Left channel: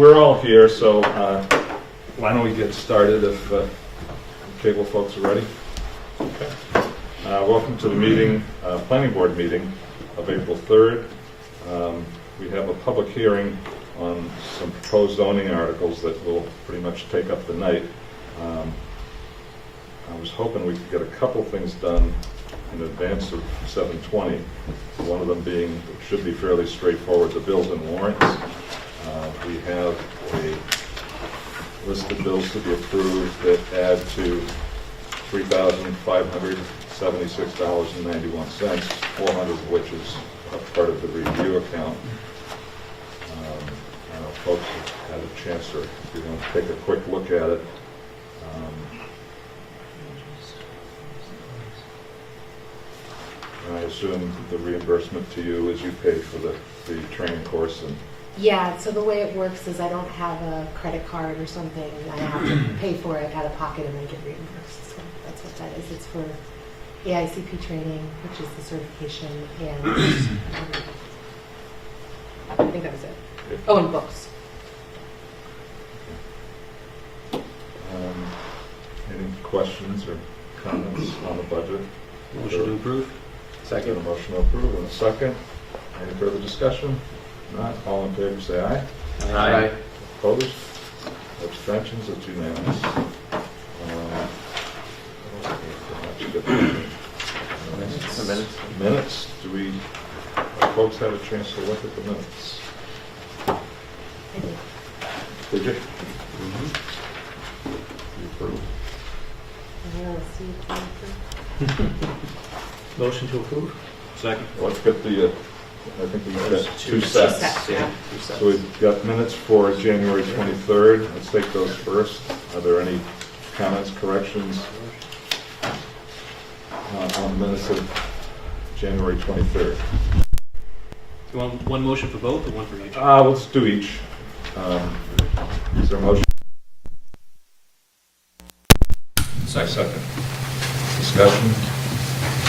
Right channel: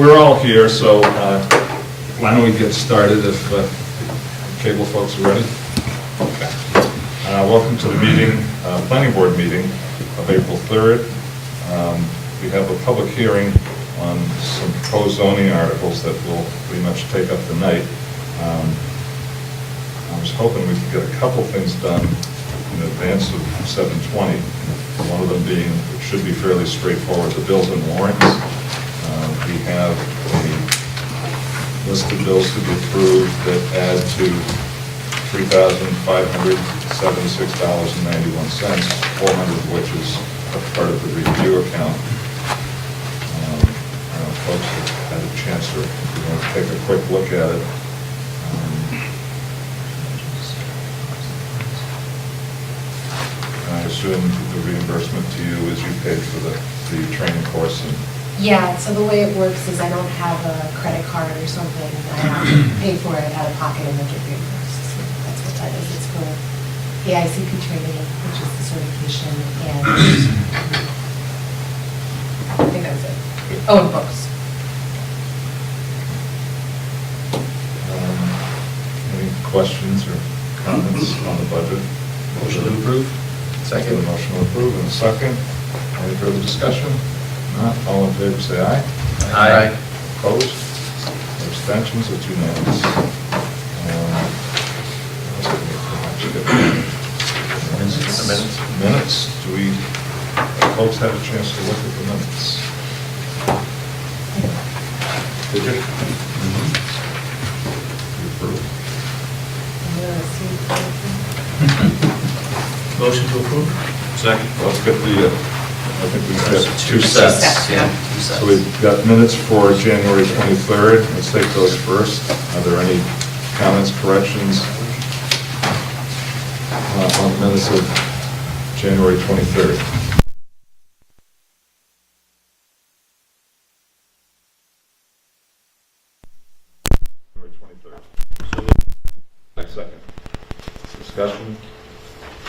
we're all here, so why don't we get started if cable folks are ready? Okay. Welcome to the meeting, planning board meeting of April 3rd. We have a public hearing on some proposed zoning articles that will pretty much take up the night. I was hoping we could get a couple things done in advance of 7:20. One of them being, it should be fairly straightforward, the bills and warrants. We have a list of bills to be approved that add to $3,576.91, 400 of which is a part of the review account. I don't know if folks have had a chance to take a quick look at it. I assume the reimbursement to you is you paid for the training course and... Yeah, so the way it works is I don't have a credit card or something, and I have to pay for it out of pocket and then get reimbursed. So that's what that is. It's for the ICP training, which is the certification, and I think that was it. Oh, and books. Any questions or comments on the budget? Motion to approve. Second. A motion to approve and a second. Any further discussion? Not. All in favor, say aye. Aye. Opposed? Abstentions? It's unanimous. Minutes. Do we, folks have a chance to look at the minutes? Did you? You approve? Motion to approve. Second. Well, let's get the, I think we've got two sets. Yeah, two sets. So we've got minutes for January 23rd. Let's take those first. Are there any comments, corrections on the minutes of January 23rd? You want one motion for both or one for each? Let's do each. Is there a motion? January 23rd. Second. Discussion?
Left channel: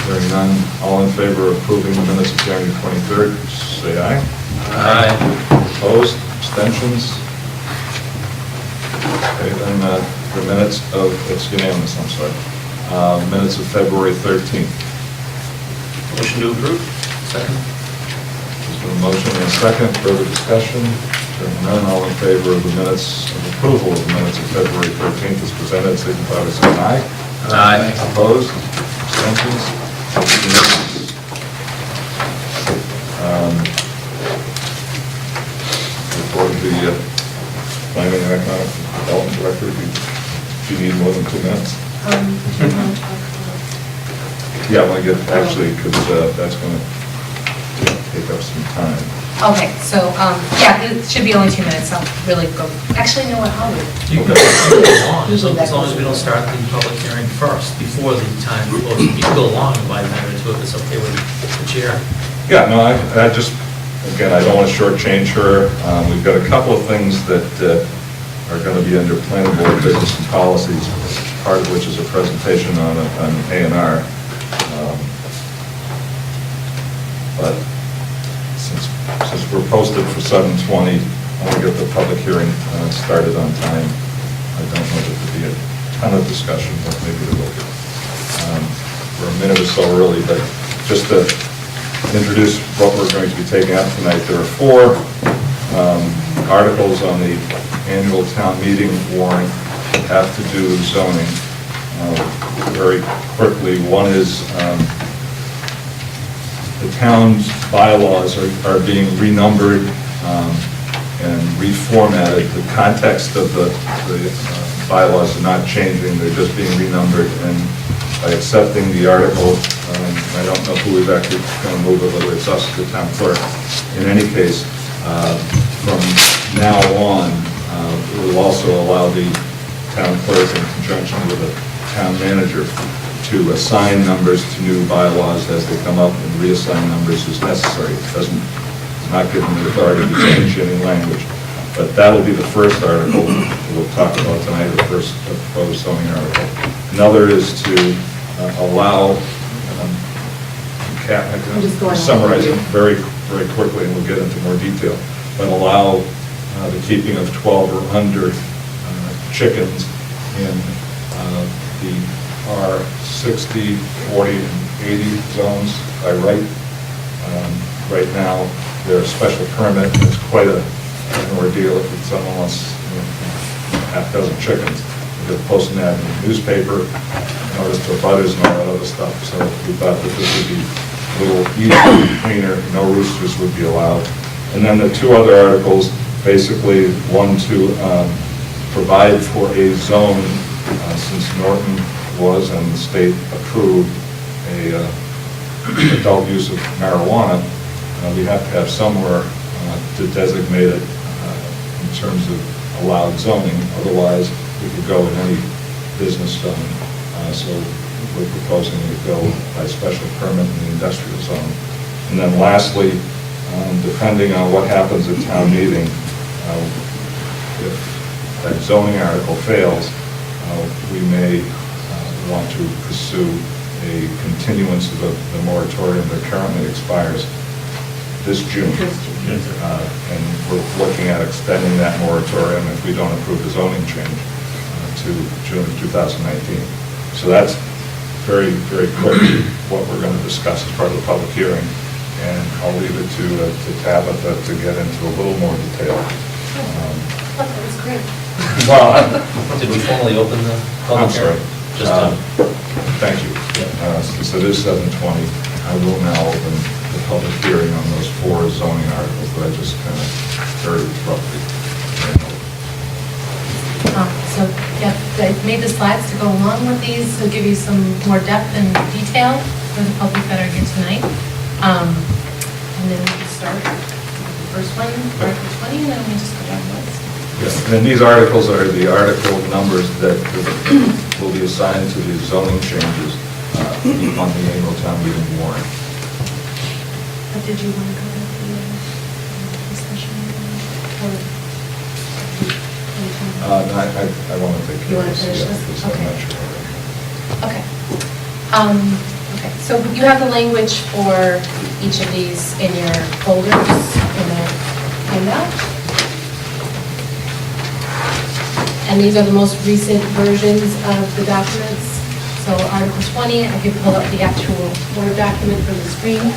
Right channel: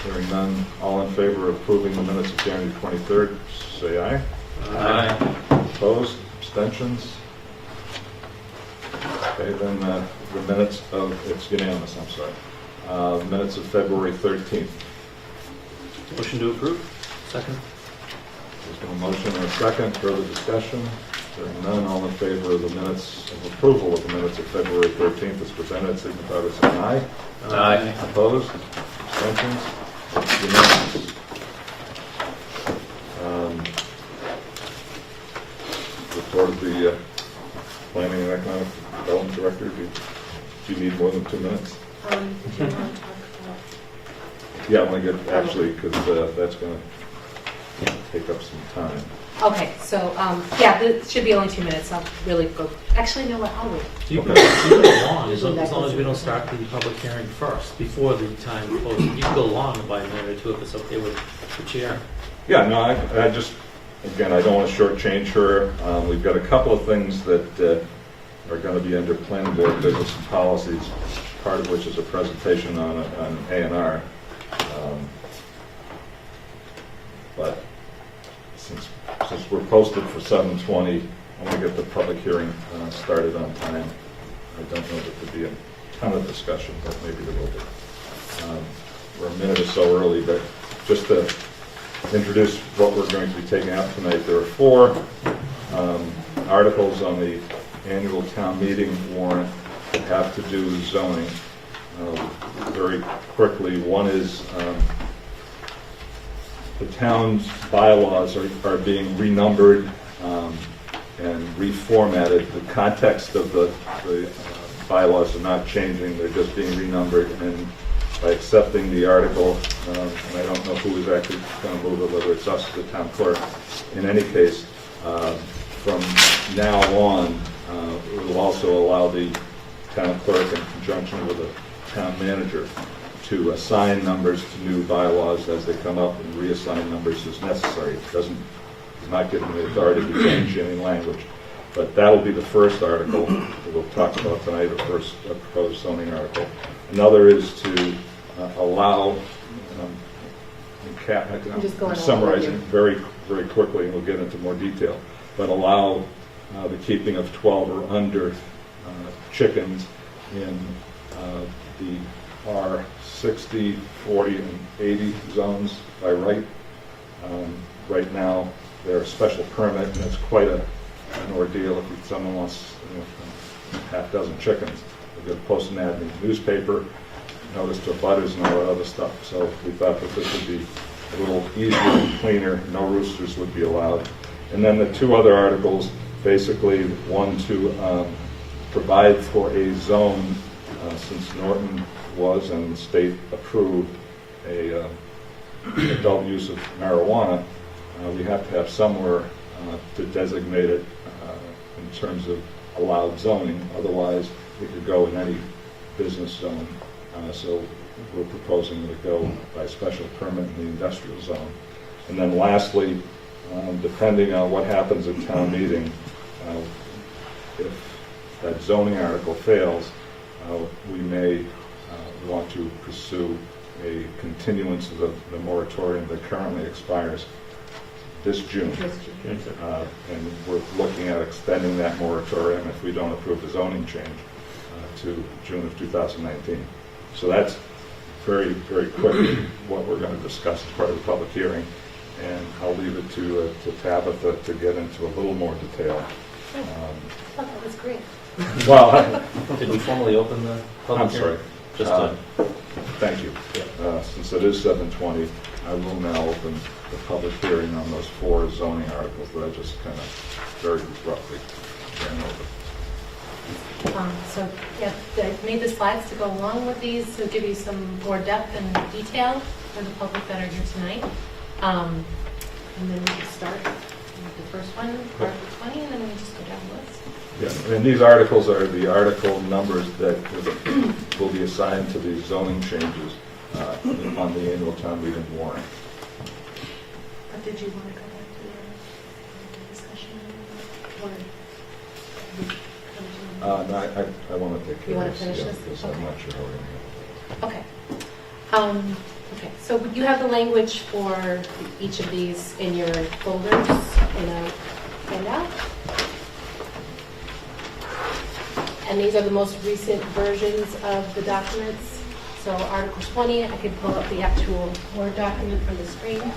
Hearing none. All in favor of approving the minutes of January 23rd, say aye. Aye. Opposed? Abstentions? Okay, then the minutes of, it's unanimous, I'm sorry. Minutes of February 13th. Motion to approve. Second. There's been a motion and a second. Further discussion? Hearing none. All in favor of the minutes, of approval of the minutes of February 13th as presented, signify by saying aye. Aye. Opposed? Abstentions? It's unanimous. Report of the Planning and Economic Development Director. Do you need more than 2 minutes? Do you want to talk about? Yeah, I want to get, actually, because that's going to take up some time. Okay, so, yeah, it should be only 2 minutes. I'll really go, actually, no, I'll wait. You can go long, as long as we don't start the public hearing first, before the time posted. You can go long by a minute or two if it's okay with the chair. Yeah, no, I just, again, I don't want to shortchange her. We've got a couple of things that are going to be under planning board business and policies, part of which is a presentation on A&R. But since we're posted for 7:20, I want to get the public hearing started on time. I don't know that there'll be a ton of discussion, but maybe there will be. We're a minute or so early, but just to introduce what we're going to be taking up tonight, there are 4 articles on the annual town meeting warrant that have to do with zoning. Very quickly, one is the town's bylaws are being renumbered and reformatted. The context of the bylaws are not changing, they're just being renumbered. And by accepting the article, I don't know who is actually going to move it, whether it's us or the town clerk. In any case, from now on, it will also allow the town clerk in conjunction with the town manager to assign numbers to new bylaws as they come up and reassign numbers as necessary. It doesn't, it's not giving the authority to change any language. But that'll be the first article we'll talk about tonight, the first proposed zoning article. Another is to allow, I'm just going summarize it on. very quickly and we'll get into more detail, but allow the keeping of 12 or under chickens in the R60, 40, and 80 zones by right. Right now, there's a special permit, and it's quite an ordeal if someone wants half dozen chickens. You have to post an ad in the newspaper, notice the butters and all that other stuff. So we thought that this would be a little easier, cleaner, no roosters would be allowed. And then the two other articles, basically one to provide for a zone, since Norton was and the state approved a adult use of marijuana, we have to have somewhere to designate it in terms of allowed zoning. Otherwise, we could go in any business zone. So we're proposing to go by special permit in the industrial zone. And then lastly, depending on what happens at town meeting, if that zoning article fails, we may want to pursue a continuance of the moratorium that currently expires this June. And we're looking at extending that moratorium if we don't approve the zoning change to June of 2019. So that's very, very quickly what we're going to discuss as part of the public hearing. And I'll leave it to Tabitha to get into a little more detail. That was great. Well, Did we formally open the public I'm sorry. hearing? Just Thank you. Since it is 7:20, I will now open the public hearing on those 4 zoning articles that I just kind of very roughly ran over. So, yeah, I made the slides to go along with these, to give you some more depth and detail for the public that are here tonight. And then we can start with the first one, Article 20, and then we just go down the list. Yes, and then these articles are the article numbers that will be assigned to the zoning changes on the annual town meeting warrant. But did you want to go with the discussion? I want to take You care wanna of this. finish Yeah, this? because I'm Okay. not sure already. Okay. Okay, so you have the language for each of these in your folders in the handout. And these are the most recent versions of the documents. So Article 20, I can pull up the actual Word document from the screen.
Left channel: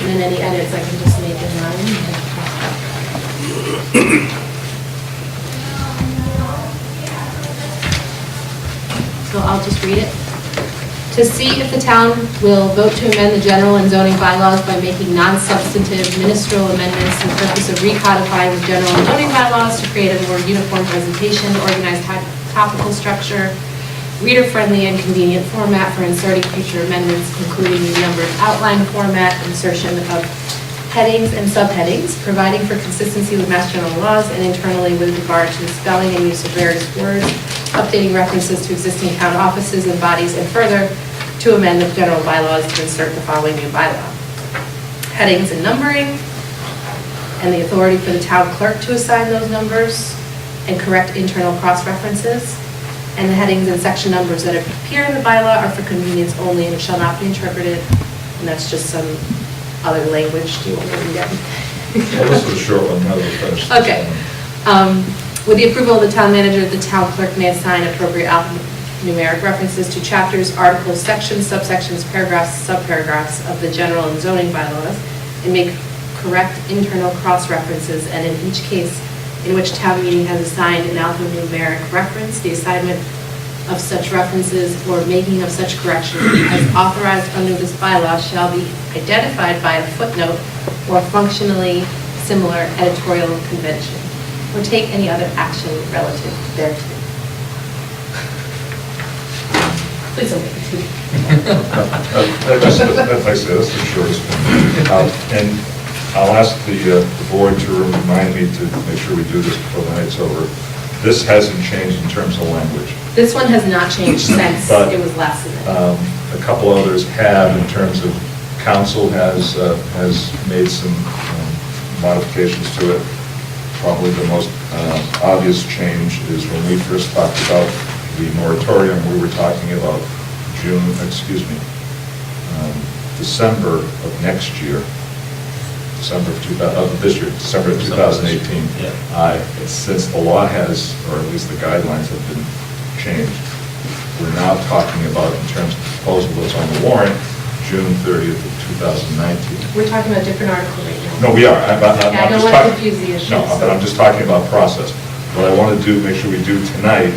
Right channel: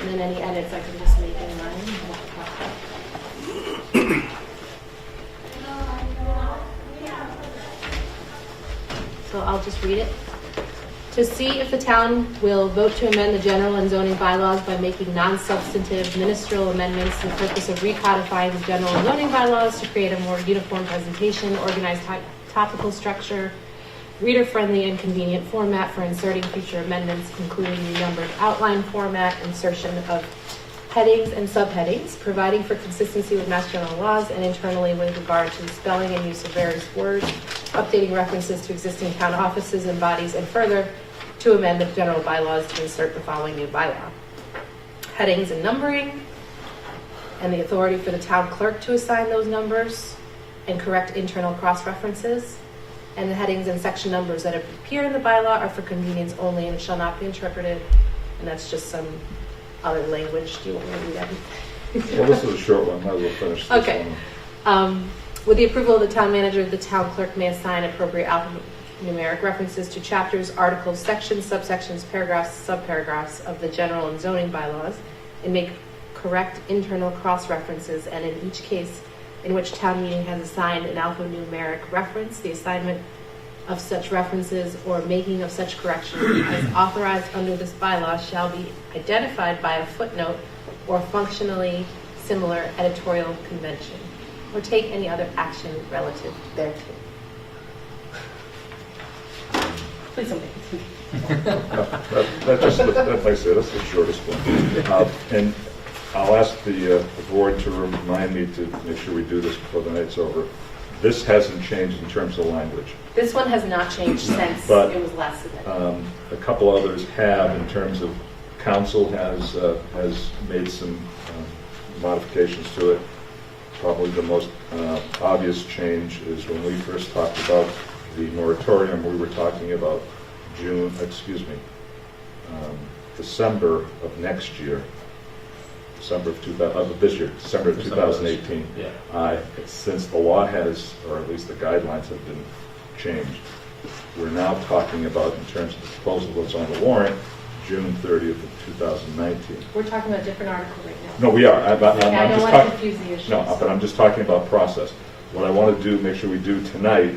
And then any edits I can just make in line. So I'll just read it. To see if the town will vote to amend the general and zoning bylaws by making non-substantive ministerial amendments for the purpose of recodifying the general and zoning bylaws to create a more uniform presentation, organized topical structure, reader-friendly and convenient format for inserting future amendments, including the numbered outline format, insertion of headings and subheadings, providing for consistency with Mass General laws and internally with regard to the spelling and use of various words, updating references to existing town offices and bodies, and further, to amend the general bylaws to insert the following new bylaw. Headings and numbering, and the authority for the town clerk to assign those numbers, and correct internal cross-references. And the headings and section numbers that appear in the bylaw are for convenience only and shall not be interpreted. And that's just some other language. Do you want to read that? Well, this is a short one, now that we're finished. this Okay. one. With the approval of the town manager, the town clerk may assign appropriate alphanumeric references to chapters, articles, sections, subsections, paragraphs, subparagraphs of the general and zoning bylaws, and make correct internal cross-references, and in each case in which town meeting has assigned an alphanumeric reference, the assignment of such references or making of such correction as authorized under this bylaw shall be identified by a footnote or functionally similar editorial convention, or take any other action relative thereto. Please don't make it That's the shortest one. And I'll ask the board to remind me to make sure we do this before the night's over. This hasn't changed in terms of language. This one has not changed since But, it was last submitted. A couple others have, in terms of council has made some modifications to it. probably the most obvious change is when we first talked about the moratorium, we were talking about December of next year, December of this year, December of 2018. Yeah. Since the law has, or at least the guidelines have been changed, we're now talking about, in terms of the proposal that's on the warrant, June 30th of 2019. We're talking about a different article right now. No, we are. I don't want to confuse the issue. No, but I'm just talking about process. What I want to do, make sure we do tonight,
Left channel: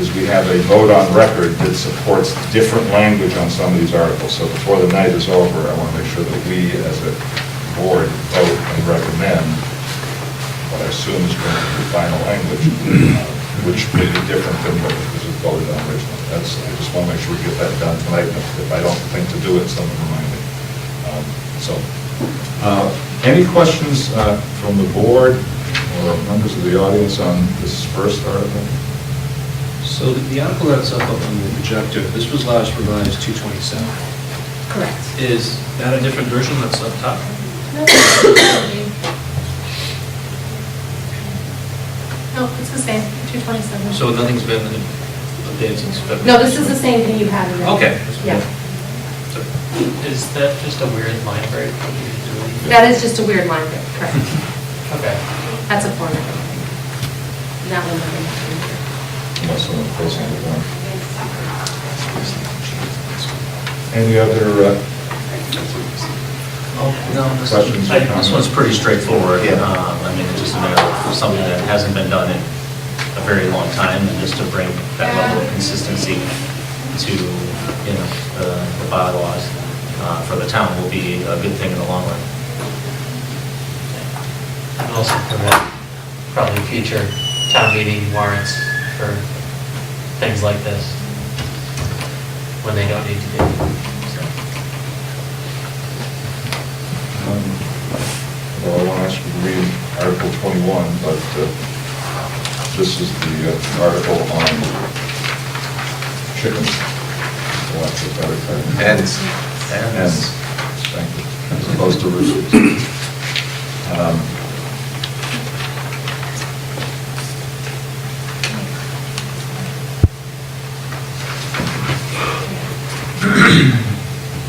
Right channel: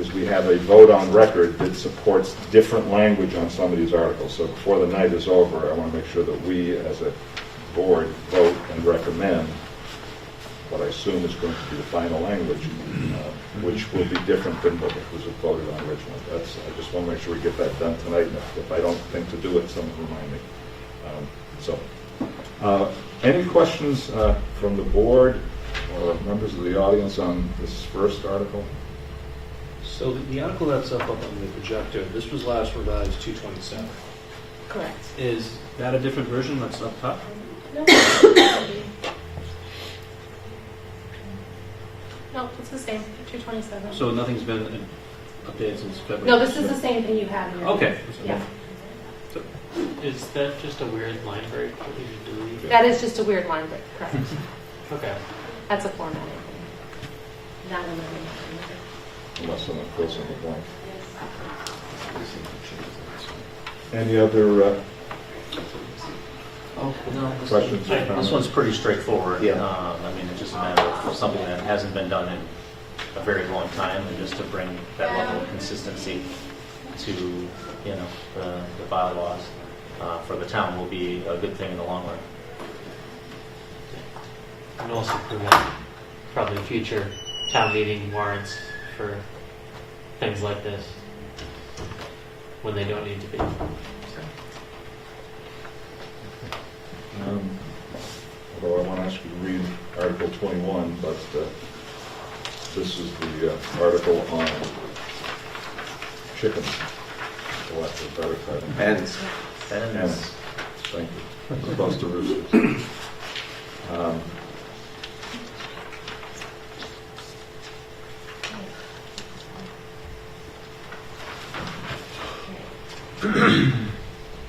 is we have a vote on record that supports different language on some of these articles. So before the night is over, I want to make sure that we, as a board, vote and recommend what I assume is going to be the final language, which will be different than what was voted on originally. I just want to make sure we get that done tonight. And if I don't think to do it, someone remind me. Any questions from the board or members of the audience on this first article? So the article that's up on the projector, this was last revised 227. Correct. Is that a different version that's up top? No, it's the same, 227. So nothing's been updated since February? No, this is the same thing you have in there. Okay. Yeah. Is that just a weird line break? What you're doing? That is just a weird line break, correct. Okay. That's a format. That one, Unless someone fills in the form. Any other No, questions or comments? this one's pretty straightforward. Yeah. I mean, it's just a matter of something that hasn't been done in a very long time, and just to bring that level of consistency to, the bylaws for the town will be a good thing in the long run. And also prevent probably future town meeting warrants for things like this when they don't need to be. Well, I want to ask you to read Article 21, but this is the article on chickens. For lack of a better term. Hens. Hens, thank you, as opposed to roosters.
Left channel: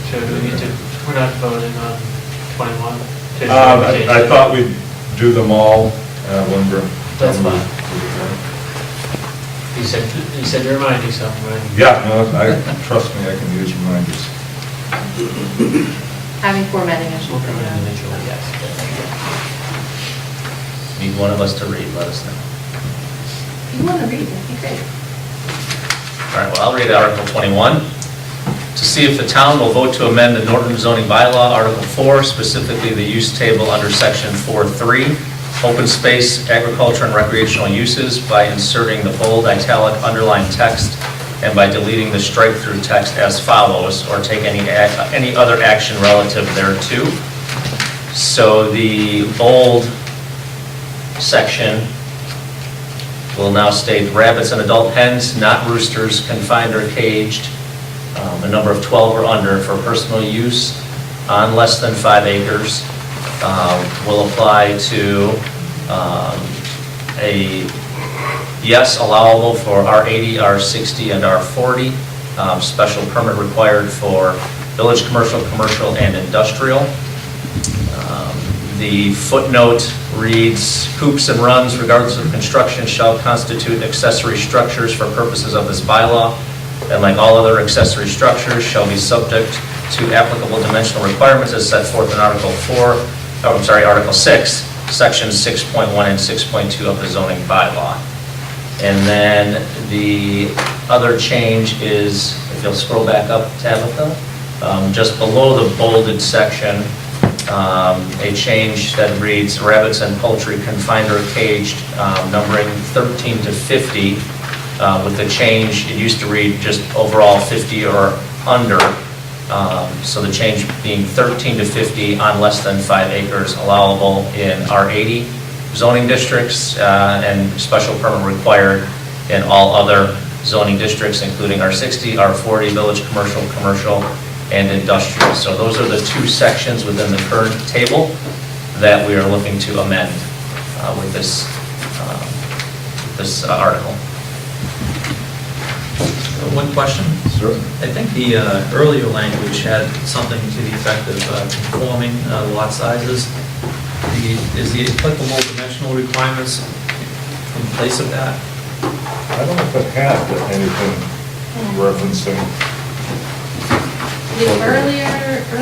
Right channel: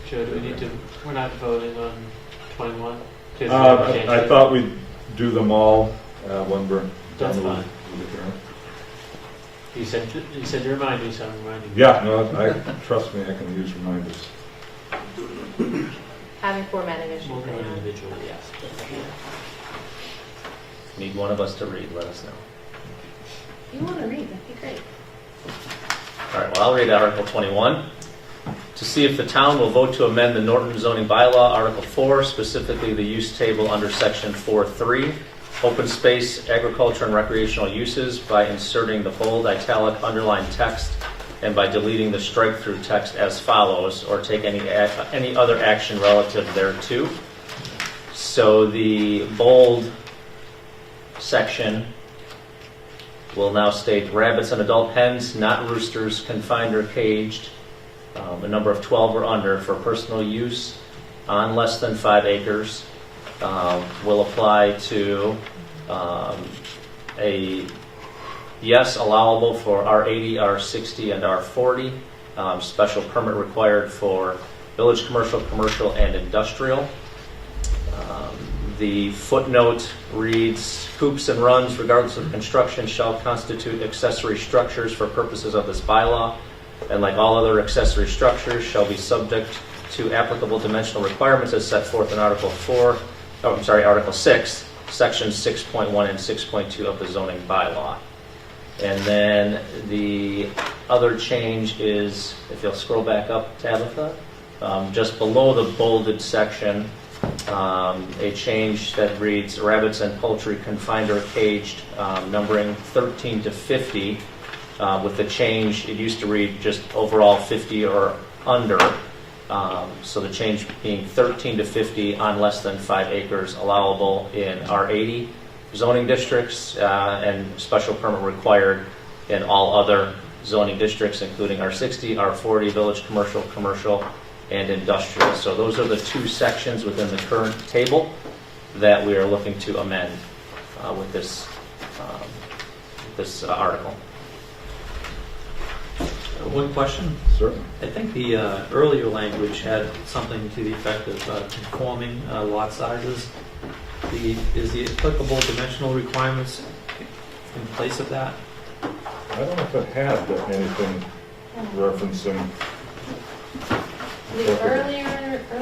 So do we need to, we're not voting on 21? I thought we'd do them all when we're. That's when we- fine. You said to remind you something, right? Yeah, no, trust me, I can use reminders. having formatting issues. We'll come individually, yes. Need one of us to read, let us know. If you want to read, that'd be great. All right, well, I'll read Article 21. To see if the town will vote to amend the Norton zoning bylaw, Article 4, specifically the use table under Section 4.3, open space, agriculture, and recreational uses by inserting the bold, italic, underlined text and by deleting the strike-through text as follows, or take any other action relative thereto. So the bold section will now state rabbits and adult hens, not roosters, confined or caged, a number of 12 or under for personal use on less than 5 acres, will apply to a yes allowable for R80, R60, and R40, special permit required for village commercial, commercial, and industrial. The footnote reads, coops and runs, regardless of construction, shall constitute accessory structures for purposes of this bylaw, and like all other accessory structures, shall be subject to applicable dimensional requirements as set forth in Article 6, Sections 6.1 and 6.2 of the zoning bylaw. And then the other change is, if you'll scroll back up, Tabitha, just below the bolded section, a change that reads rabbits and poultry confined or caged, numbering 13 to 50, with the change, it used to read just overall 50 or under, so the change being 13 to 50 on less than 5 acres allowable in R80 zoning districts, and special permit required in all other zoning districts, including R60, R40, village commercial, commercial, and industrial. So those are the two sections within the current table that we are looking to amend with this article. One question? Certainly. I think the earlier language had something to the effect of conforming lot sizes. Is the applicable dimensional requirements in place of that? I don't know if it had anything referencing. The earliest, I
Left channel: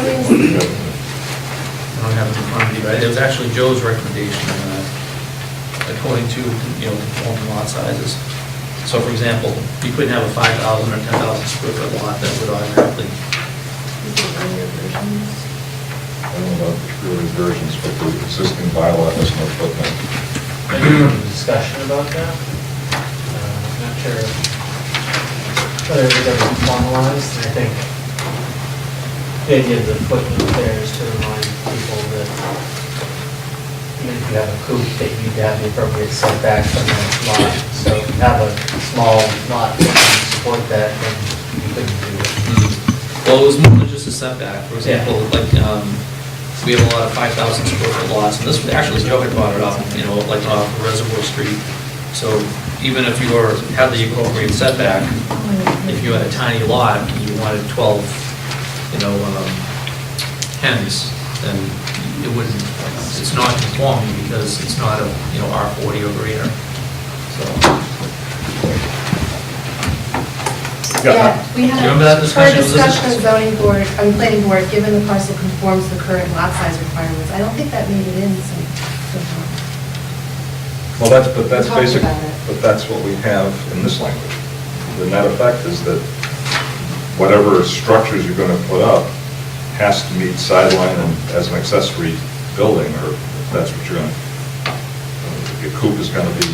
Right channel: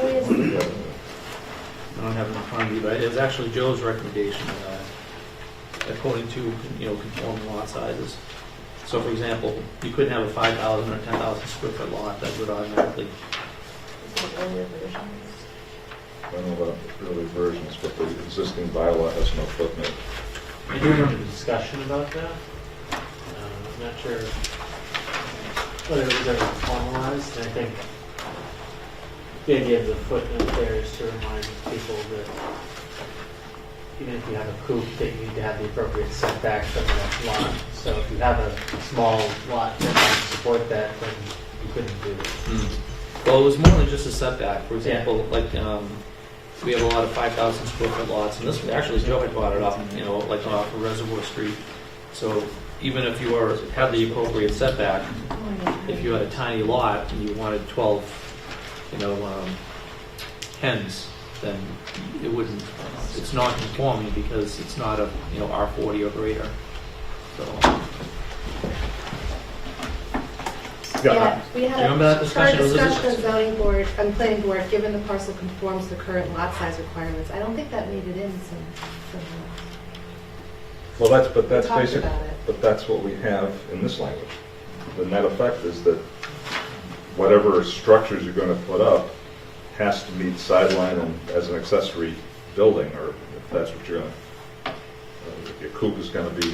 don't have it in front of me, but it was actually Joe's recommendation, according to, conforming lot sizes. So for example, you couldn't have a 5,000 or 10,000 square foot lot that would automatically, I don't know about early versions, but the existing bylaw has no footnote. Any discussion about that? I'm not sure whether it was ever formalized, and I think the idea of the footnote there is to remind people that even if you have a coop, that you need to have the appropriate setback from that lot. So if you have a small lot that can support that, then you couldn't do it. well, it was more than just a setback. For example, like, we have a lot of 5,000 square foot lots, and this, actually, Joe had brought it up, like off of Reservoir Street. So even if you had the appropriate setback, if you had a tiny lot, and you wanted 12, hens, then it wouldn't, it's not conforming because it's not a, R40 or greater, so. yeah, we had Do you remember that a discussion? current Was this- discussion of zoning board, planning board, given the parcel conforms to the current lot size requirements. I don't think that made it in somehow. Well, that's talked basic, about it. but that's what we have in this language. The net effect is that whatever structures you're going to put up has to meet sideline and as an accessory building, or if that's what you're going to, if your coop is going to be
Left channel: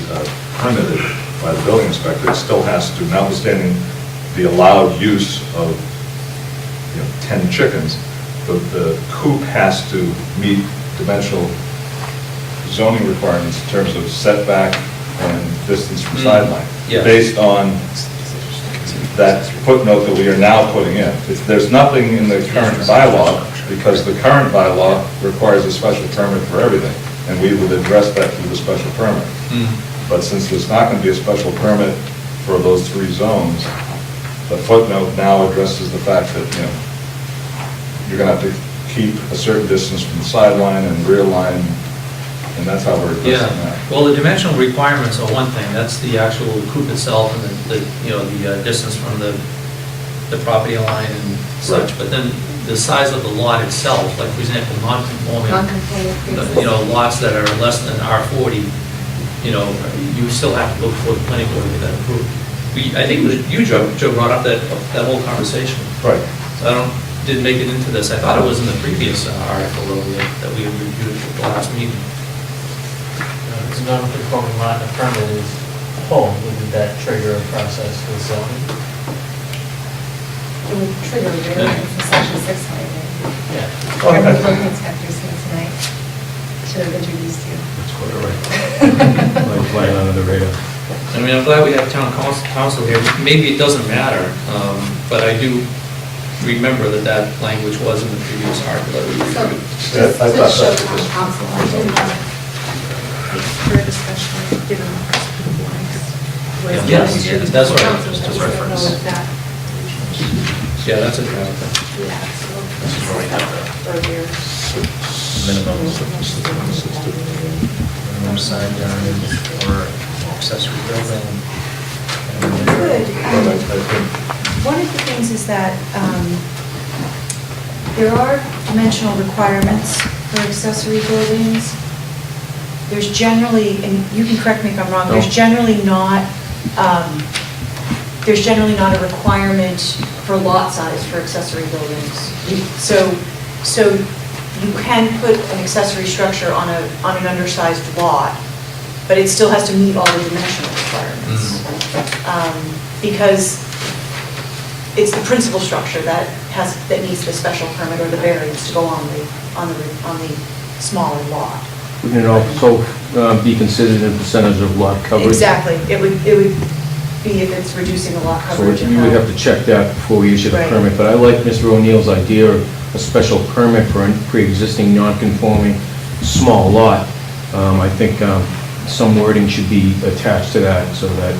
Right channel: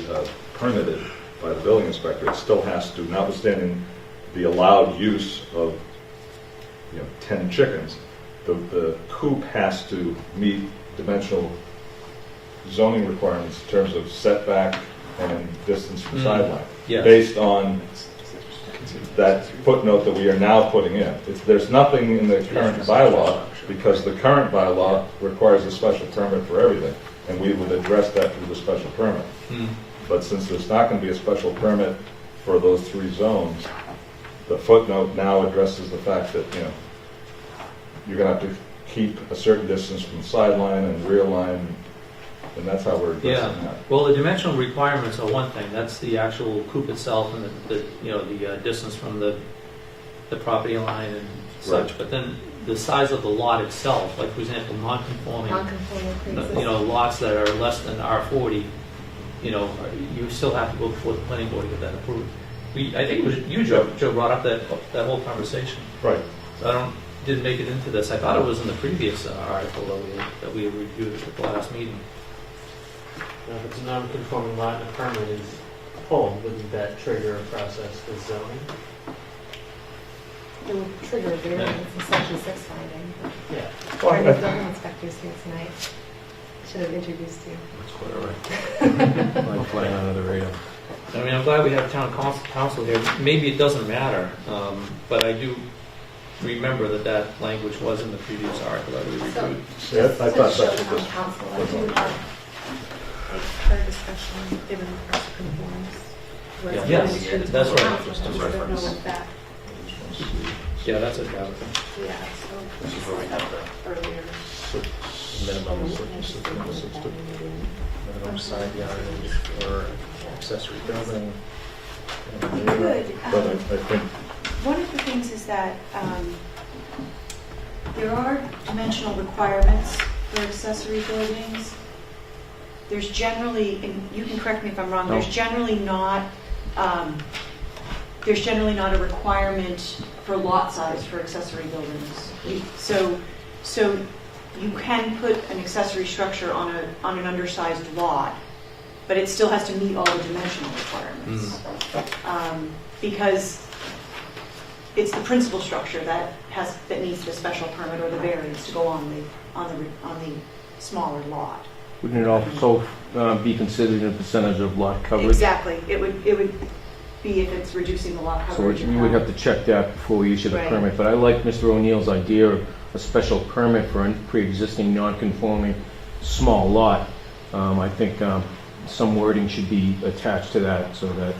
permitted by the building inspector, it still has to, notwithstanding the allowed use of, 10 chickens, the coop has to meet dimensional zoning requirements in terms of setback and distance from sideline, yeah. based on that footnote that we are now putting in. There's nothing in the current bylaw, because the current bylaw requires a special permit for everything, and we would address that through the special permit. But since there's not going to be a special permit for those 3 zones, the footnote now addresses the fact that, you're going to have to keep a certain distance from the sideline and rear line, and that's how we're addressing Yeah, that. well, the dimensional requirements are one thing, that's the actual coop itself and the distance from the property line and such, Right. but then the size of the lot itself, like for example, non-conforming, Non-conforming pre-existing. lots that are less than R40, you still have to go before the planning board to get that approved. I think it was you, Joe brought up that whole conversation. Right. So didn't make it into this, I thought it was in the previous article that we had reviewed at the last meeting. If it's a non-conforming lot and a permit is pulled, wouldn't that trigger a process with zoning? It would trigger a variance for section 6 finding. Yeah. Well, I Every think- building inspector's here tonight. Should have introduced you. That's quite all right. Like flying under the radar. I mean, I'm glad we have town council here. Maybe it doesn't matter, but I do remember that language was in the previous article that we So, reviewed. just I to thought show that the was- council, I did for discussion, given the first two warnings. Yes, that's right. Council, Just I reference. don't know if that, Yeah, that's it, Tabitha. yeah, so. where we have the Earlier. minimum Minimum side yard or accessory building. Good. But I think One of the things is that there are dimensional requirements for accessory buildings. There's generally, and you can correct me if I'm wrong, there's generally not a requirement for lot size for accessory buildings. So you can put an accessory structure on an undersized lot, but it still has to meet all the dimensional requirements. Because it's the principal structure that needs the special permit or the variance to go on the smaller lot. Wouldn't it also be considered a percentage of lot coverage? Exactly. It would be if it's reducing the lot So coverage. we would have to check that before we issue the Right. permit. But I like Mr. O'Neill's idea of a special permit for a pre-existing non-conforming small lot. I think some wording should be attached to that so that,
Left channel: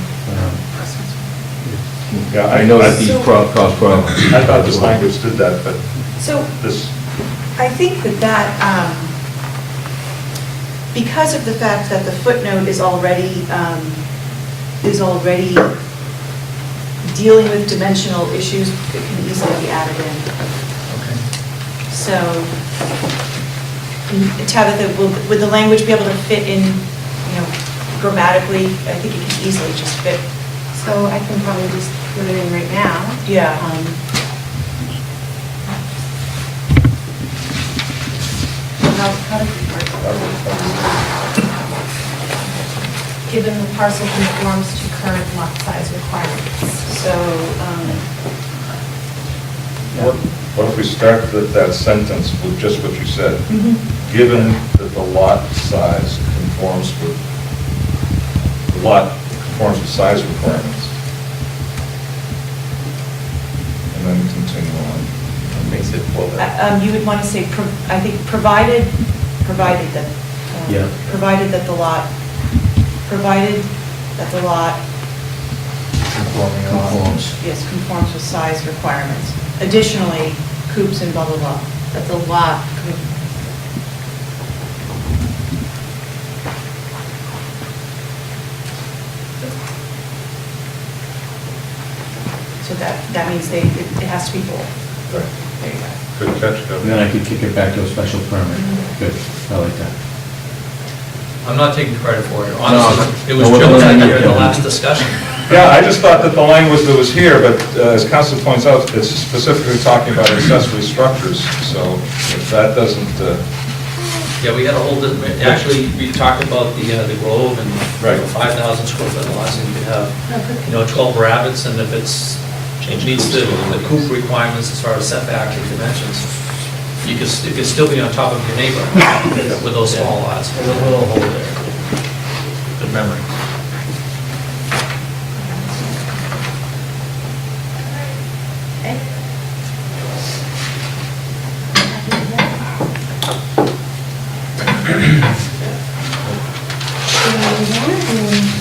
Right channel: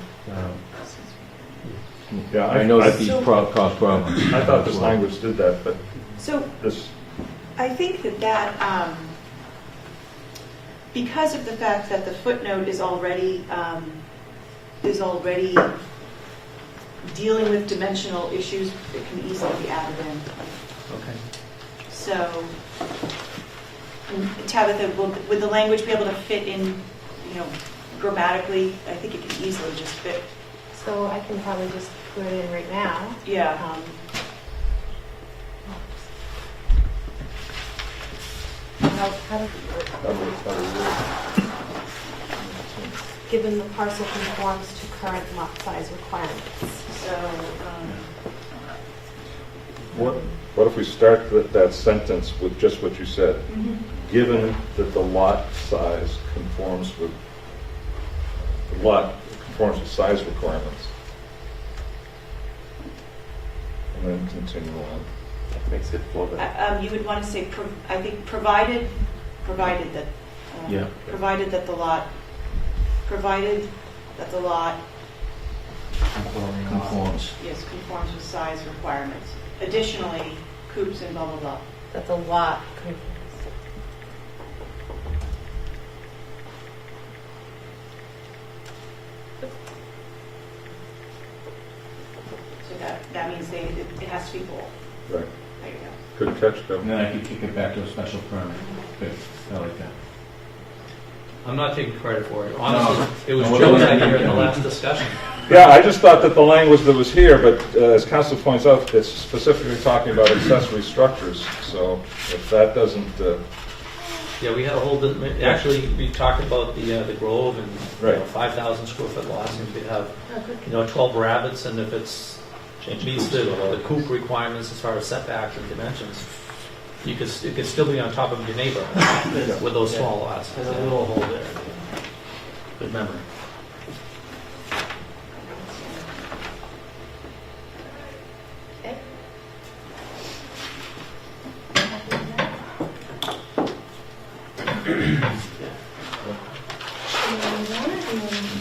Yeah, I know that these So- cause problems. I thought this language did that, but So this, I think that, because of the fact that the footnote is already dealing with dimensional issues, it can easily be added in. Okay. So, Tabitha, would the language be able to fit in, grammatically? I think it can easily just fit. So I can probably just put it in right now. Yeah. How does it work? Given the parcel conforms to current lot size requirements. So, what if we start that sentence with just what you said? Given that the lot size conforms with size requirements. And then continue on. Makes it flow. you would want to say, I think, provided that, Yeah. provided that the lot Conforms. yes, conforms with size requirements. Additionally, coops and blah, blah, blah, that the lot could. So that means it has to be bold. Right. There you go. Good catch, And Kevin. then I could kick it back to a special permit. Good, I like that. I'm not taking credit for it, honestly. It was No, we're Joe gonna that let here you at the go. last discussion. Yeah, I just thought that the language that was here, but as Council points out, it's specifically talking about accessory structures, so if that doesn't, Yeah, we had a whole, actually, we talked about the Grove and, Right. 5,000 square foot lots, and you could have, 12 rabbits, and if it's, meets the coop requirements as far as setback and dimensions, it could still be on top of your neighbor with those small lots. There's a little hole there. Good memory. Okay.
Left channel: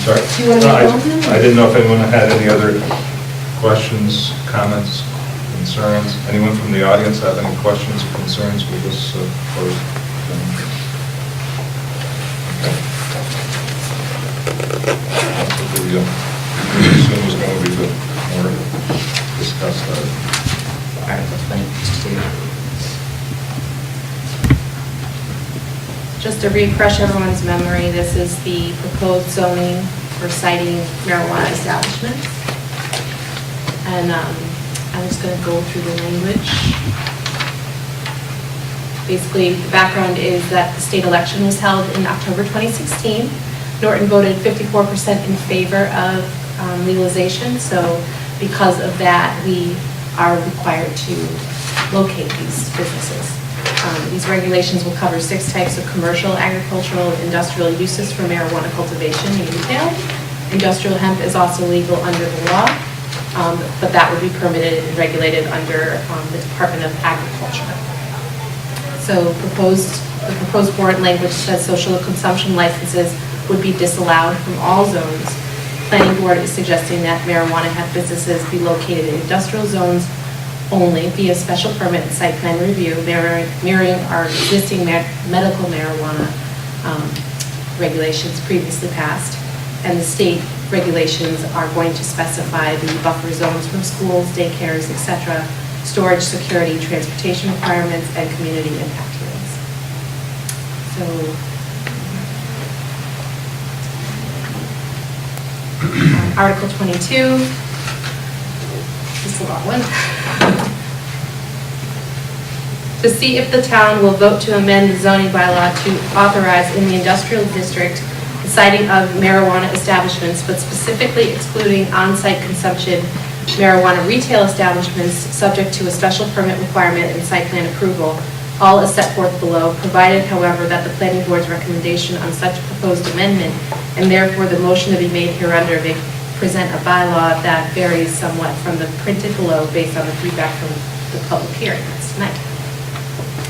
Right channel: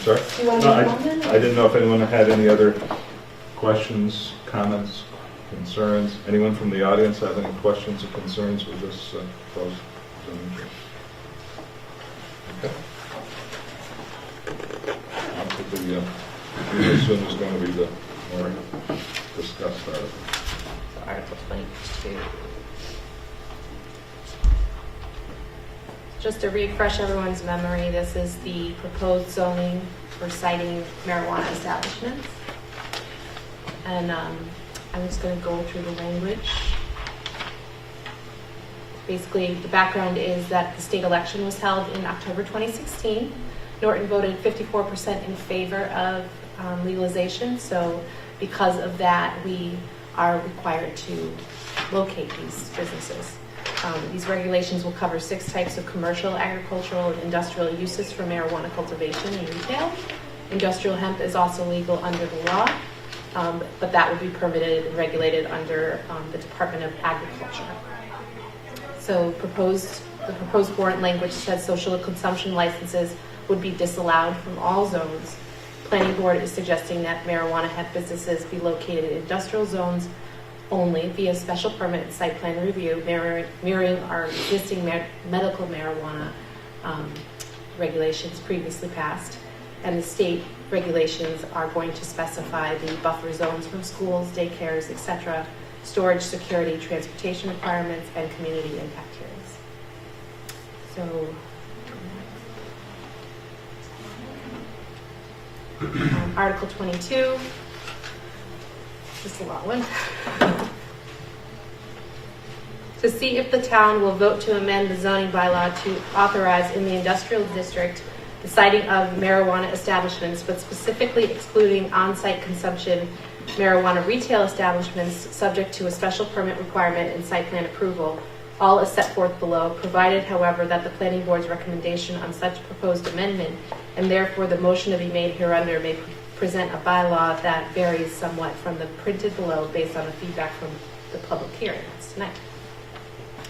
sorry? Do you want to I move on then? I didn't know if anyone had any other questions, comments, concerns. Anyone from the audience have any questions or concerns with this proposed thing? Okay. That's what we assume is going to be the more discussed item. Article 22. Just to refresh everyone's memory, this is the proposed zoning for citing marijuana establishments. And I'm just going to go through the language. Basically, the background is that the state election was held in October 2016. Norton voted 54% in favor of legalization, so because of that, we are required to locate these businesses. These regulations will cover 6 types of commercial, agricultural, and industrial uses for marijuana cultivation and retail. Industrial hemp is also legal under the law, but that would be permitted and regulated under the Department of Agriculture. So the proposed warrant language says social consumption licenses would be disallowed from all zones. Planning board is suggesting that marijuana hemp businesses be located in industrial zones only via special permit and site plan review, mirroring our existing medical marijuana regulations previously passed. And the state regulations are going to specify the buffer zones from schools, daycares, etc., storage, security, transportation requirements, and community impact areas. So, Article 22, just a long one. To see if the town will vote to amend the zoning bylaw to authorize in the industrial district the citing of marijuana establishments, but specifically excluding on-site consumption marijuana retail establishments subject to a special permit requirement and site plan approval, all as set forth below, provided, however, that the planning board's recommendation on such proposed amendment, and therefore the motion to be made hereunder, may present a bylaw that varies somewhat from the printed below based on the feedback from the public hearing. That's tonight.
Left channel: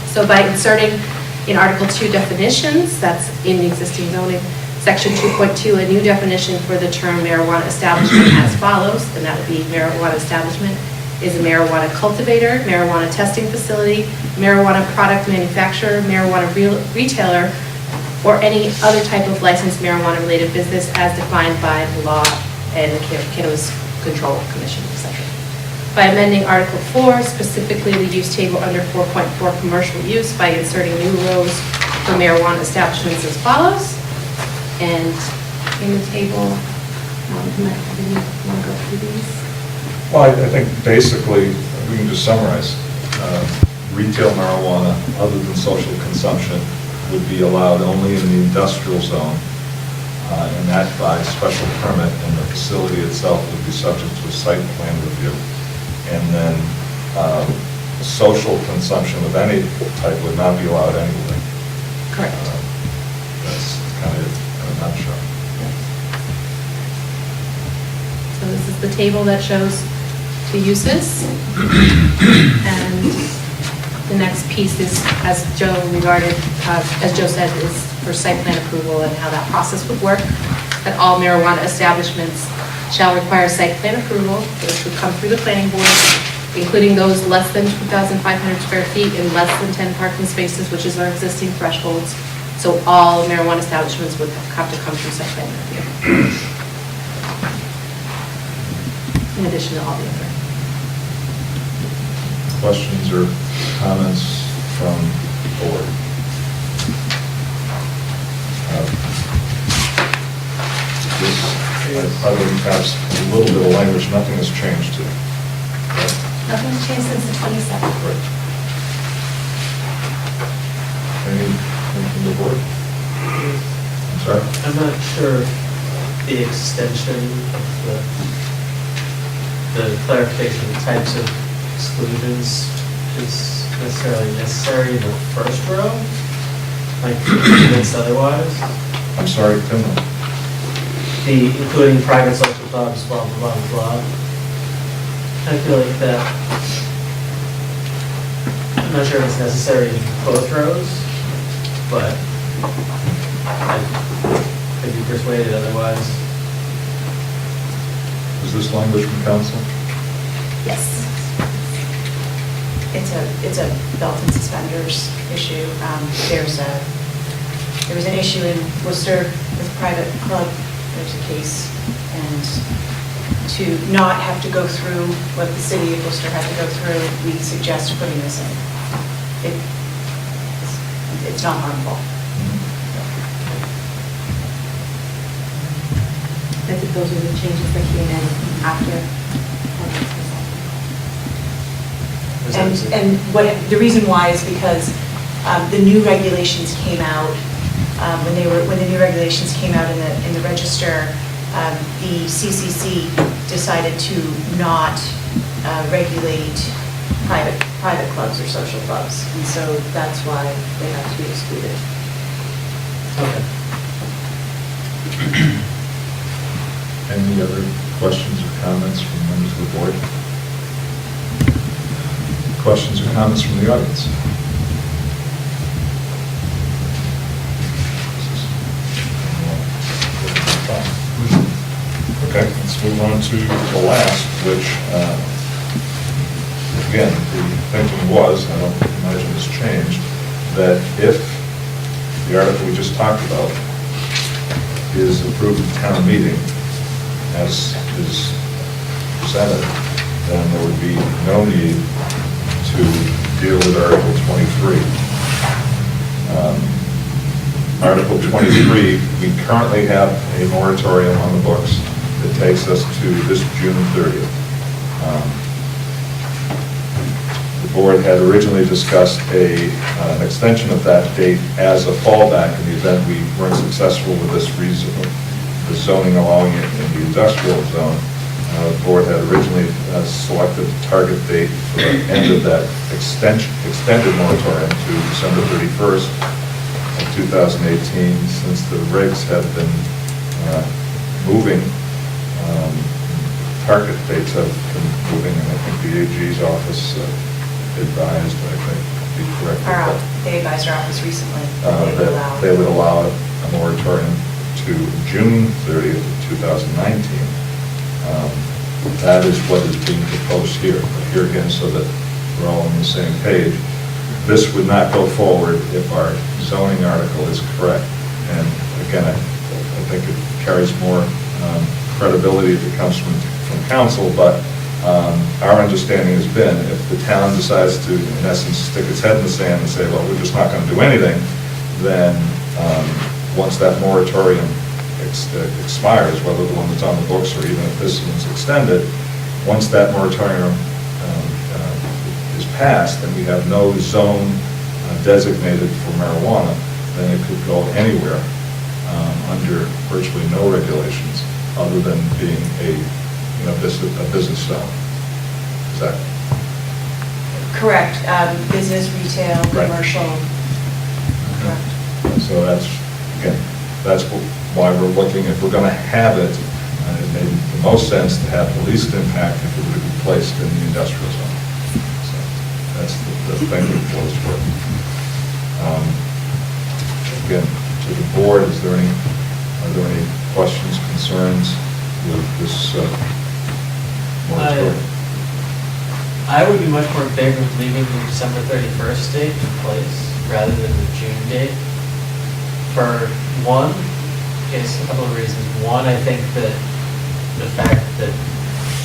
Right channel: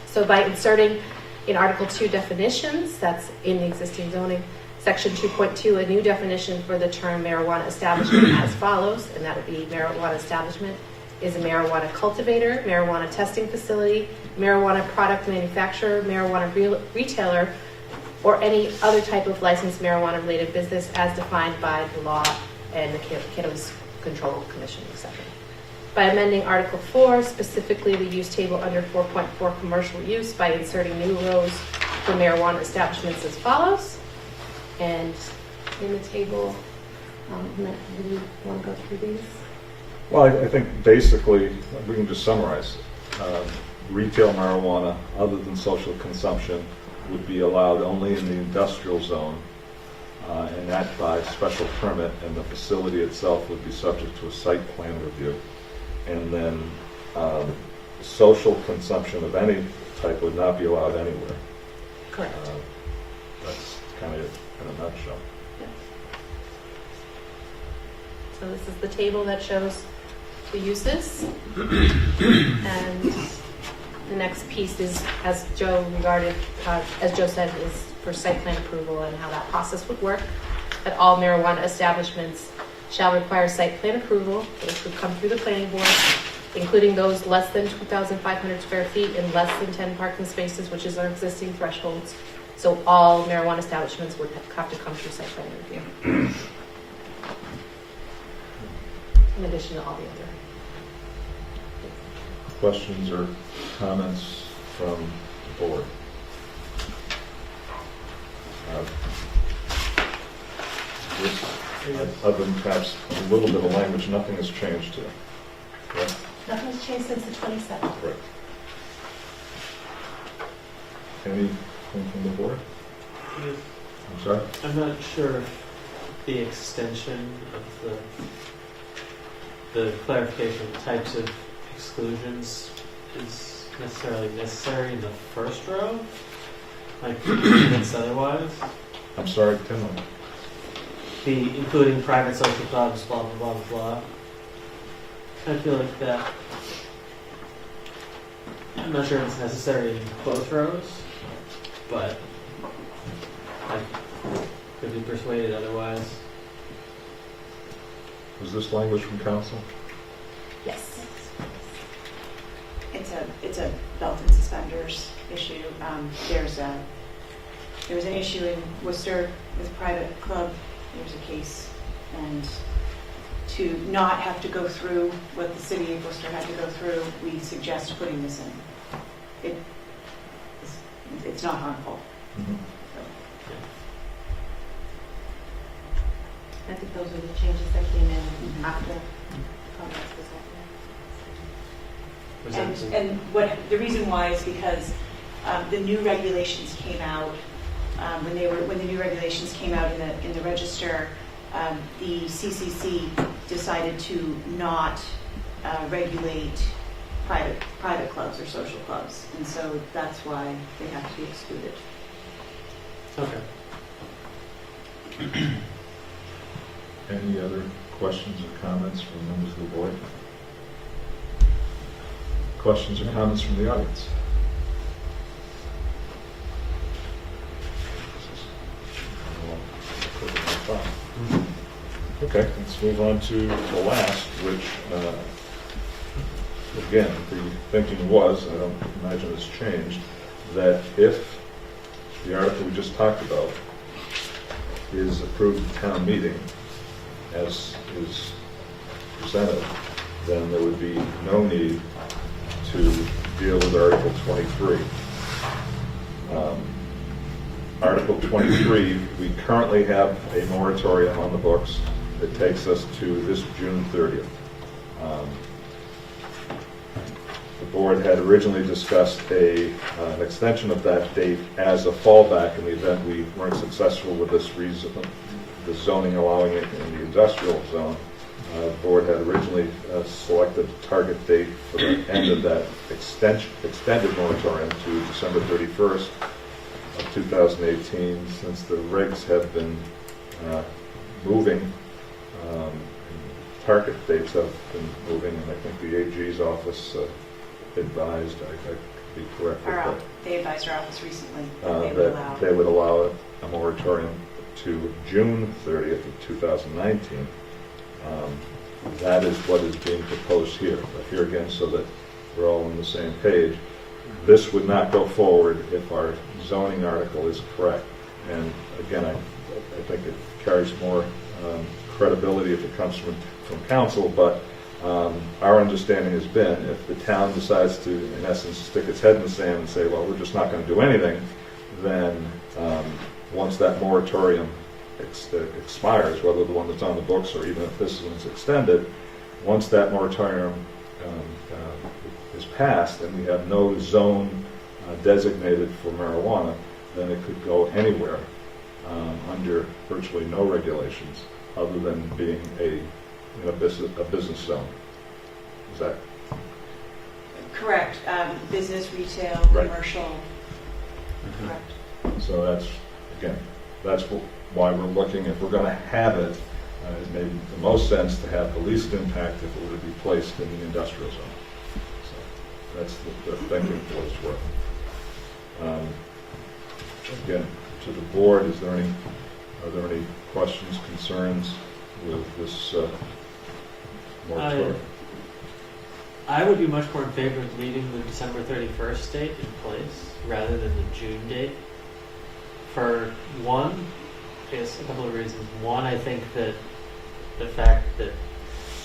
So by inserting in Article 2 definitions, that's in the existing zoning, Section 2.2, a new definition for the term marijuana establishment as follows, and that would be marijuana establishment is a marijuana cultivator, marijuana testing facility, marijuana product manufacturer, marijuana retailer, or any other type of licensed marijuana-related business as defined by the law and the Cannabis Control Commission, etc. By amending Article 4, specifically the use table under 4.4 commercial use by inserting new rows for marijuana establishments as follows. And in the table, do you want to go through these? Well, I think basically, we can just summarize. Retail marijuana, other than social consumption, would be allowed only in the industrial zone, and that by special permit, and the facility itself would be subject to a site plan review. And then social consumption of any type would not be allowed anywhere. Correct. That's kind of it in a nutshell. So this is the table that shows the uses. And the next piece is, as Joe said, is for site plan approval and how that process would work. That all marijuana establishments shall require site plan approval, which would come through the planning board, including those less than 2,500 square feet and less than 10 parking spaces, which is our existing thresholds. So all marijuana establishments would have to come through site plan review. In addition to all the other. Questions or comments from board? This, other than perhaps a little bit of language, nothing has changed to it. Right? Nothing has changed since the 27th. Right. Anything from the board? I'm sorry? I'm not sure the extension of the clarification of types of exclusions is necessarily necessary in the first row, like convinced otherwise. I'm sorry, Tim? The including private social clubs, blah, blah, blah, blah. I feel like that, I'm not sure if it's necessary in both rows, but I could be persuaded otherwise. Is this language from council? Yes. It's a belt and suspenders issue. There was an issue in Worcester with a private club. There's a case, and to not have to go through what the city of Worcester had to go through, we suggest putting this in. It's not harmful. I think those are the changes that came in after. And the reason why is because the new regulations came out, when the new regulations came out in the register, the CCC decided to not regulate private clubs or social clubs, and so that's why they have to be excluded. Okay. Any other questions or comments from members of the board? Questions or comments from the audience? Okay, let's move on to the last, which, again, the thinking was, I don't imagine it's changed, that if the article we just talked about is approved at town meeting, as is presented, then there would be no need to deal with Article 23. Article 23, we currently have a moratorium on the books that takes us to this June 30th. The board had originally discussed an extension of that date as a fallback in the event we weren't successful with this the zoning allowing it in the industrial zone. The board had originally selected a target date for the end of that extended moratorium to December 31st of 2018. Since the regs have been moving, target dates have been moving, and I think the AG's office advised, I think, to be correct. They advised our office recently That they would allow a moratorium to to June 30th, of 2019. That is what is being proposed here. But here again, so that we're all on the same page, this would not go forward if our zoning article is correct. And again, I think it carries more credibility if it comes from council, but our understanding has been if the town decides to, in essence, stick its head in the sand and say, well, we're just not going to do anything, then once that moratorium expires, whether the one that's on the books or even if this one's extended, once that moratorium is passed and we have no zone designated for marijuana, then it could go anywhere under virtually no regulations other than being a business zone. Is that? Correct, business, retail, Right. commercial, correct. So that's, again, that's why we're looking, if we're going to have it, it made the most sense to have the least impact if it would be placed in the industrial zone. So that's the thinking for this work. Again, to the board, are there any questions, concerns with this moratorium? I would be much more in favor of leaving the December 31st date in place rather than the June date. For one, it's a couple of reasons. One, I think that the fact that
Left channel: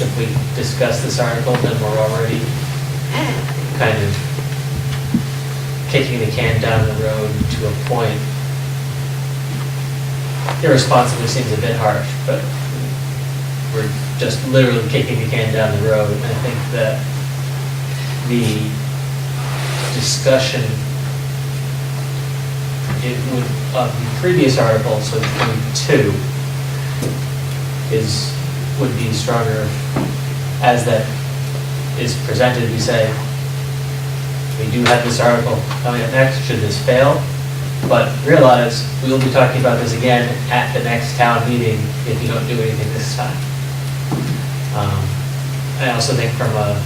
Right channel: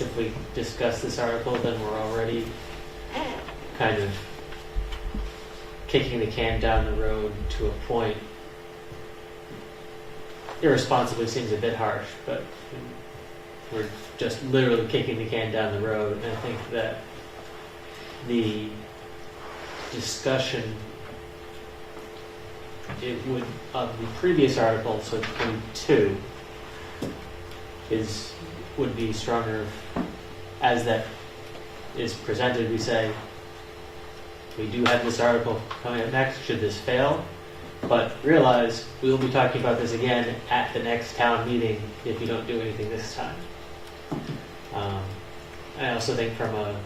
if we discuss this article, then we're already kind of kicking the can down the road to a point. Irresponsibly seems a bit harsh, but we're just literally kicking the can down the road. And I think that the discussion of the previous article, so 22, would be stronger as that is presented. We say, we do have this article coming up next, should this fail, but realize we will be talking about this again at the next town meeting if you don't do anything this time. I also think from a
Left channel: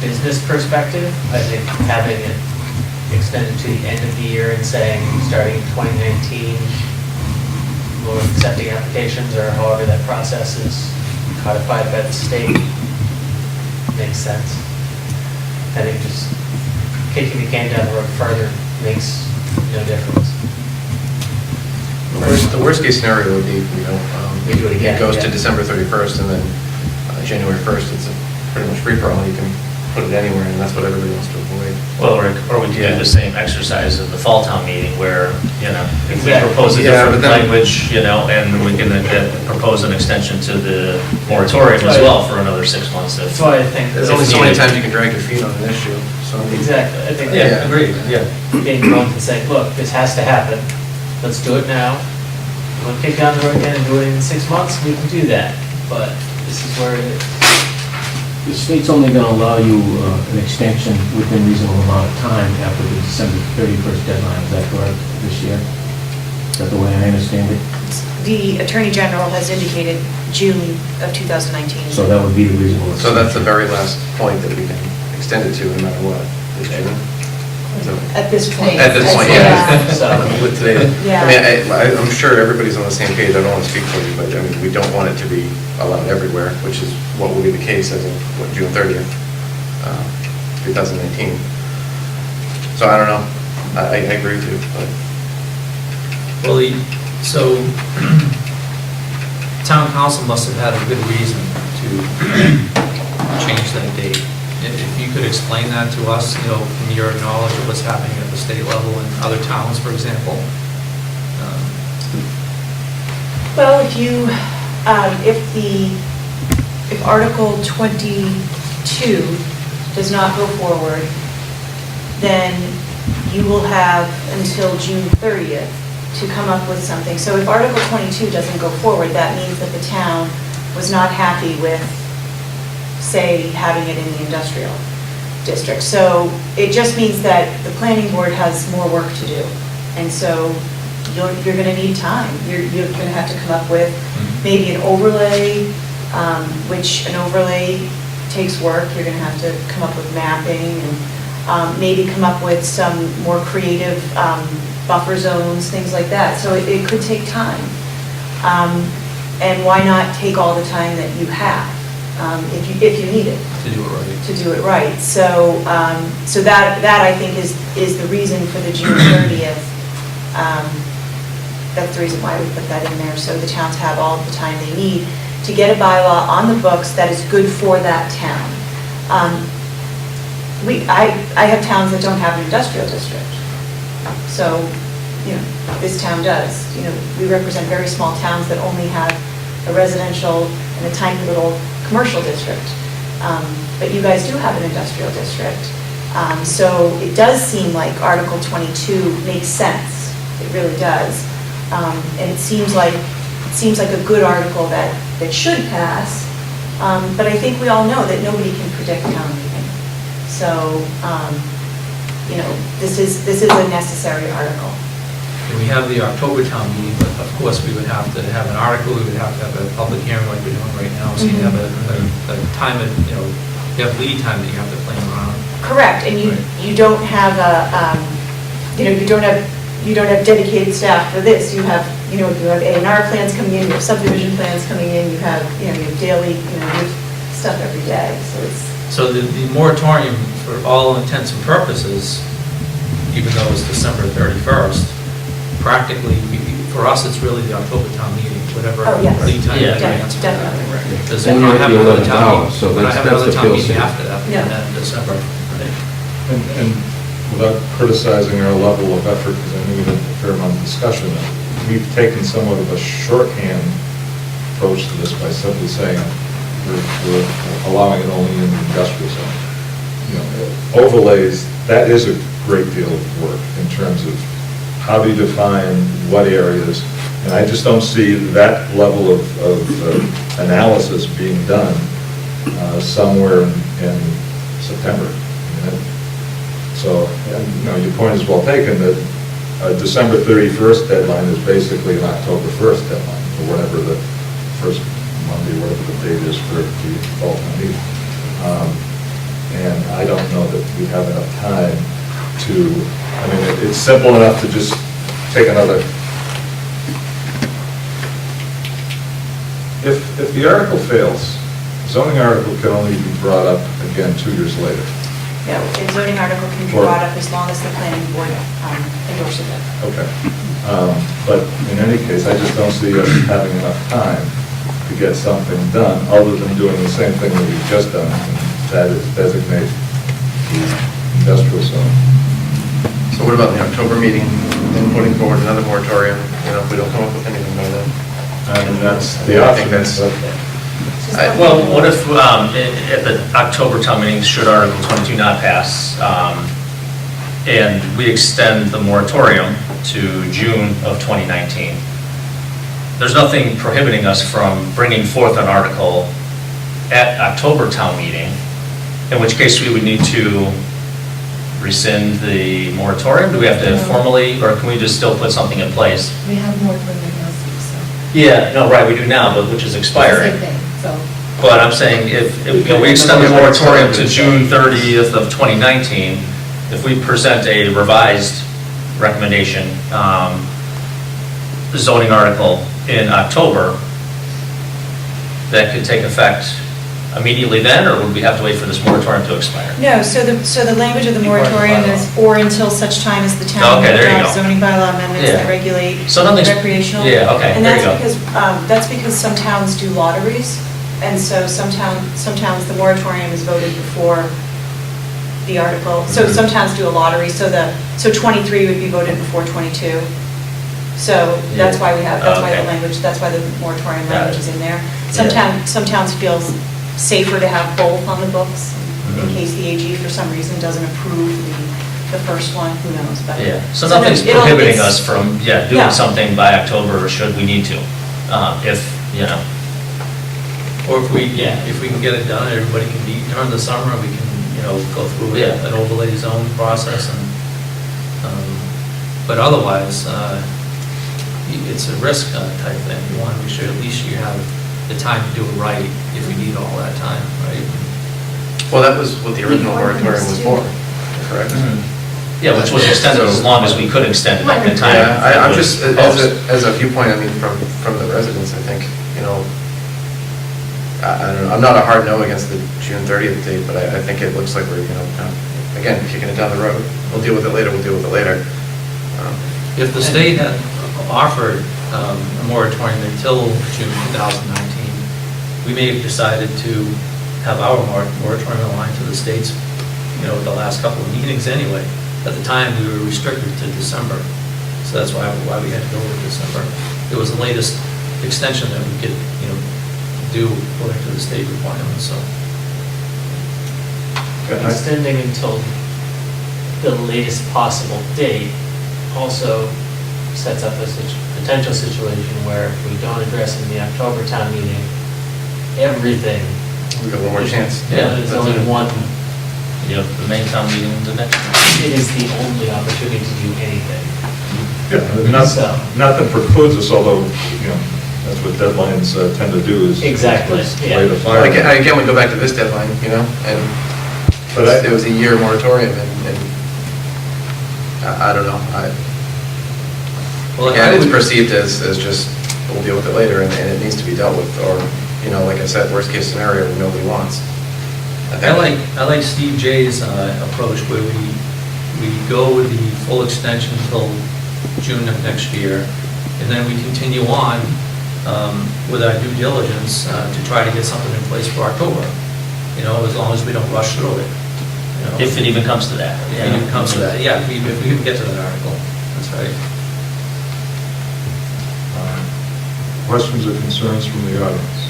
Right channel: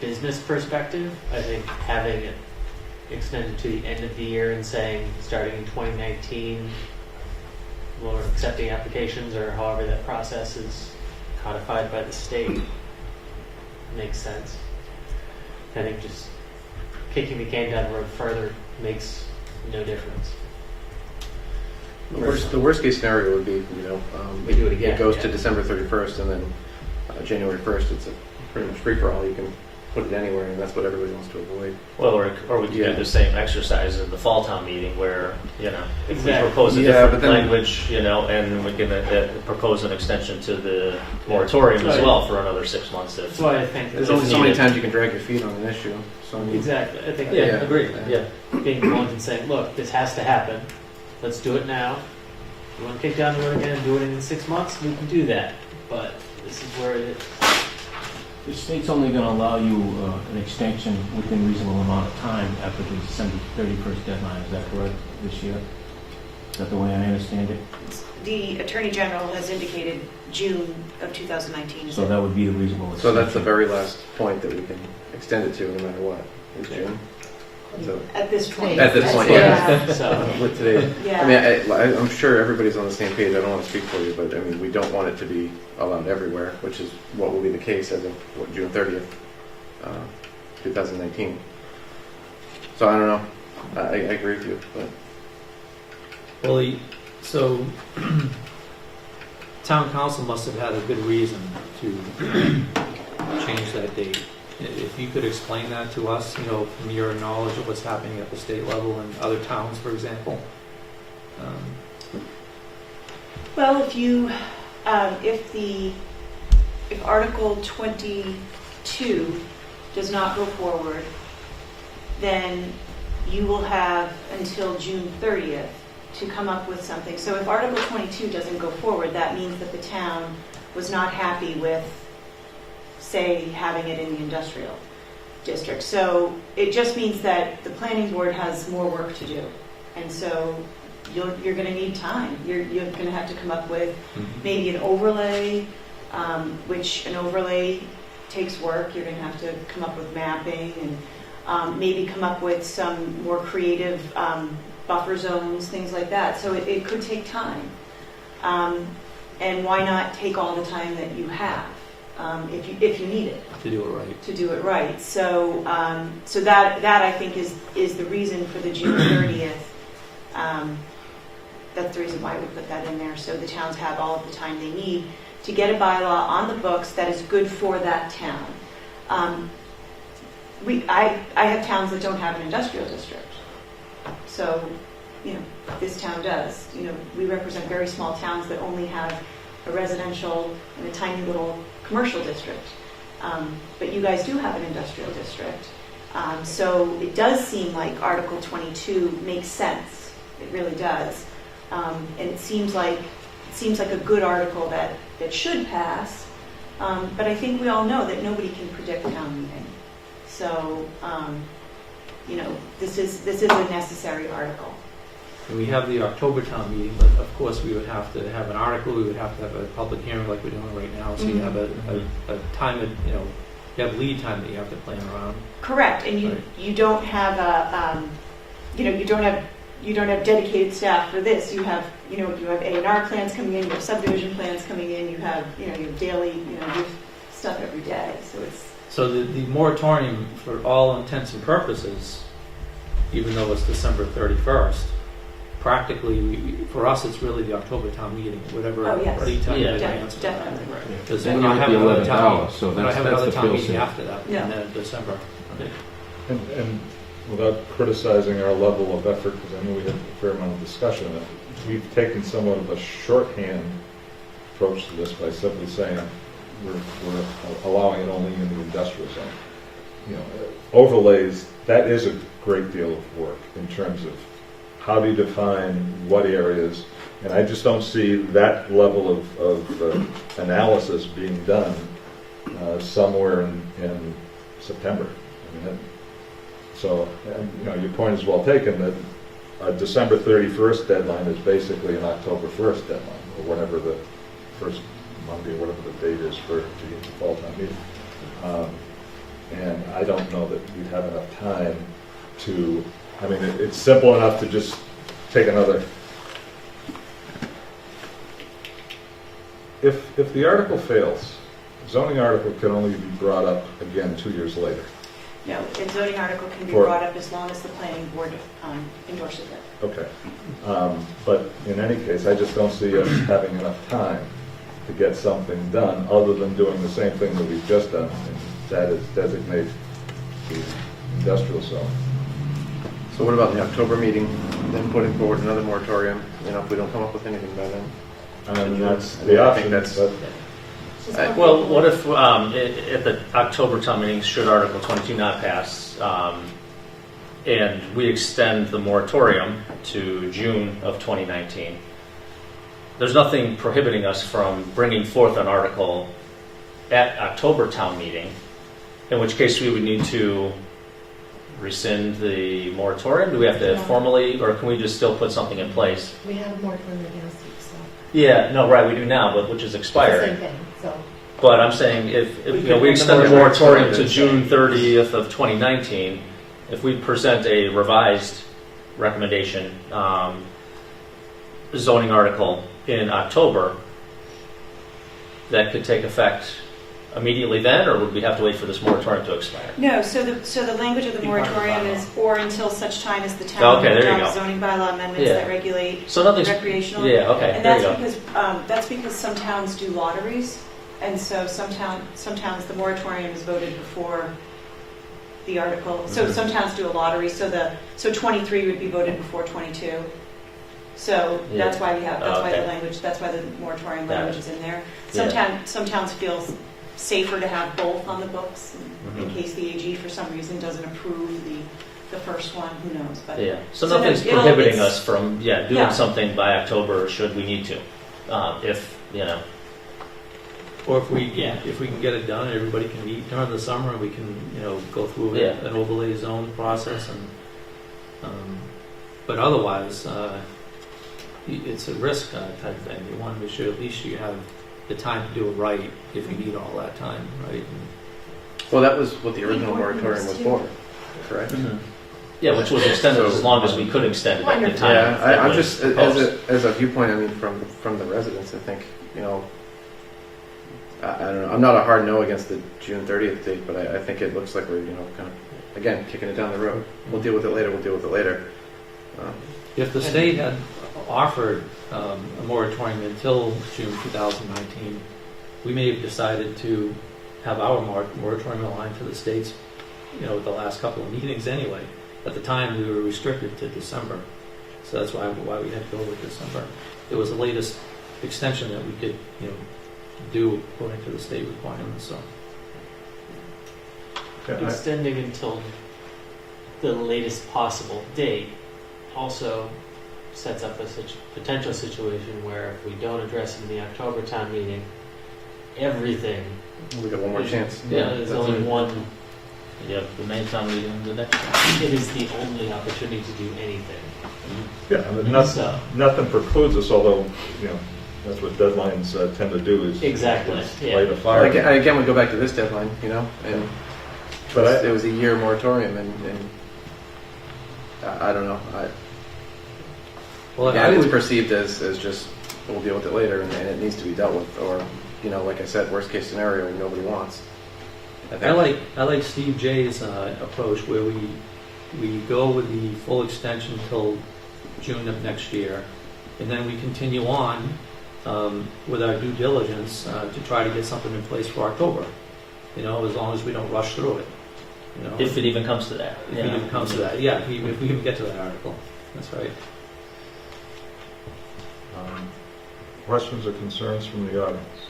business perspective, I think having it extended to the end of the year and saying, starting in 2019, we'll accept the applications, or however that process is codified by the state, makes sense. I think just kicking the can down the road further makes no difference. The worst case scenario would be, We do it again, it goes yeah. to December 31st, and then January 1st, it's a pretty much free-for-all. You can put it anywhere, and that's what everybody wants to avoid. Well, or we could do the same exercise at the fall town meeting where, if we Exactly. propose a Yeah, different but then- language, and we can propose an extension to the moratorium as Right. well for another 6 months. That's why I think. There's that only if so many needed- times you can drag your feet on an issue, so. Exactly, I think. Yeah, agreed, yeah. Being the ones and saying, look, this has to happen, let's do it now. You want to kick down the road again and do it in 6 months, we can do that, but this is where it is. The state's only going to allow you an extension within reasonable amount of time after the December 31st deadline, is that correct, this year? Is that the way I understand it? The Attorney General has indicated June of 2019. So that would be the reasonable So that's the extension. very last point that we can extend it to, no matter what, is June. So- At this point. At this point, Yeah. yeah. So, With today, Yeah. I mean, I'm sure everybody's on the same page, I don't want to speak for you, but I mean, we don't want it to be allowed everywhere, which is what will be the case as of, June 30th, 2019. So I don't know, I agree with you, but. Well, so town council must have had a good reason to change that date. If you could explain that to us, from your knowledge of what's happening at the state level in other towns, for example. Well, if Article 22 does not go forward, then you will have until June 30th to come up with something. So if Article 22 doesn't go forward, that means that the town was not happy with, say, having it in the industrial district. So it just means that the planning board has more work to do. And so you're going to need time. You're going to have to come up with maybe an overlay, which an overlay takes work. You're going to have to come up with mapping and maybe come up with some more creative buffer zones, things like that. So it could take time. And why not take all the time that you have, if you need it? To do it right. To do it right. So, so that I think is the reason for the June 30th. That's the reason why we put that in there, so the towns have all the time they need to get a bylaw on the books that is good for that town. I have towns that don't have an industrial district. So, you know, this town does. You know, we represent very small towns that only have a residential and a tiny little commercial district. But you guys do have an industrial district. So it does seem like Article 22 makes sense. It really does. And it seems like a good article that should pass. But I think we all know that nobody can predict town meeting. So, you know, this is a necessary article. And we have the October town meeting, but of course, we would have to have an article, we would have to have a public hearing like we're doing right now, so you have a time, you know, you have lead time that you have to plan around. Correct, and you don't have a, you know, you don't have dedicated staff for this. You have, you know, you have A&R plans coming in, you have subdivision plans coming in, you have daily, you have stuff every day, so it's. So the moratorium, for all intents and purposes, even though it's December 31st, practically, for us, it's really the October town meeting, whatever Oh, yes. lead time you Yeah. advance. Definitely. Because And then we're you at have the another 11th town hour, meeting, so but I that's have the another town feel meeting safe. after that, Yeah. and then December. And without criticizing our level of effort, because I know we had a fair amount of discussion, we've taken somewhat of a shorthand approach to this by simply saying we're allowing it only in the industrial zone. You know, overlays, that is a great deal of work in terms of how do you define what areas, and I just don't see that level of analysis being done somewhere in September. I mean, so, and, you know, your point is well taken, that a December 31st deadline is basically an October 1st deadline, or whatever the first Monday, whatever the date is for the fall town meeting. And I don't know that we have enough time to, I mean, it's simple enough to just take another. If the article fails, zoning article can only be brought up again 2 years later. No, a zoning article can be Or- brought up as long as the planning board endorses it. Okay. But in any case, I just don't see us having enough time to get something done, other than doing the same thing that we've just done, and that is designate the industrial zone. So what about the October meeting, then putting forward another moratorium, you know, if we don't come up with anything by then? And that's I the think option. that's- Well, what if, at the October town meeting, should Article 22 not pass, and we extend the moratorium to June of 2019, there's nothing prohibiting us from bringing forth an article at October town meeting, in which case we would need to rescind the moratorium? Do we have to No. formally, or can we just still put something in place? We have more time right now, so. Yeah, no, right, we do now, but which is It's the expiring. Same thing, so. But I'm saying if you know, we extend the moratorium to June 30th of 2019, if we present a revised recommendation, zoning article in October, that could take effect immediately then, or would we have to wait for this moratorium to expire? No, so the language of the moratorium is or until such time as the town Okay, there you adopts go. zoning bylaw amendments Yeah. that regulate So nothing's- recreational. yeah, okay, And there you that's because some towns do lotteries, and so some towns, the moratorium is voted before the article. So Mhm. some towns do a lottery, so 23 would be voted before 22. So that's Yeah. why we have, that's why Okay. the language, that's why the moratorium Got language it. is in there. Yeah. Some towns feel safer to have both on the books, in Mhm. case the AG for some reason doesn't approve the first one, who knows, but. Yeah, so no, nothing's it'll- prohibiting it's- us from, Yeah. doing something by October, should we need to, if, you know. Or if we can get it done, everybody can meet during the summer, we can, you know, go through Yeah. an overlay zone process and, but otherwise, it's a risk type thing. You want to make sure at least you have the time to do it right if you need all that time, right? Well, that was what the original Before moratorium was too. for, correct? Yeah, which was extended as long as we could extend it at the time. Yeah, I'm just, Proposed. as a viewpoint, I mean, from the residents, I think, you know, I don't know, I'm not a hard no against the June 30th date, but I think it looks like we're, you know, kind of, again, kicking it down the road. We'll deal with it later, we'll deal with it later. If the state had offered a moratorium until June 2019, we may have decided to have our moratorium aligned to the state's, you know, the last couple of meetings anyway. At the time, we were restricted to December, so that's why we had to go with December. It was the latest extension that we could, you know, do according to the state requirements, so. Extending until the latest possible date also sets up a potential situation where if we don't address it in the October town meeting, everything. We got one more chance. Yeah, there's only one, Yep, the main town meeting, the next one. it is the only opportunity to do anything. Yeah, So- nothing precludes us, although, you know, that's what deadlines tend to do is. Exactly, is yeah. light a fire. Again, we go back to this deadline, you know, and But it was a year moratorium, and I don't know, Well, again, I it's would- perceived as just, we'll deal with it later, and it needs to be dealt with, or, you know, like I said, worst case scenario, nobody wants. I like Steve J's approach where we go with the full extension until June of next year, and then we continue on with our due diligence to try to get something in place for October, you know, as long as we don't rush through it. You know. If it even comes to that. If it even comes to that, yeah, if we even get to that article, that's right. Questions or concerns from the audience?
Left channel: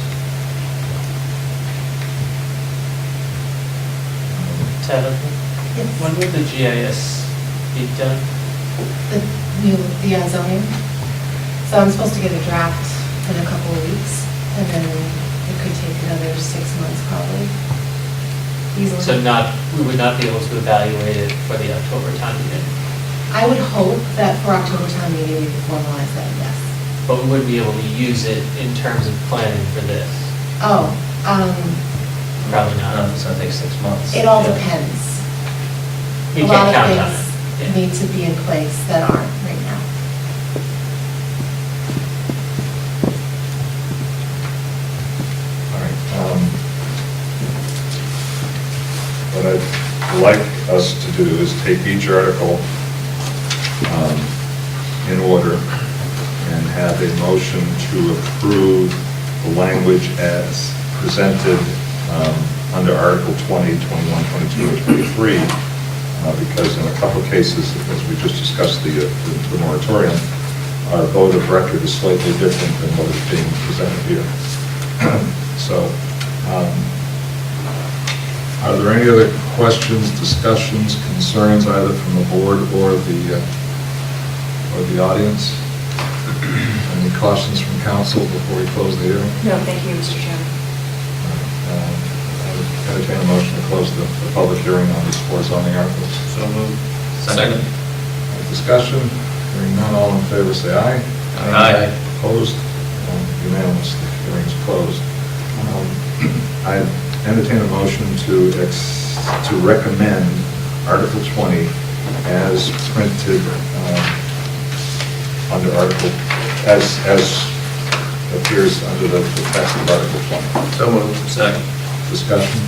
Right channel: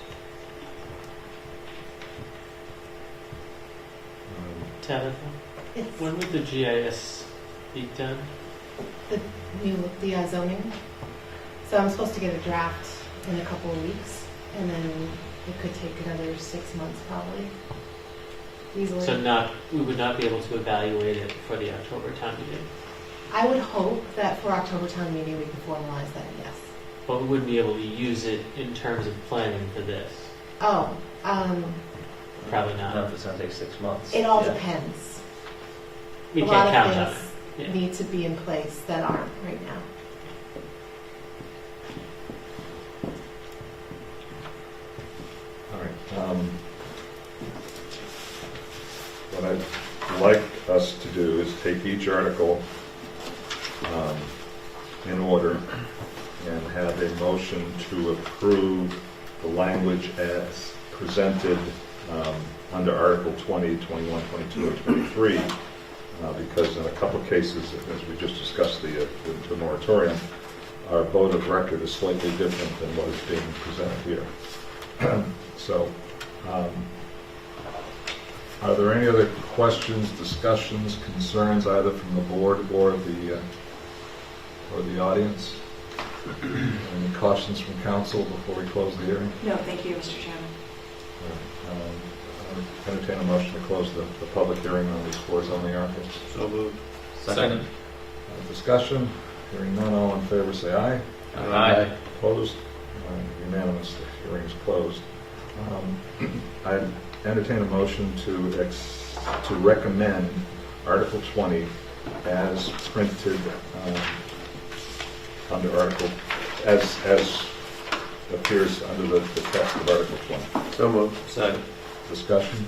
Tabitha, Yes. when would the GIS be done? The zoning. So I'm supposed to get a draft in a couple of weeks, and then it could take another 6 months probably. Easily. So we would not be able to evaluate it for the October town meeting, I would hope that for October town meeting, we could formalize that, yes. but we wouldn't be able to use it in terms of planning for this. Oh, Probably I don't know not. if it's gonna take 6 months. it all Yeah. depends. We A lot can't of count on things it. Yeah. need to be in place that aren't right now. All right. What I'd like us to do is take each article in order and have a motion to approve the language as presented under Article 20, 21, 22, or 23, because in a couple of cases, as we just discussed the moratorium, our vote of record is slightly different than what is being presented here. So, are there any other questions, discussions, concerns, either from the board or the audience? Any cautions from council before we close the hearing? No, thank you, Mr. Chairman. I would entertain a motion to close the public hearing on these four zoning articles. So moved. Second. Discussion, hearing none, all in favor, say aye. Aye. Opposed? Unanimous, the hearing is closed. I entertain a motion to recommend Article 20 as printed under Article, as appears under the text of Article 20. So moved. Second. Discussion,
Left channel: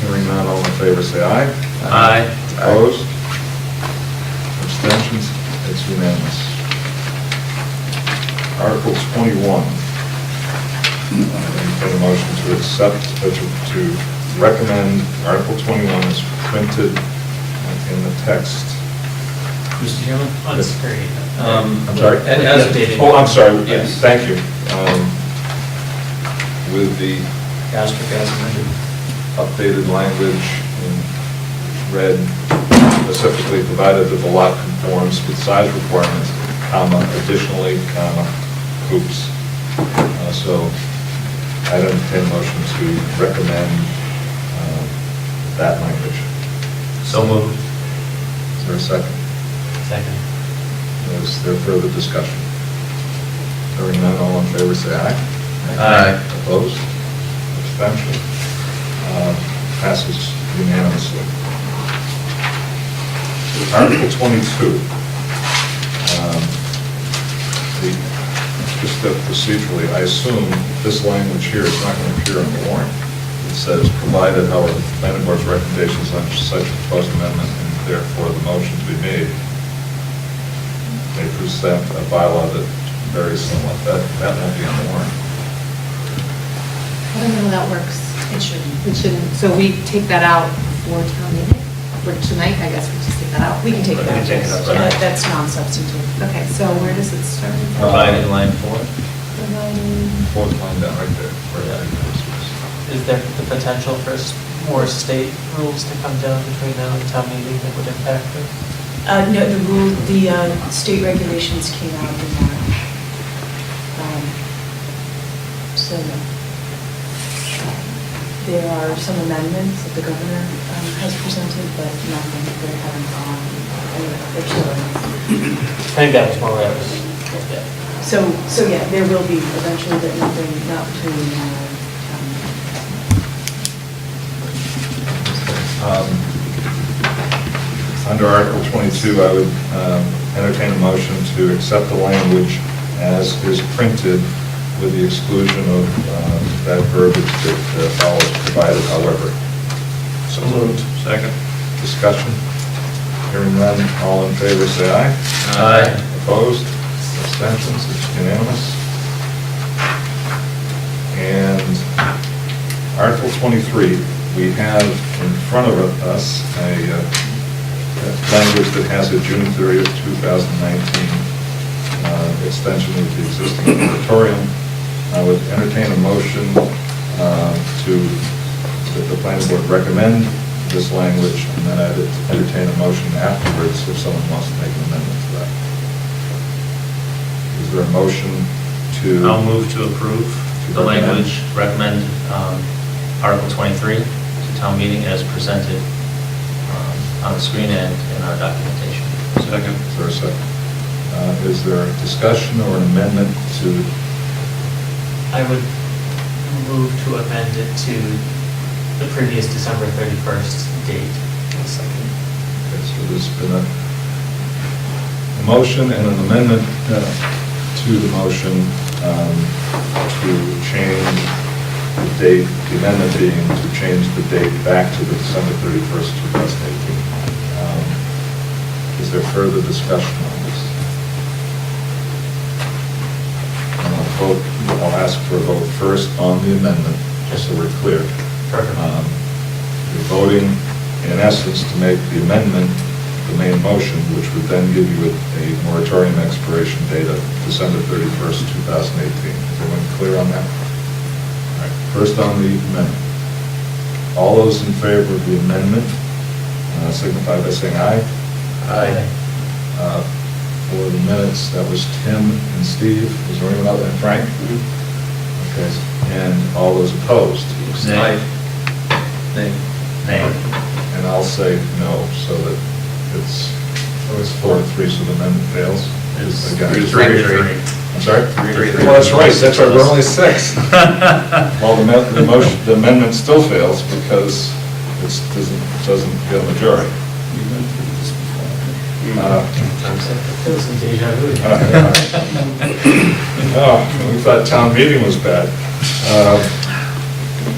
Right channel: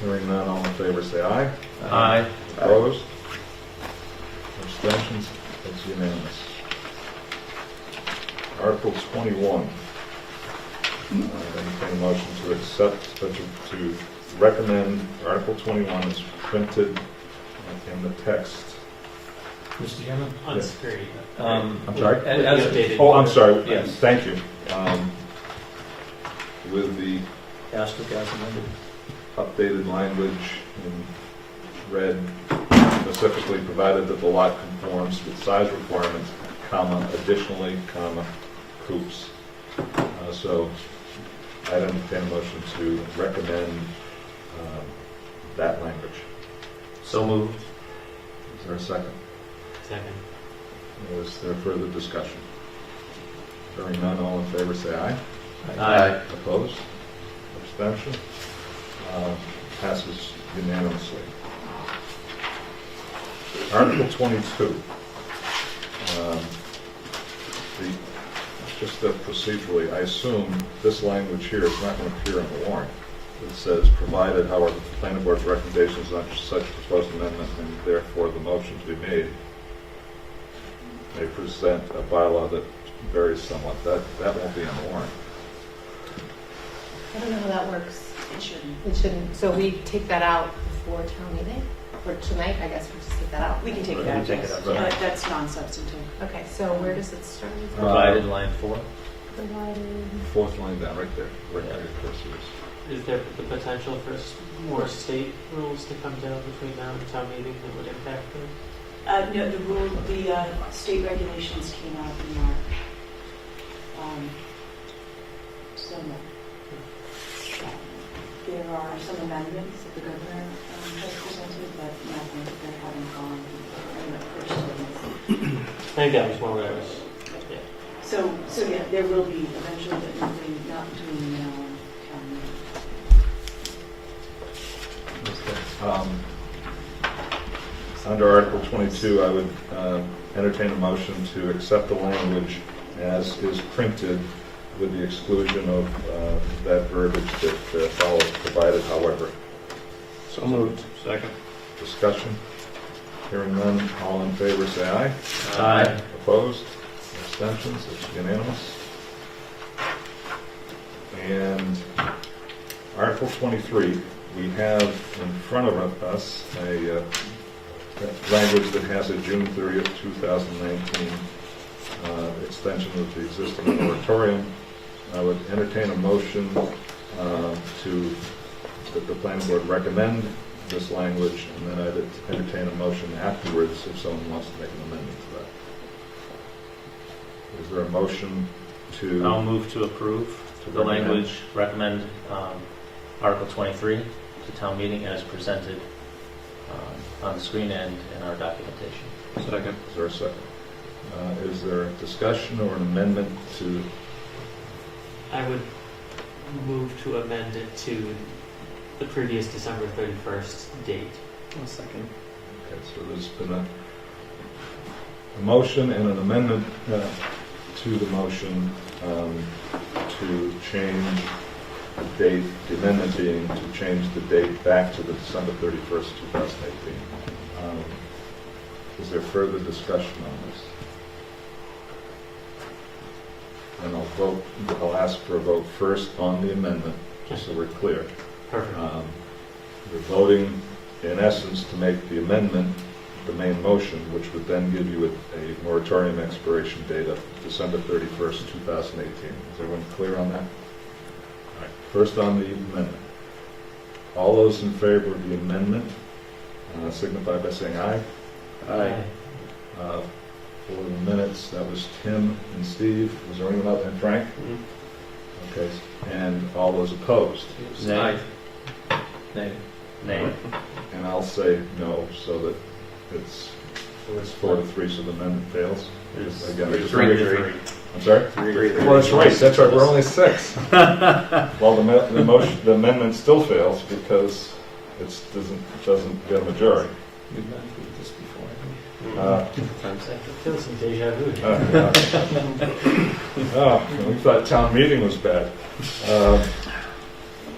hearing none, all in favor, say aye. Aye. Opposed? Abstentions? It's unanimous. Article 21. Entertain a motion to accept, to recommend Article 21 as printed in the text. Mr. Chairman? On Yes. screen. I'm sorry. As updated. Oh, I'm sorry. Yes. Thank you. With the Asterisk as amended. updated language in red, specifically provided that the lot conforms with size requirements, comma, additionally, comma, hoops. So I'd entertain a motion to recommend that language. So moved. Is there a second? Second. Is there further discussion? Hearing none, all in favor, say aye. Aye. Opposed? Abstention? Passes unanimously. Article 22. Just procedurally, I assume this language here is not going to appear on the warrant. It says, provided, however, the planning board's recommendations on such proposed amendment and therefore the motion to be made may present a bylaw that varies somewhat. That won't be on the warrant. I don't know how that works. It shouldn't. It shouldn't, so we take that out for town meeting? For tonight, I guess we just take that out. We can take it We out. can take it out, Yeah, right. That's non-substantive. Okay, so where does it start? Provided line 4. Providing. Fourth line down right there. Where that is. Is there the potential for more state rules to come down between now and town meeting that would impact it? No, the state regulations came out in March. So, no. There are some amendments that the governor has presented, but nothing that haven't gone anywhere officially. I think that was more what I was, yeah. So yeah, there will be eventually, but nothing, not between now and town meeting. Under Article 22, I would entertain a motion to accept the language as is printed with the exclusion of that verbiage that follows, provided, however. So moved. Second. Discussion. Hearing none, all in favor, say aye. Aye. Opposed? Abstentions? It's unanimous. And Article 23, we have in front of us a language that has a June 30th, 2019 extension of the existing moratorium. I would entertain a motion that the planning board recommend this language, and then I'd entertain a motion afterwards if someone wants to make an amendment to that. Is there a motion to? I'll move to approve the language, recommend Article 23 to town meeting as presented on the screen and in our documentation. Second. Is there a second? Is there a discussion or an amendment to? I would move to amend it to the previous December 31st date. Second. Okay, so there's been a motion and an amendment to the motion to change the date, the amendment being to change the date back to the December 31st, 2018. Is there further discussion on this? And I'll ask for a vote first on the amendment, just so we're clear. Perfect. You're voting, in essence, to make the amendment the main motion, which would then give you a moratorium expiration date of December 31st, 2018. Is everyone clear on that? All right, first on the amendment. All those in favor of the amendment signify by saying aye. Aye. For the minutes, that was Tim and Steve. Was there anyone other than Frank? Okay, and all those opposed? Nay. Nay. Nay. And I'll say no, so that it's 4-3, so the amendment fails. It's Again, 3-3. I'm sorry? 3-3. Well, that's right, we're only 6. Well, the amendment still fails because it doesn't get a majority. That was some deja vu. Oh, we thought town meeting was bad.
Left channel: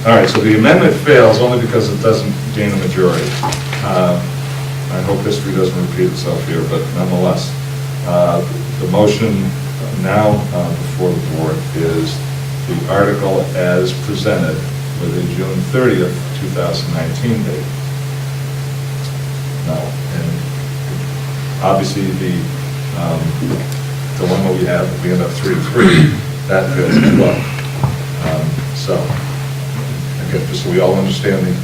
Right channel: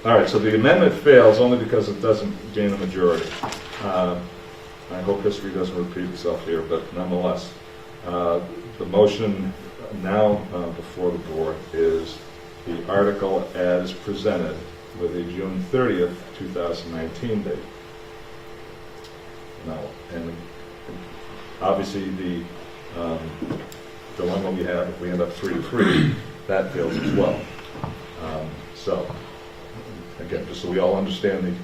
All right, so the amendment fails only because it doesn't gain a majority. I hope history doesn't repeat itself here, but nonetheless, the motion now before the board is the article as presented with a June 30th, 2019 date. Now, and obviously the dilemma we have, if we end up 3-3, that fails as well. So, again, just so we all understand the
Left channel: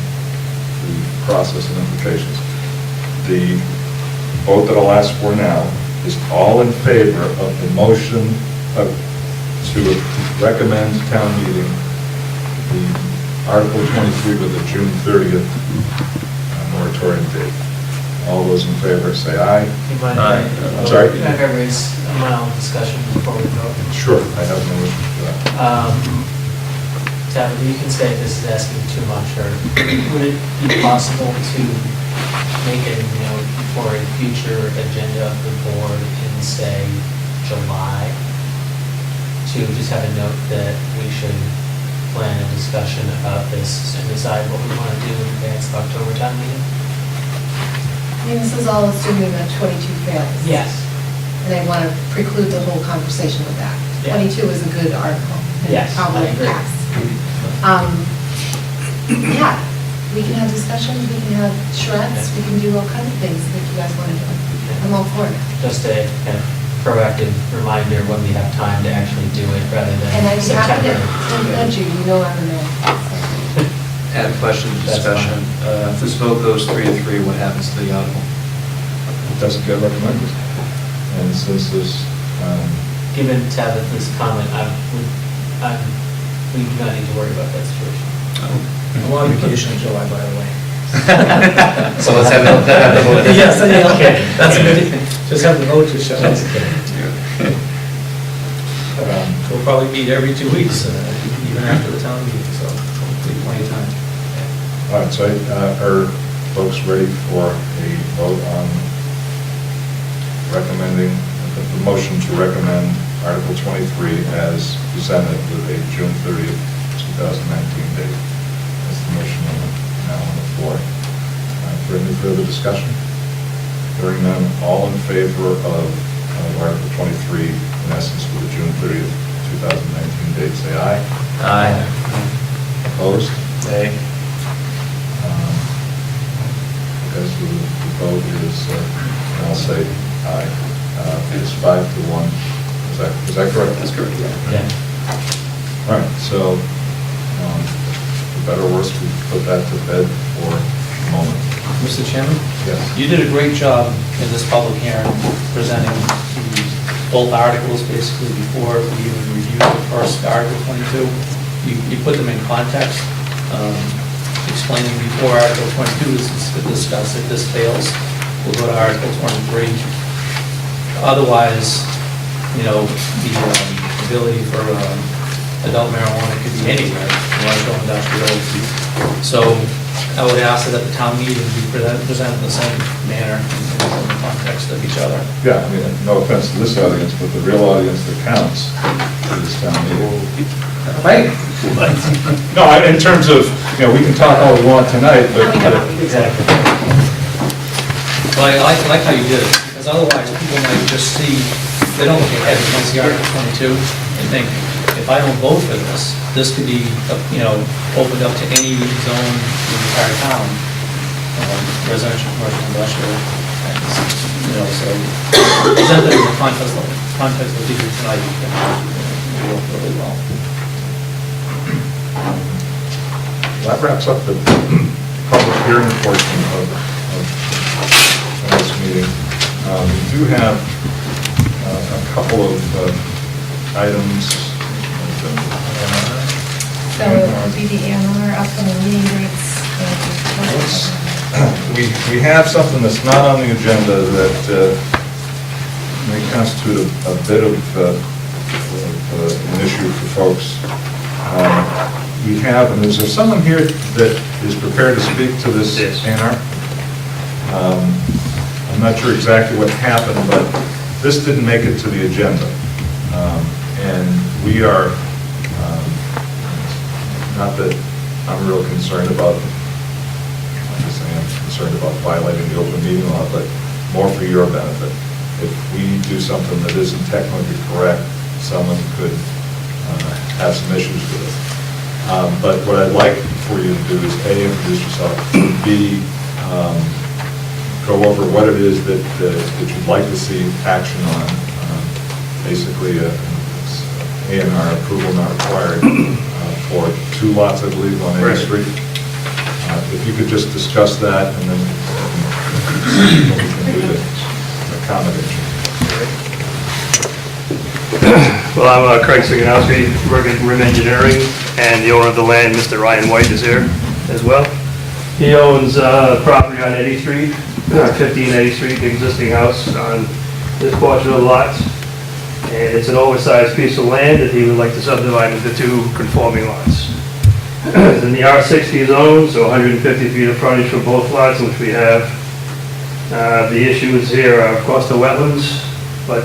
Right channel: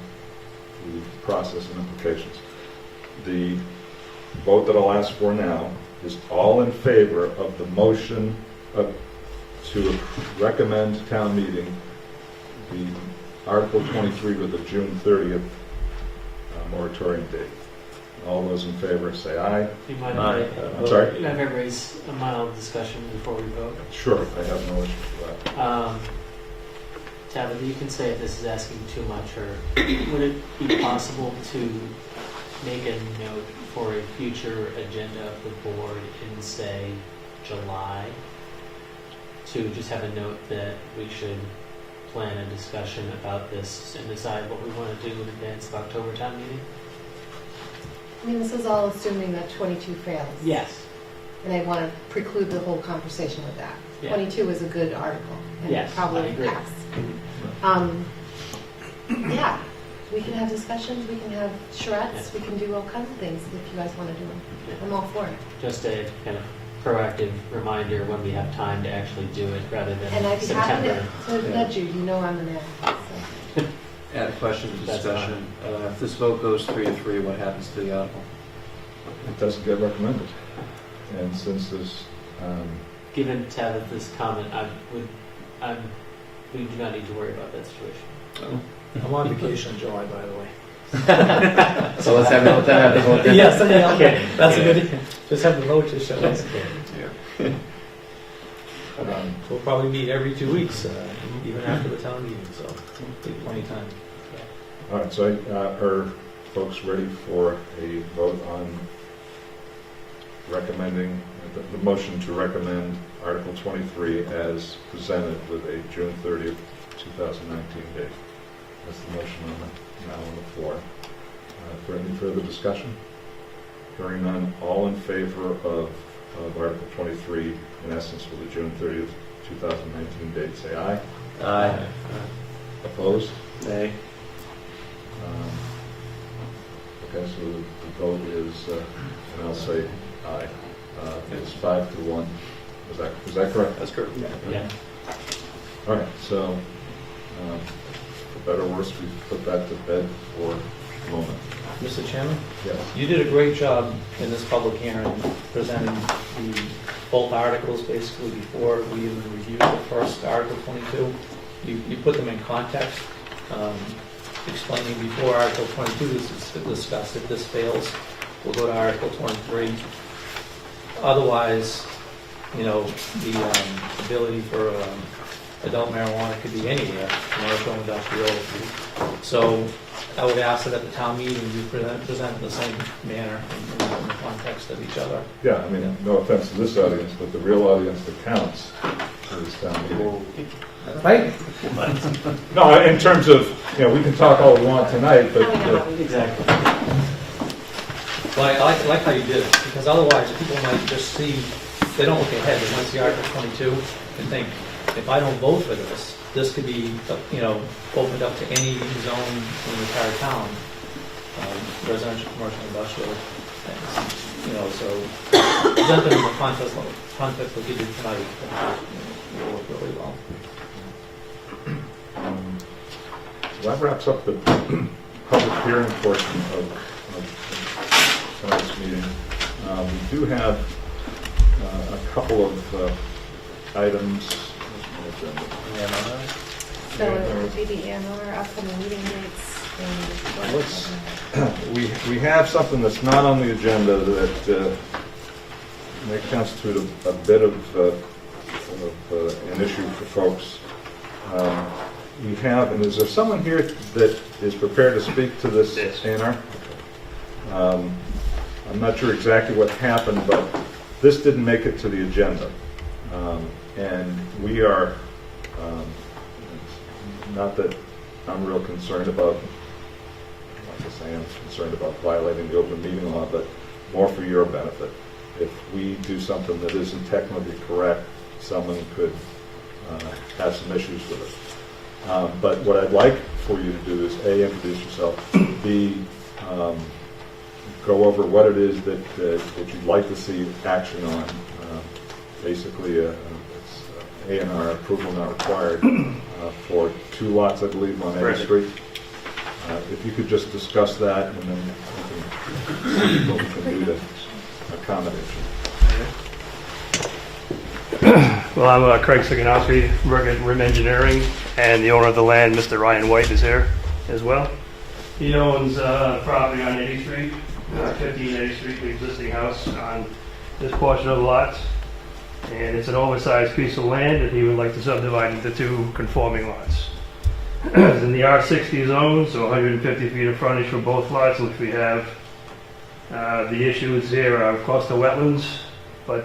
process and implications. The vote that I'll ask for now is all in favor of the motion to recommend town meeting the Article 23 with the June 30th moratorium date. All those in favor say aye. Do you mind Aye. if I- I'm sorry? Can I raise a mild discussion before we vote? Sure, I have no issue with that. Tabitha, you can say if this is asking too much, or would it be possible to make a note for a future agenda of the board in, say, July? To just have a note that we should plan a discussion about this and decide what we want to do in advance of October town meeting? I mean, this is all assuming that 22 fails. Yes. And I want to preclude the whole conversation with that. Yeah. 22 is a good article. And Yes, probably I agree. pass. Yeah, we can have discussions, we can have charrettes, we can do all kinds of things if you guys want to do it. I'm all for it. Just a kind of proactive reminder when we have time to actually do it, rather And I'd than be happy September. to nudge you, you know I'm the man. so. Add a question to That's discussion. If this vote goes 3-3, what happens to the article? It doesn't get recommended. And since there's, Given Tabitha's comment, we do not need to worry about that situation. I'm on vacation in July, by the way. So let's have the vote. Yes, okay, that's good. Just have the vote to show. um, We'll probably meet every 2 weeks, even after the town meeting, so hopefully plenty of time. all right, so are folks ready for a vote on recommending, the motion to recommend Article 23 as presented with a June 30th, 2019 date? That's the motion now on the floor. For any further discussion? Hearing none, all in favor of Article 23, in essence, with the June 30th, 2019 date, say aye. Aye. Opposed? Nay. Okay, so the vote is, and I'll say aye. It's 5-1. Is that correct? That's correct. Yeah. All right, so, for better or worse, we put that to bed for a moment. Mr. Chairman? Yes. You did a great job in this public hearing, presenting both articles basically before we even reviewed the first Article 22. You put them in context, explaining before Article 22 is discussed. If this fails, we'll go to Article 23. Otherwise, you know, the ability for adult marijuana could be anywhere, commercial, industrial. So I would ask that at the town meeting, we present in the same manner in the context of each other. Yeah, I mean, no offense to this audience, but the real audience that counts is this town meeting. Right? No, in terms of, you know, we can talk all we want tonight, but. Exactly. Well, I like how you did it, because otherwise people might just see, they don't look ahead, they might see Article 22 and think, if I don't vote for this, this could be, you know, opened up to any zone in the entire town, residential, commercial, industrial, and, you know, so present it in the context of the tonight, it will work really well. That wraps up the public hearing portion of tonight's meeting. We do have a couple of items. So it would be the AMR, upcoming meeting dates, and. We have something that's not on the agenda that may constitute a bit of an issue for folks. We have, and is there someone here that is prepared to speak to this A&R? I'm not sure exactly what happened, but this didn't make it to the agenda. And we are, not that I'm real concerned about, I guess I am concerned about violating the open meeting law, but more for your benefit. If we do something that isn't technically correct, someone could have some issues with it. But what I'd like for you to do is A, introduce yourself, B, go over what it is that you'd like to see action on. Basically, it's A&R approval not required for 2 lots, I believe, on A Street. If you could just discuss that and then see what we can do to accommodate you. Well, I'm Craig Siganowski, work at Rim Engineering, and the owner of the land, Mr. Ryan White, is here as well. He owns property on 80th Street, 15 80th Street, the existing house on this portion of the lots. And it's an oversized piece of land that he would like to subdivide into 2 conforming lots. is in the R60 zone, so 150 feet of frontage for both lots, which we have. The issues here are, of course, the wetlands, but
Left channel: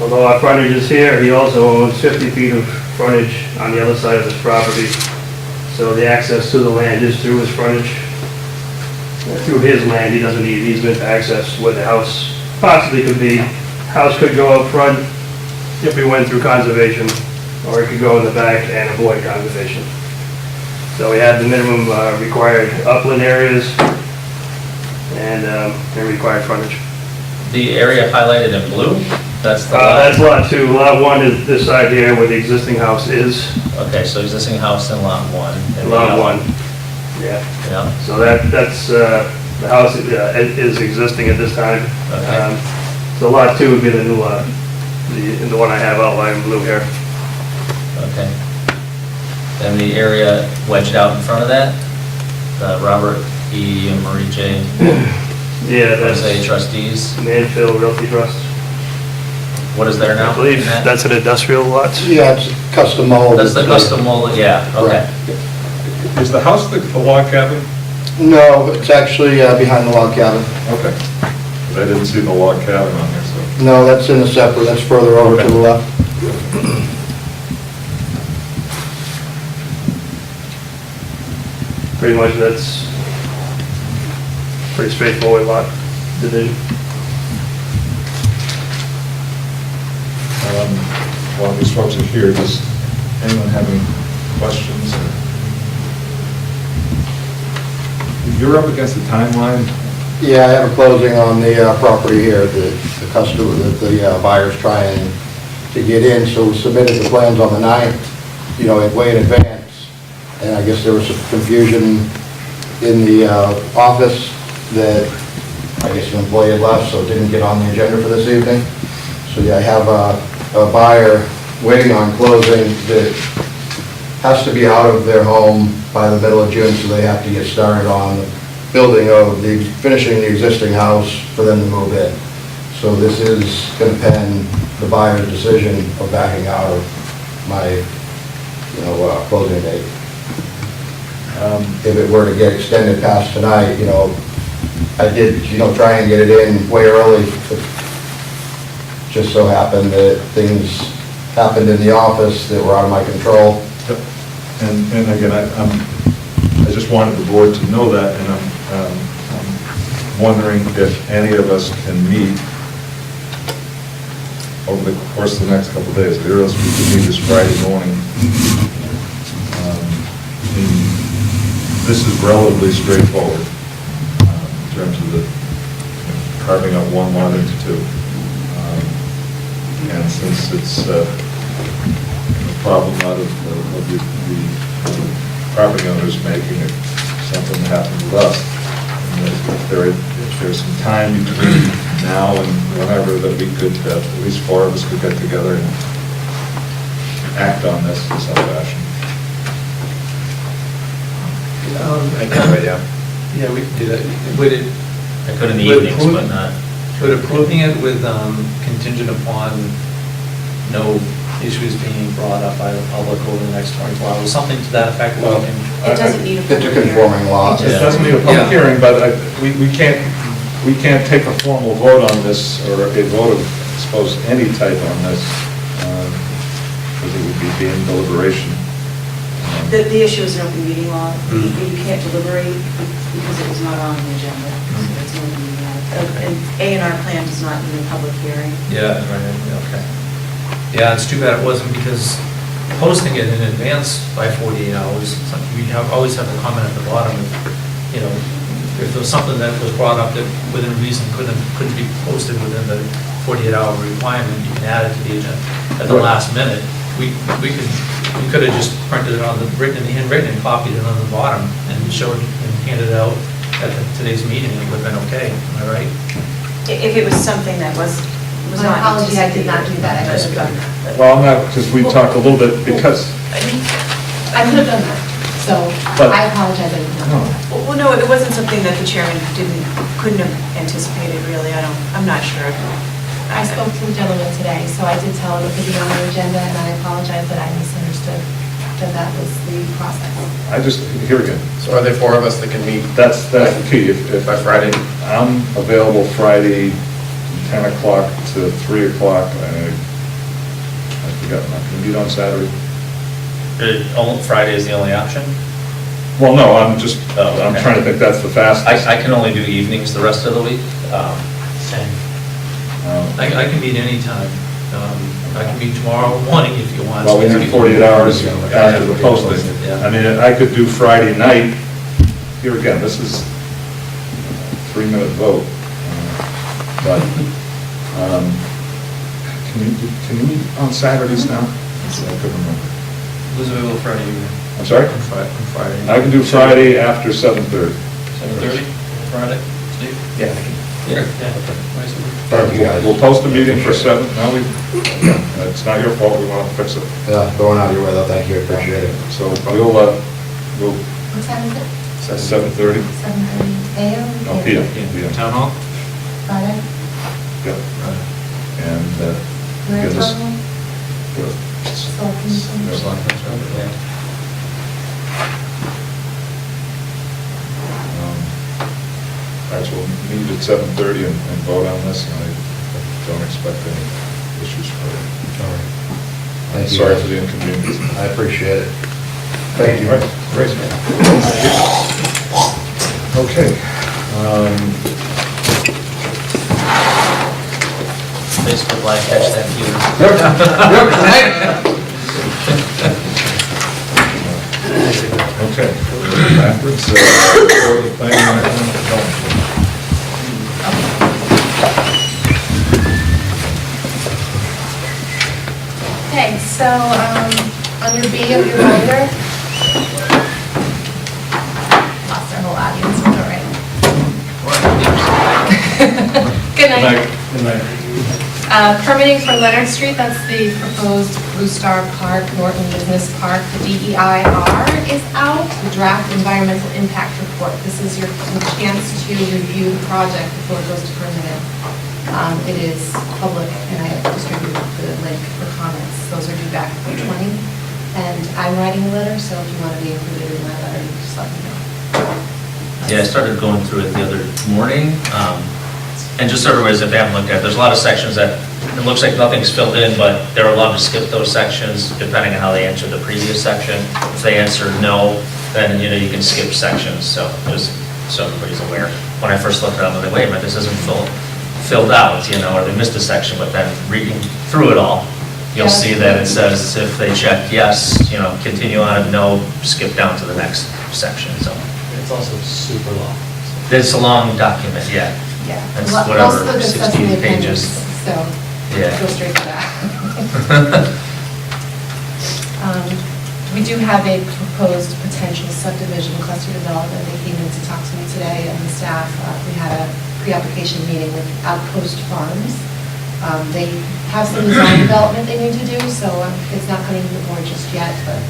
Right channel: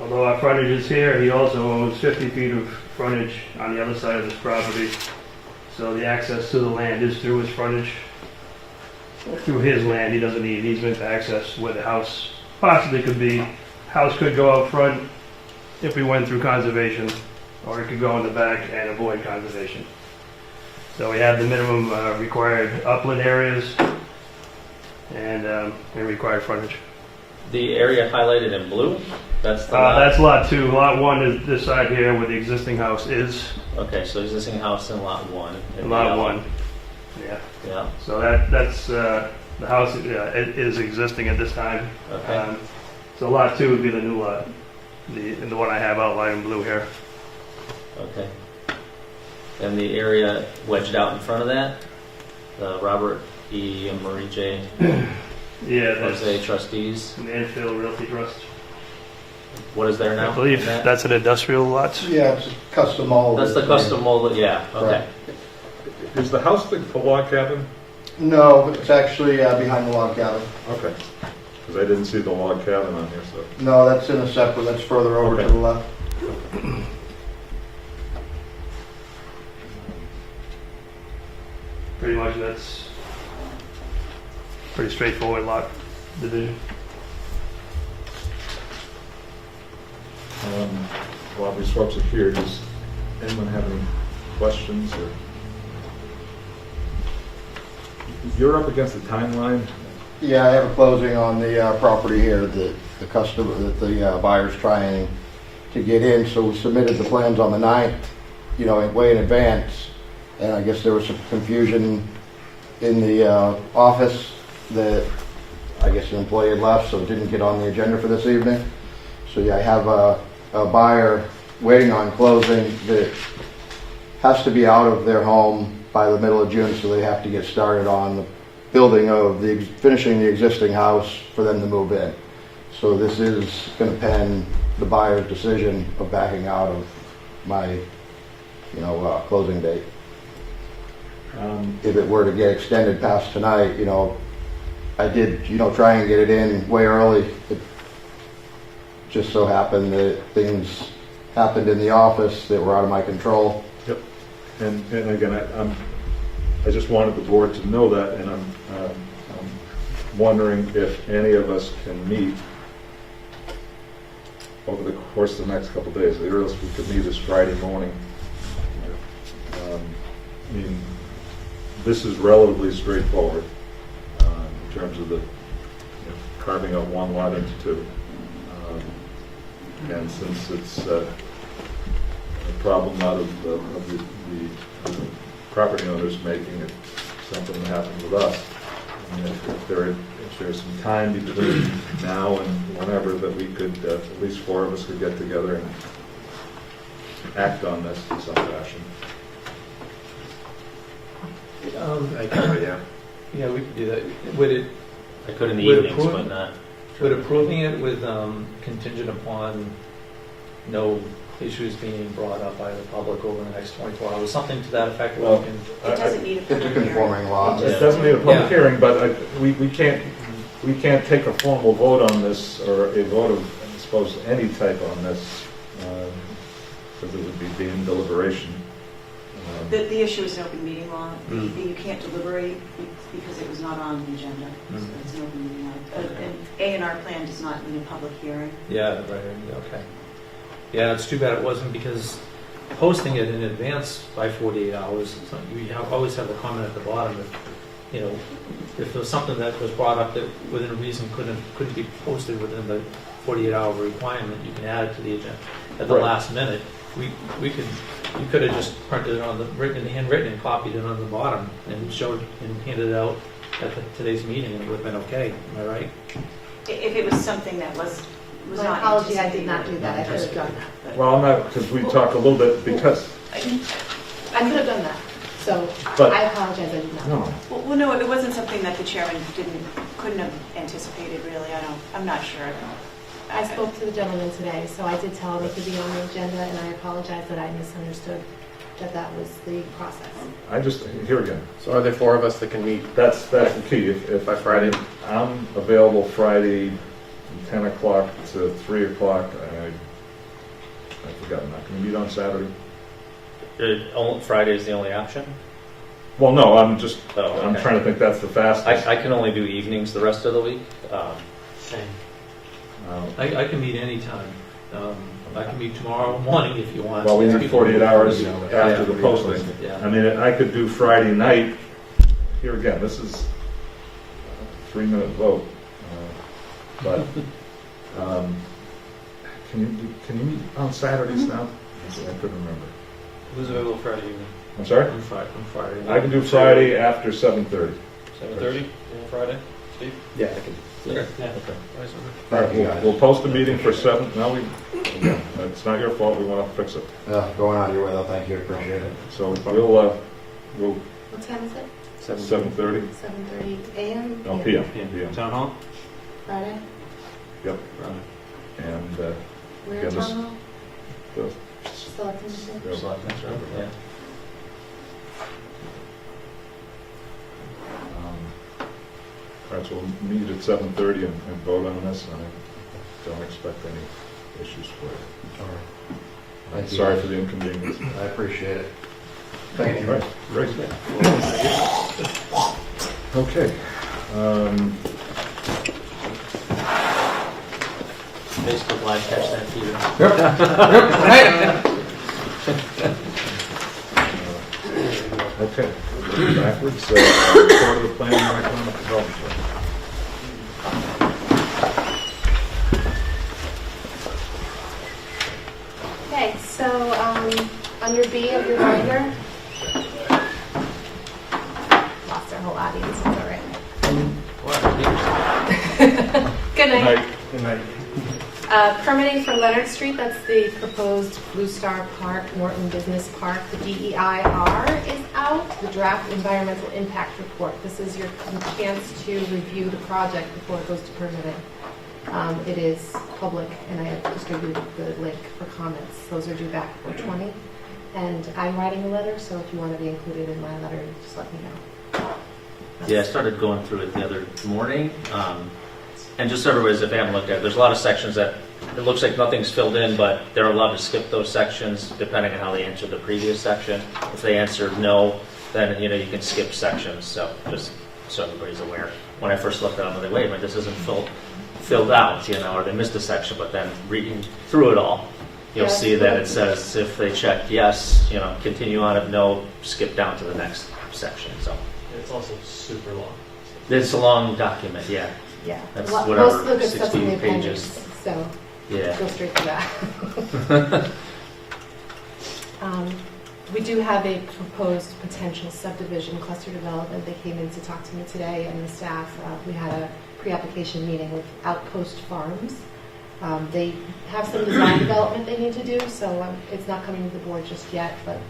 although our frontage is here, he also owns 50 feet of frontage on the other side of his property. So the access to the land is through his frontage, through his land. He doesn't need easement to access where the house possibly could be. House could go up front if we went through conservation, or it could go in the back and avoid conservation. So we had the minimum required upland areas and required frontage. The area highlighted in blue, that's the lot? That's lot 2. Lot 1 is this side here where the existing house is. Okay, so existing house in lot 1. and Lot yellow. 1, yeah. Yeah, So that's, the house is existing at this time. Okay. So lot 2 would be the new lot, the one I have outlined in blue here. okay. Then the area wedged out in front of that, the Robert E. and Marie J. Yeah, that's Jose trustees, Manfield Realty Trust. what is there now? I believe Matt? that's an industrial lot. Yeah, it's custom mold. That's the custom molded, yeah, okay. Is the house the log cabin? No, it's actually behind the log cabin. Okay. 'Cause I didn't see the log cabin on here, so. No, that's in a separate, that's further over to the left. Pretty much that's pretty straightforward lot division. While these folks are here, does anyone have any questions? You're up against the timeline. Yeah, I have a closing on the property here, the customer, the buyer's trying to get in, so we submitted the plans on the 9th, way in advance. And I guess there was some confusion in the office that I guess the employee had left, so it didn't get on the agenda for this evening. So yeah, I have a buyer waiting on closing that has to be out of their home by the middle of June, so they have to get started on the building of finishing the existing house for them to move in. So this is going to pen the buyer's decision of backing out of my, closing date. If it were to get extended past tonight, I did, try and get it in way early. It just so happened that things happened in the office that were out of my control. And again, I just wanted the board to know that, and I'm wondering if any of us can meet over the course of the next couple of days. The earliest we could meet is Friday morning. This is relatively straightforward in terms of the carving up one lot into two. And since it's a problem out of the property owners making it something that happened with us, and if there's some time between now and whenever that we could, at least 4 of us could get together and act on this in some fashion. I can't wait, yeah. Yeah, we could do that. Would it, I could in the Would evenings, approve- but not. would approving it with contingent upon no issues being brought up by the public over the next 24 hours, something to that effect? Well, It doesn't need a It's public a hearing. conforming lot. It doesn't need a public Yeah. hearing, but we can't take a formal vote on this, or a vote of, I suppose, any type on this, because it would be deemed deliberation. The issue is an open meeting law. You can't deliberate because it was not on the agenda. So it's an open meeting law. An A&R plan does not need a public hearing. Yeah, right, okay. Yeah, it's too bad it wasn't, because posting it in advance by 48 hours, we always have the comment at the bottom, if there was something that was brought up that within reason couldn't be posted within the 48-hour requirement, you can add it to the agenda at the Right. last minute. We could have just printed it on the handwritten and copied it on the bottom and showed and handed it out at today's meeting, it would have been okay, am I right? If it was something that was My not apology, I did anticipated. not do that, I could have done that. Well, I'm not, because we talked a little bit, because, I could have done that, so But- I apologize, I did not. no, Well, no, it wasn't something that the chairman couldn't have anticipated, really. I'm not sure. I spoke to the gentleman today, so I did tell him it could be on the agenda, and I apologize that I misunderstood. that that was the process. I just, here again, So are there four of us that can meet? that's the key. If By Friday? I'm available Friday, 10 o'clock to 3 o'clock. I forgot, I'm not going to meet on Saturday. Friday is the only option? Well, no, I'm just, Oh, I'm okay. trying to think that's the fastest. I can only do evenings the rest of the week. Same. I can meet anytime. I can meet tomorrow morning if you want. Well, we need 48 hours after the posting. Yeah. I mean, I could do Friday night. Here again, this is a 3-minute vote. But, can you meet on Saturdays now? I couldn't remember. Who's available Friday evening? I'm sorry? On Friday. I can do Friday after 7:30. 7:30, Friday, Steve? Yeah. Yeah. Thank you, guys. We'll post a meeting for 7, no, it's not your fault, we want to fix it. Yeah, going out of your way, though, thank you, I appreciate it. So we'll What time is it? 7:30, 7:30 a.m.? no, PM. Town Hall? Friday? Yep. And, Where get in this- town hall? good. Selectmen's. All right, so we'll meet at 7:30 and vote on this, and I don't expect any issues for it. All right. Thank you, Sorry guys. for the inconvenience. I appreciate it. Thank you. All right, great. Okay. Facebook Live, catch that feud. Okay, backwards, report of the planning and economic development. Okay, so, under B of your binder, lost our whole audience, it's all right. Good night. Good night. Permitting for Leonard Street, that's the proposed Blue Star Park, Norton Business Park. The DEIR is out, the draft environmental impact report. This is your chance to review the project before it goes to permitting. It is public, and I distributed the link for comments. Those are due back for 20. And I'm writing a letter, so if you want to be included in my letter, you just let me know. Yeah, I started going through it the other morning, and just so everybody's, if they haven't looked at it, there's a lot of sections that, it looks like nothing's filled in, but they're allowed to skip those sections depending on how they answered the previous section. If they answered no, then, you can skip sections, so just so everybody's aware. When I first looked at it, I'm like, wait a minute, this isn't filled out, or they missed a section, but then reading through it all, you'll see that it says if they check yes, continue on, if no, skip down to the next section, so. It's also super long. It's a long document, yeah. Yeah. That's Most of whatever, the stuff's in the 16 pages. appendix, So, Yeah. go straight to that. We do have a proposed potential subdivision cluster development. They came in to talk to me today, and the staff, we had a pre-application meeting with Outpost Farms. They have some design development they need to do, so it's not coming to the board just yet, but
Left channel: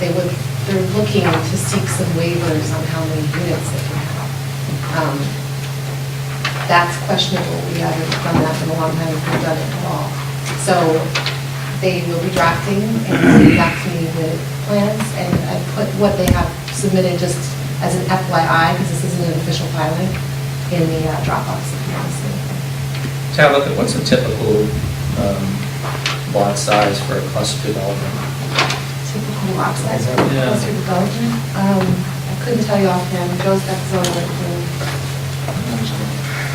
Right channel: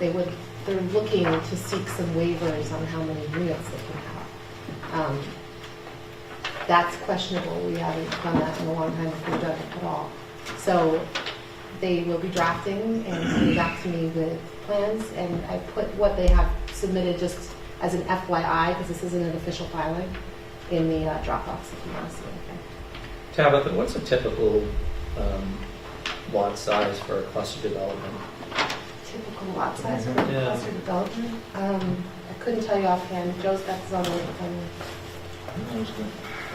they're looking to seek some waivers on how many units they can have. That's questionable. We haven't done that in a long time, if we've done it at all. So they will be drafting and sending back to me with plans, and I put what they have submitted just as an FYI, because this isn't an official filing, in the Dropbox if you want to see it. Tabitha, what's a typical lot size for a cluster development? Typical lot size for Yeah. cluster development. I couldn't tell you offhand. Joe's got his own written.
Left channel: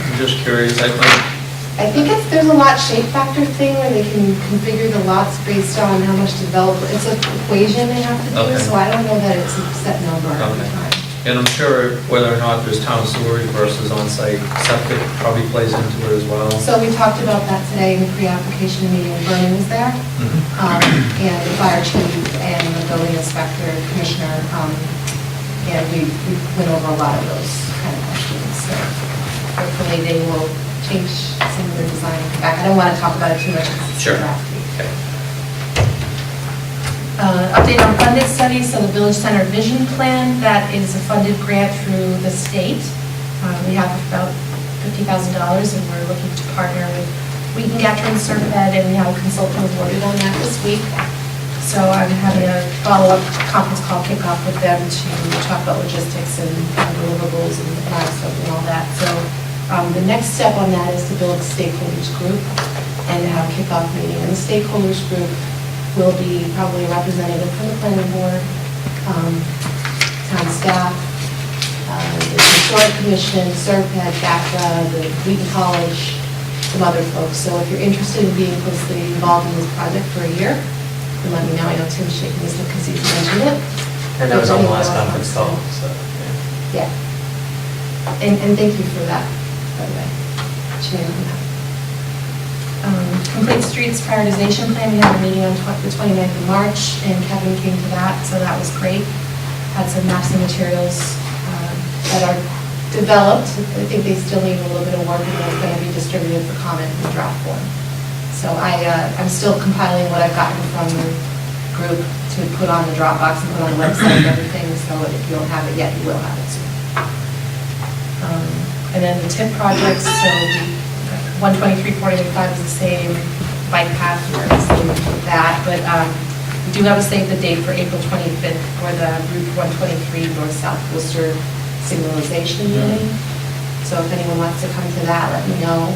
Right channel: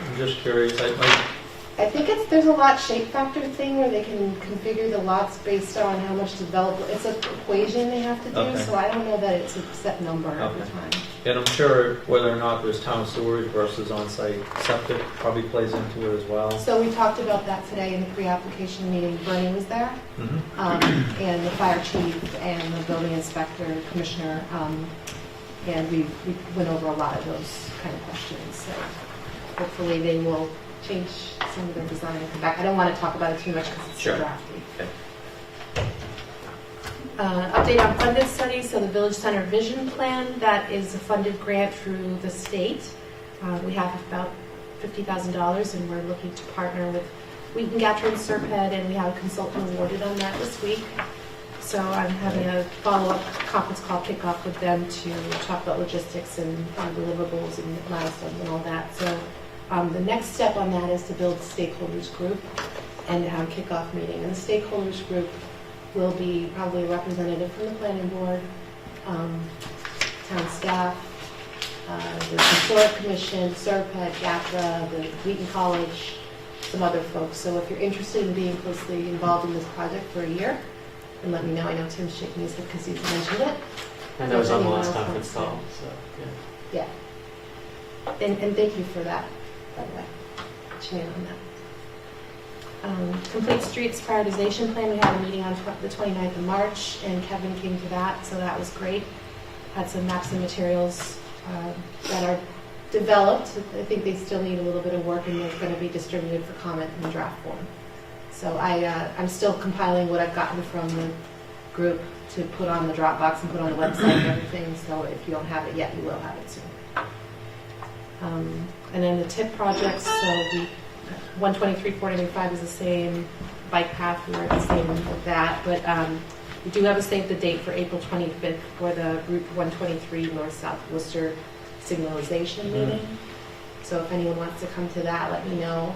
I'm just curious, I think there's a lot shape factor thing where they can configure the lots based on how much development, it's an equation they have to do, Okay. so I don't know that it's a set number every Okay. time. and I'm sure whether or not there's town sewerage versus on-site septic probably plays into it as well. So we talked about that today in the pre-application meeting, Vernon was there, Mhm. and the fire chief and the building inspector, commissioner, and we went over a lot of those kind of questions, so hopefully they will change some of their design and come back. I don't want to talk about it too much because it's Sure. drafty. Okay. Update on funded studies, so the Village Center Vision Plan, that is a funded grant through the state. We have about $50,000, and we're looking to partner with Wheaton Gattrin Serped, and we have a consultant awarded on that this week. So I'm having a follow-up conference call kickoff with them to talk about logistics and deliverables and milestones and all that. So the next step on that is to build a stakeholders group and to have a kickoff meeting. And the stakeholders group will be probably a representative from the planning board, town staff, the historic commission, SERPED, DACA, the Wheaton College, some other folks. So if you're interested in being closely involved in this project for a year, then let me know. I know Tim's shaking his head because he's mentioned it. And that was on the last If anyone conference else call, wants so, to- Yeah. And thank you for that, by the way. Janine, on that. Complete Streets Prioritization Plan, we had a meeting on the 29th of March, and Kevin came to that, so that was great. Had some maps and materials that are developed. I think they still need a little bit of work, and they're going to be distributed for comment in draft form. So I'm still compiling what I've gotten from the group to put on the Dropbox and put on the website and everything, so if you don't have it yet, you will have it soon. And then the TIP projects, so 123-485 is the same, bike path, we're the same with that, but we do have a save the date for April 25th for the Route 123 North-South Worcester signalization meeting. So if anyone wants to come to that, let me know.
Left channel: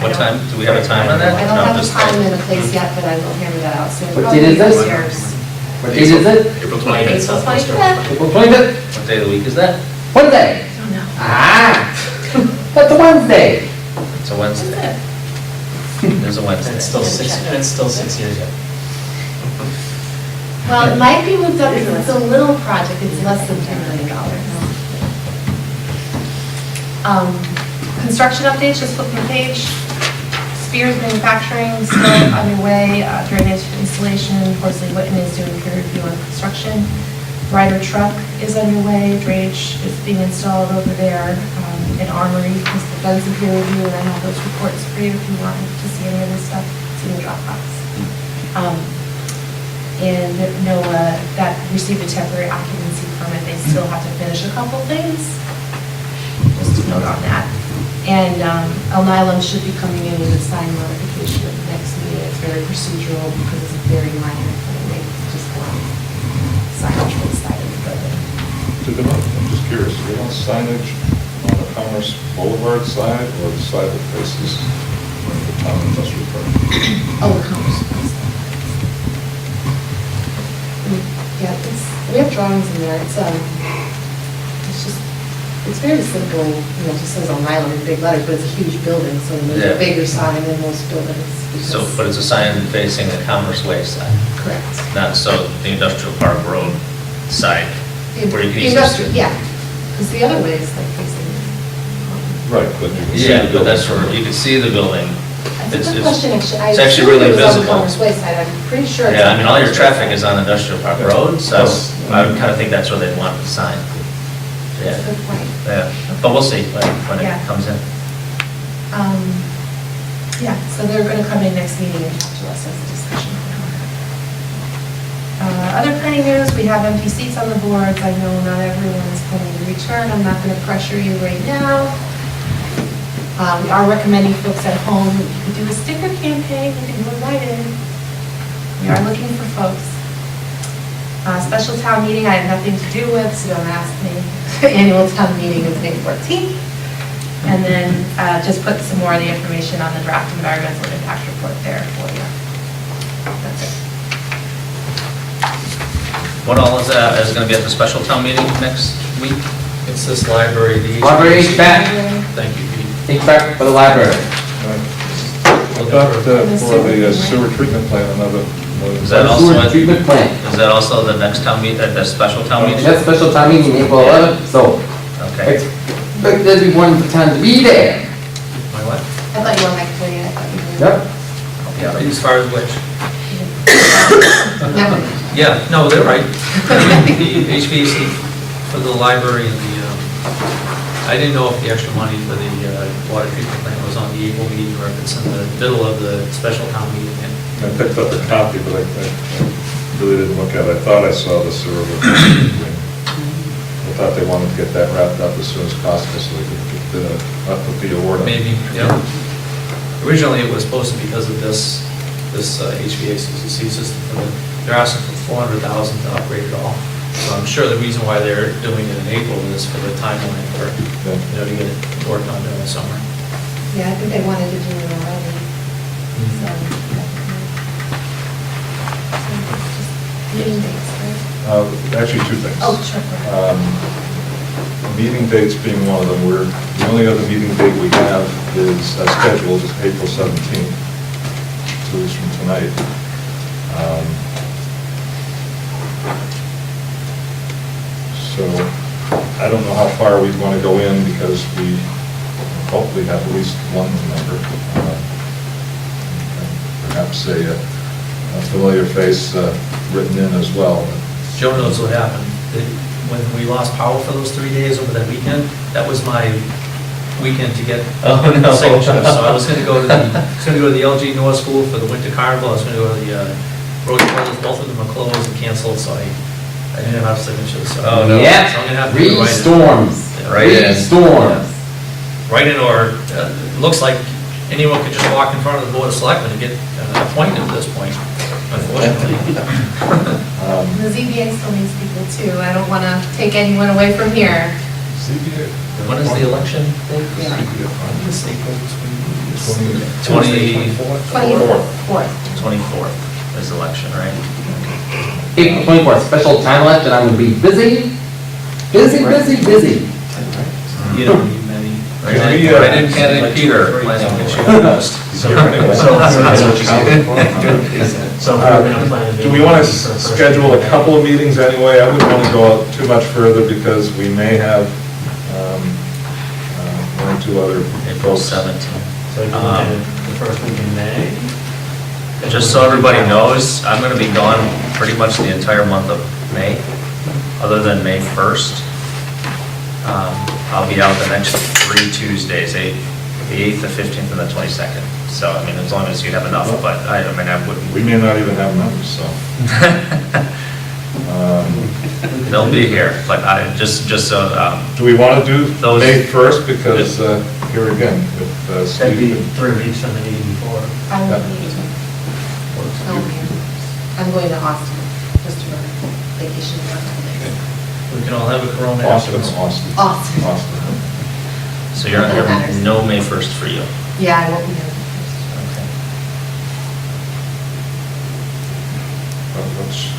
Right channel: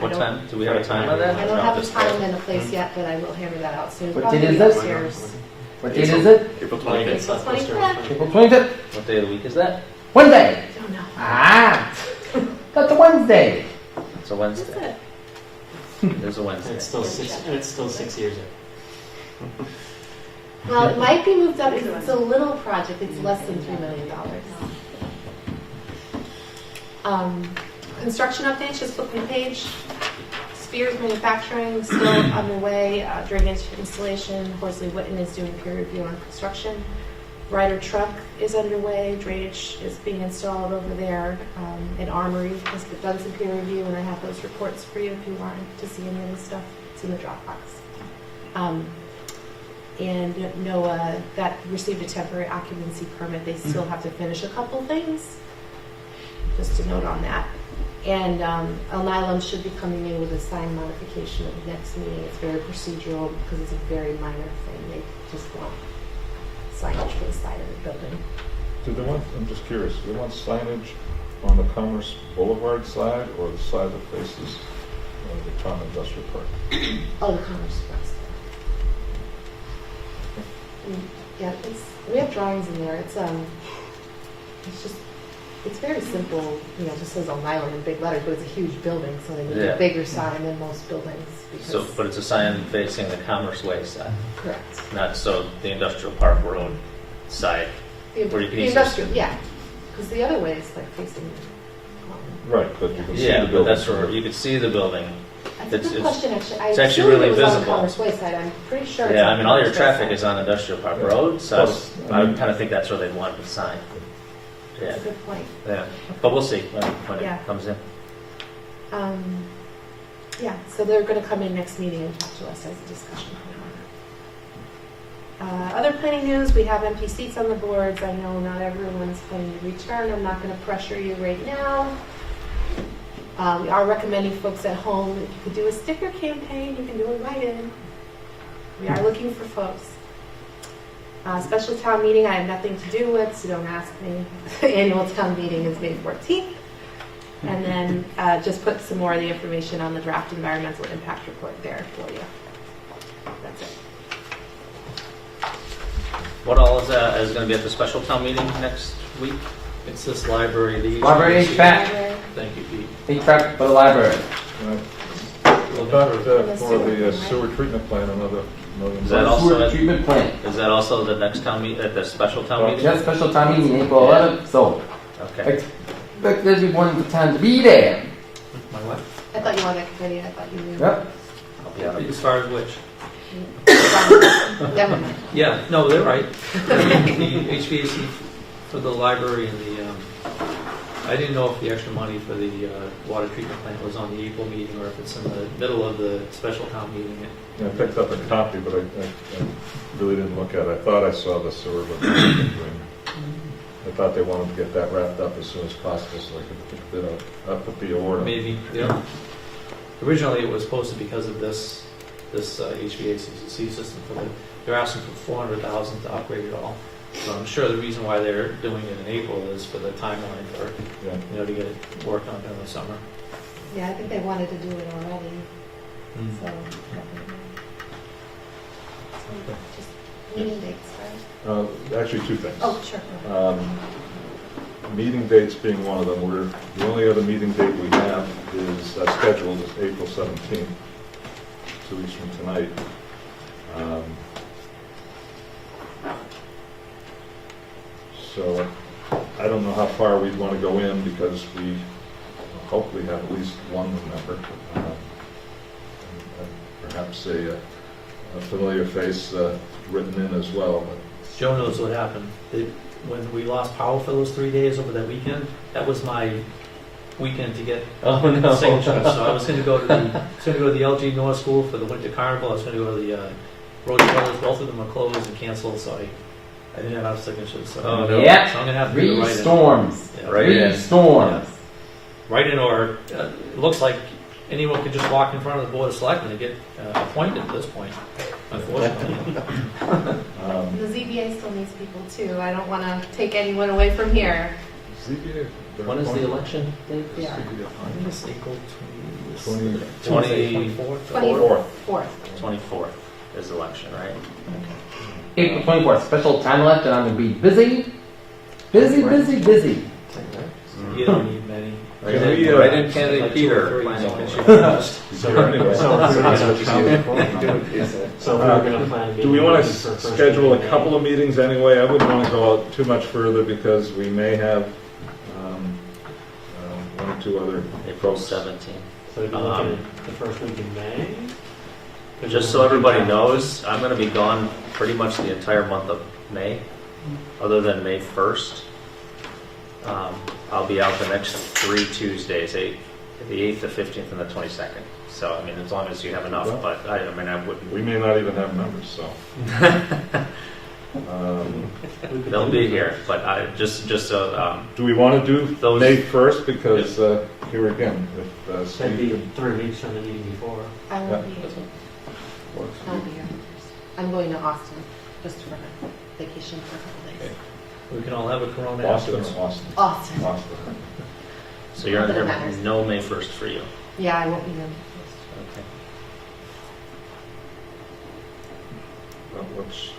What time, do we have a time on that? I don't No, have a just- time and a place yet, but I will hammer that out soon. What date is this? What date is it? April April 25th. 25th. April 25th? What day of the week is that? Wednesday. I don't know. Ah, that's a Wednesday. It's a Wednesday. That's There's a and Wednesday. it's still 6 years yet. Well, it might be moved up because it's a little project, it's less than $2 million. Construction updates, just flipping the page. Spears Manufacturing still underway, drainage installation, Horsley Witten is doing peer review on construction. Ryder Truck is underway, drainage is being installed over there, and Armory has done some peer review, and I have those reports for you if you want to see any of this stuff, it's in the Dropbox. And NOAA, that received a temporary occupancy permit, they still have to finish a couple things, just to note on that. And El Nylon should be coming in with a sign modification at the next meeting, it's very procedural because it's a very minor thing, they just want signage for the side of the building. I'm just curious, do they want signage on the Commerce Boulevard side or the side that faces the town industrial park? Oh, the Commerce Place. Yeah, we have drawings in there, it's just, it's very simple, you know, it just says on island in big letters, but it's a huge building, so they need Yeah. a bigger sign than most buildings. So, because- but it's a sign facing the Commerce Way side, Correct. not so the Industrial Park Road side, where you can The use industrial, this. yeah, because the other way is like facing. Right, but you can see Yeah, the but that's building. where you can see the building. That's a good question, actually. It's actually really I assumed it was on the visible. Commerce Way side, I'm pretty sure. it's Yeah, on I mean, all your Commerce Way traffic side. is on Industrial Park Yeah. Road, so Plus, I would kind of think that's where they'd want the sign. Yeah, That's a good point. yeah, but we'll see when Yeah. it comes in. Yeah, so they're going to come in next meeting and talk to us as a discussion. Other planning news, we have empty seats on the boards. I know not everyone's planning to return. I'm not going to pressure you right now. We are recommending folks at home, if you could do a sticker campaign, you can move right in. We are looking for folks. Special town meeting, I have nothing to do with, so don't ask me. Annual town meeting is May 14th. And then just put some more of the information on the draft environmental impact report there for you. That's it. What all is going to be at the special town meeting next week? It's this library, the. Library HVAC, Thank you, Pete. HVAC for the library. About for the sewer treatment plant, another million. Is that also Sewer at- treatment plant. Is that also the next town meet, at the special town meeting? That's special town meeting, April 11th, so Okay. expect everyone time to be there. My what? I thought you were on that committee, I thought you were. Yep. Yeah. As far as which? Never mind. Yeah, no, they're right. The HVAC for the library and I didn't know if the extra money for the water treatment plant was on the April meeting or if it's in the middle of the special town meeting. I picked up a copy, but I really didn't look at it. I thought I saw the sewer. But I thought they wanted to get that wrapped up as soon as possible so they could put the award on. Maybe, yeah. Originally, it was supposed to, because of this this HVAC system for the, they're asking for $400,000 to upgrade it all. So I'm sure the reason why they're doing it in April is for the timeline for, to get it worked on during the summer. Yeah, I think they wanted to do it already, so. definitely. So it's just meeting dates, right? Actually, two things. Oh, sure. go ahead. Meeting dates being one of them, the only other meeting date we have is scheduled is April 17th, 2 weeks from tonight. So I don't know how far we want to go in because we hopefully have at least one member. And perhaps a familiar face written in as well. Joe knows what happened. When we lost power for those 3 days over that weekend, that was my weekend to get signatures. So I was gonna go to the LG North School for the Winter Carnival. I was gonna go to the Rose Brothers, both of them are closed and canceled, so I didn't have signatures, so. Oh, no. Yeah. So I'm gonna have to do it right in. Storms. Yeah. Right in. Storms. Right in, or it looks like anyone could just walk in front of the Board of Selectmen and get appointed at this point, unfortunately. The ZBA still needs people too. I don't want to take anyone away from here. When is the election date? Yeah. I think it's April 24th. 24th is election, right? April 24th, special time election, I will be busy, busy. You don't need many. Right in candidate Peter, planning commission. So we're gonna plan. Do we want to schedule a couple of meetings anyway? I wouldn't want to go out too much further because we may have one or two other So April folks. 17th. you're looking at the first week in May? Just so everybody knows, I'm going to be gone pretty much the entire month of May, other than May 1st. I'll be out the next 3 Tuesdays, the 8th, the 15th, and the 22nd. So, I mean, as long as you have enough, but I wouldn't. We may not even have members, so. They'll be here, but just so, Do we want to do Those- May 1st? Because here again, with That'd be Steve. 3 weeks from the meeting before. I won't be able to. I'll be here. I'm going to Austin, just for vacation for a couple days. We can all have a corona Austin, afterwards. Austin. so you're Not that it under matters. no May 1st for you. Yeah, I won't be there. Okay.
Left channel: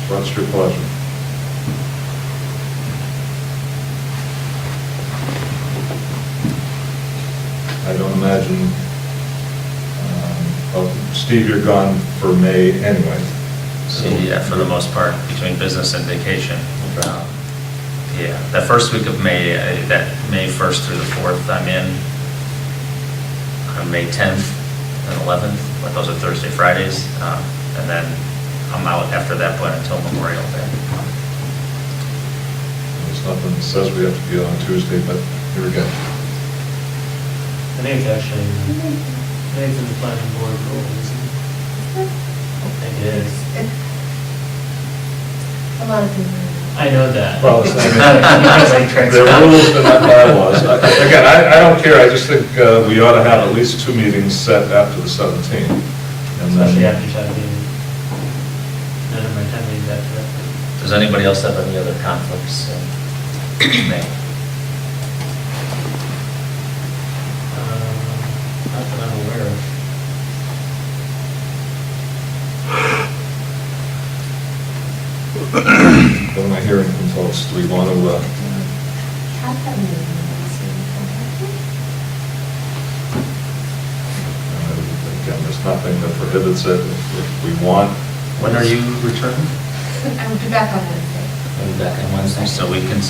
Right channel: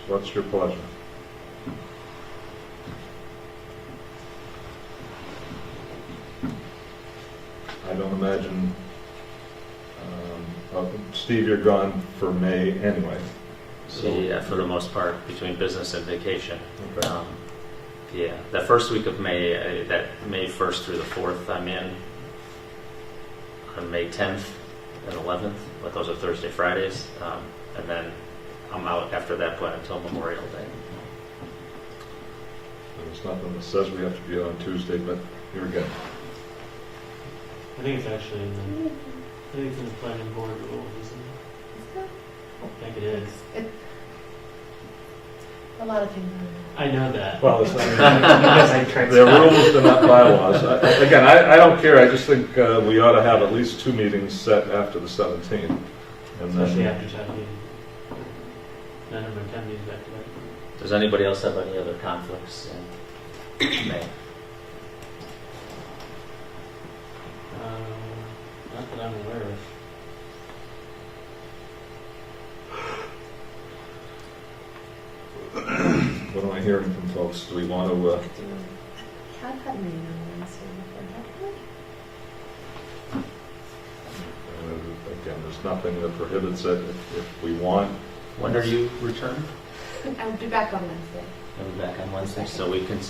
What's your pleasure? I don't imagine, well, Steve, you're gone for May anyway. So, yeah, for the most part, between business and vacation. Okay. Yeah, that first week of May, that May 1st through the 4th, I'm in. On May 10th and 11th, but those are Thursday, Fridays. And then I'm out after that point until Memorial Day. There's nothing that says we have to be on Tuesday, but here we go. I think it's actually, in the planning board rules, isn't it? I think it is. A lot of people. I know that. Well, it's not- Because I tried There are to- rules, but not bylaws. Again, I don't care, I just think we ought to have at least 2 meetings set after the 17th. And then- Especially after 17. None of my time leaves after that. Does anybody else have any other conflicts in May? Not that I'm aware of. What am I hearing from folks? Do we want to, Had that meeting last week. again, there's nothing that prohibits it if we want. When are you returning? I will be back on Wednesday. I'll be back on Wednesday, so we can,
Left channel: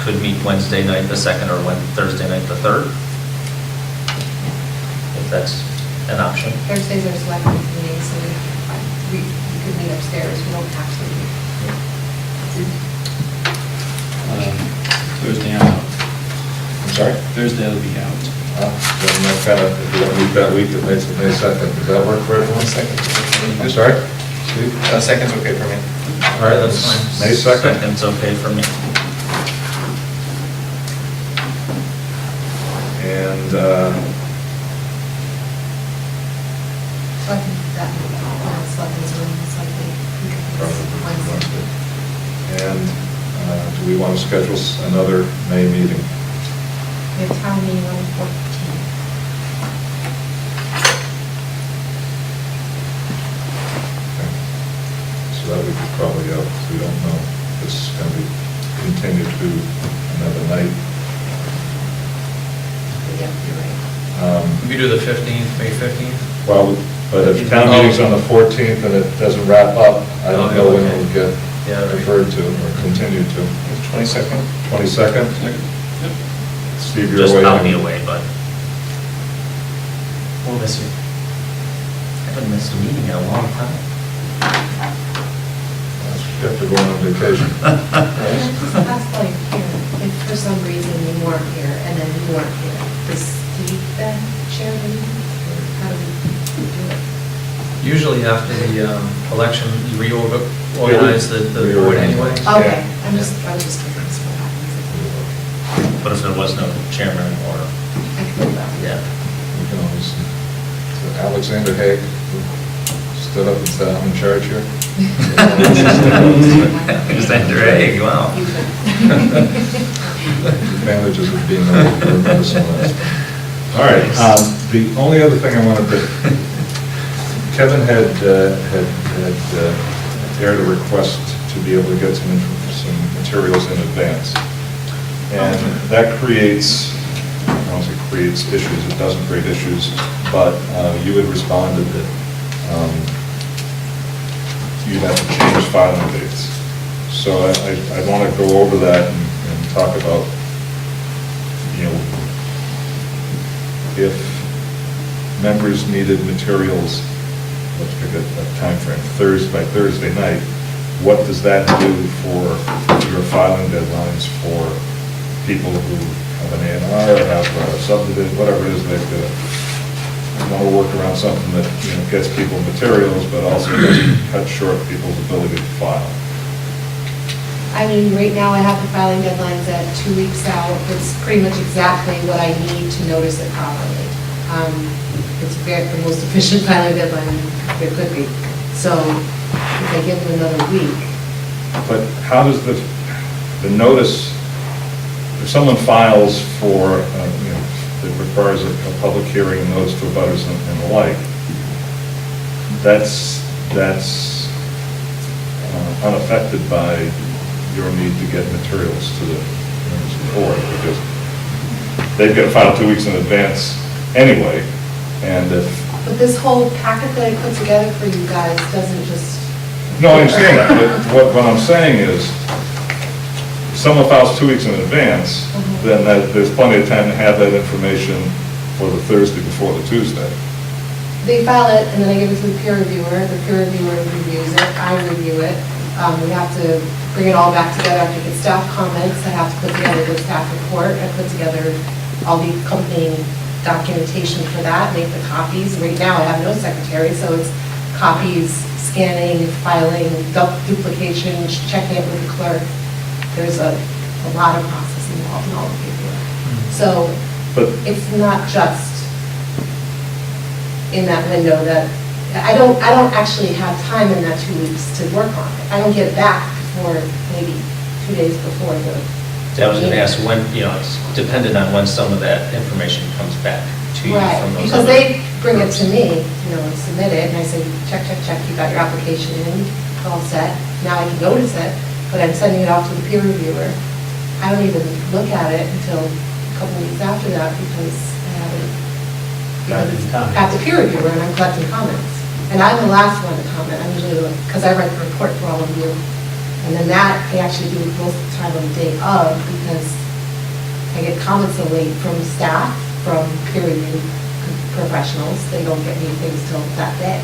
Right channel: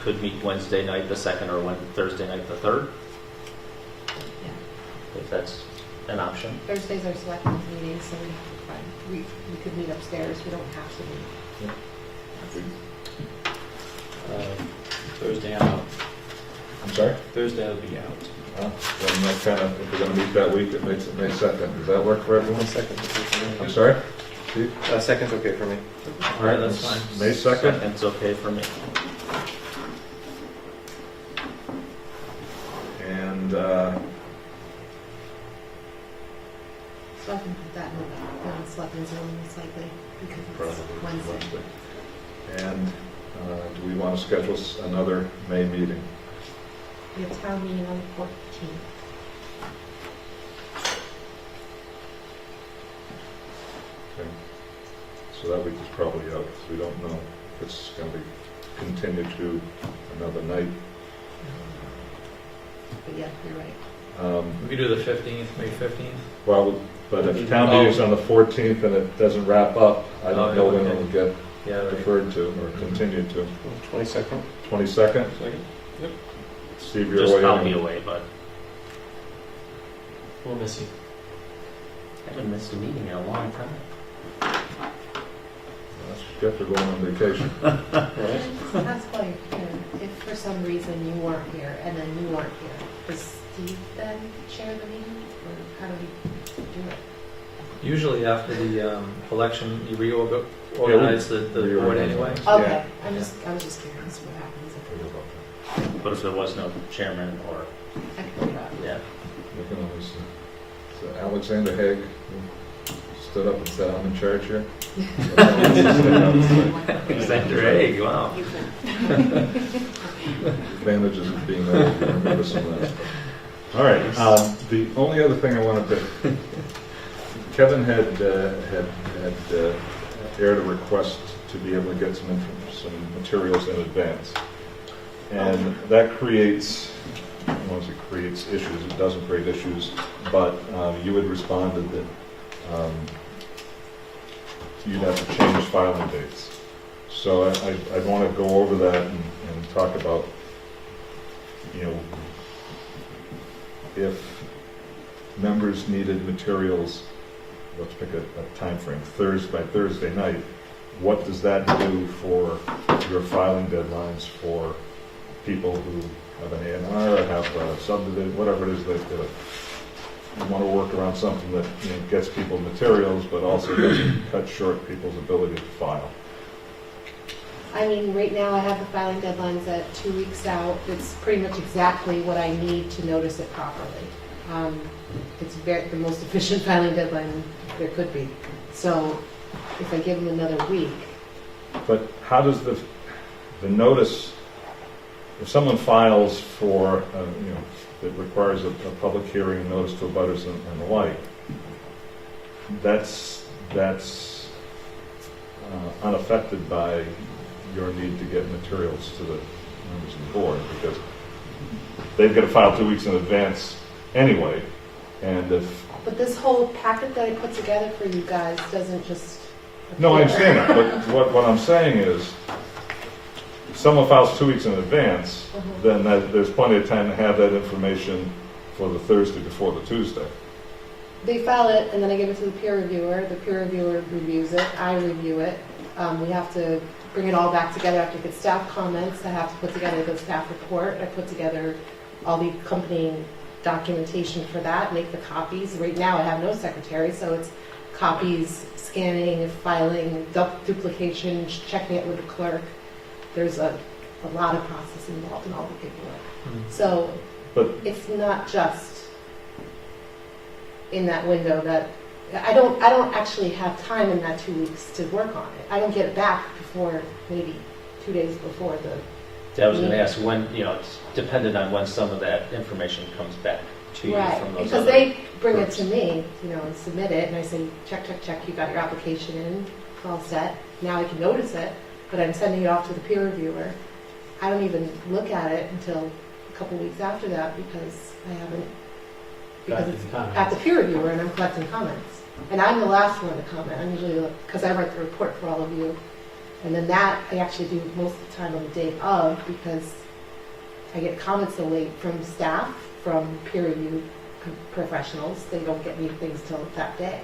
could meet Wednesday night the 2nd or Thursday night the 3rd? If that's an option. Thursdays are selectmen meetings, so we could meet upstairs. We don't have to meet. Thursday I'm out. I'm sorry? Thursday I'll be out. Then that kind of, if we're going to meet that week, it makes it May 2nd. Does that work for everyone? I'm sorry? Steve? Second's okay for me. All right, That's fine. May 2nd. Second's okay for me. And So I can do that meeting. we want to schedule another May meeting? We have town meeting on the 14th. Okay. So that would be probably out, we don't know if it's going to be continued to another night. But yeah, you're right. We could do the 15th, May 15th. Well, but if town meeting's on the 14th and it doesn't wrap up, I don't know when it will get Yeah, right. deferred to or continued to. 22nd? 22nd? Yep. Steve, you're Just away. I'll be away, but We'll miss you. I haven't missed a meeting in a long time. You have to go on vacation. Just ask while you're here, if for some reason you weren't here and then you weren't here, does Steve then chair the meeting? Or how do we do it? Usually after the election, you reorganize the board anyway. Okay, I was just curious what happens if But if there was no chairman or, I can go out. yeah. We can always, so Alexander Haig who stood up and said, I'm in charge here. Alexander Haig, wow. You could. Advantages of being a medicine list. All right, the only other thing I wanted to, Kevin had aired a request to be able to get some materials in advance. And that creates, I don't want to say creates issues, it doesn't create issues, but you had responded that you'd have to change filing dates. So I want to go over that and talk about, you know, if members needed materials, let's pick a timeframe, by Thursday night, what does that do for your filing deadlines for people who have an A&R or have a subdivision, whatever it is they've got to want to work around something that, you know, gets people materials, but also doesn't cut short people's ability to file. I mean, right now I have the filing deadlines at 2 weeks out. It's pretty much exactly what I need to notice it properly. It's the most efficient filing deadline there could be. So if I give them another week, But how does the notice, if someone files for, you know, that requires a public hearing, notice to abutters and the like, that's unaffected by your need to get materials to the members of the board, because they've got to file 2 weeks in advance anyway, and if, but this whole packet that I put together for you guys doesn't just. no, I understand that, but what I'm saying is, if someone files 2 weeks in advance, then there's plenty of time to have that information for the Thursday before the Tuesday. They file it, and then I give it to the peer reviewer. The peer reviewer reviews it, I review it. We have to bring it all back together. I have to get staff comments, I have to put together the staff report, I put together all the accompanying documentation for that, make the copies. Right now, I have no secretary, so it's copies, scanning, filing, duplication, checking it with the clerk. There's a lot of process involved in all the paperwork. So But it's not just in that window that, I don't actually have time in that 2 weeks to work on it. I don't get it back before maybe 2 days before the. So I was going to ask when, you know, it's dependent on when some of that information comes back to you Right, from those because other they bring it groups. to me, you know, and submit it, and I say, check, you got your application in, it's all set. Now I can notice it, but I'm sending it off to the peer reviewer. I don't even look at it until a couple weeks after that because I haven't, because it's at the peer reviewer and I'm collecting comments. And I'm the last one to comment, I'm usually, because I write the report for all of you. And then that, I actually do most of the time on the day of, because I get comments so late from staff, from peer review professionals, they don't get me things till that day.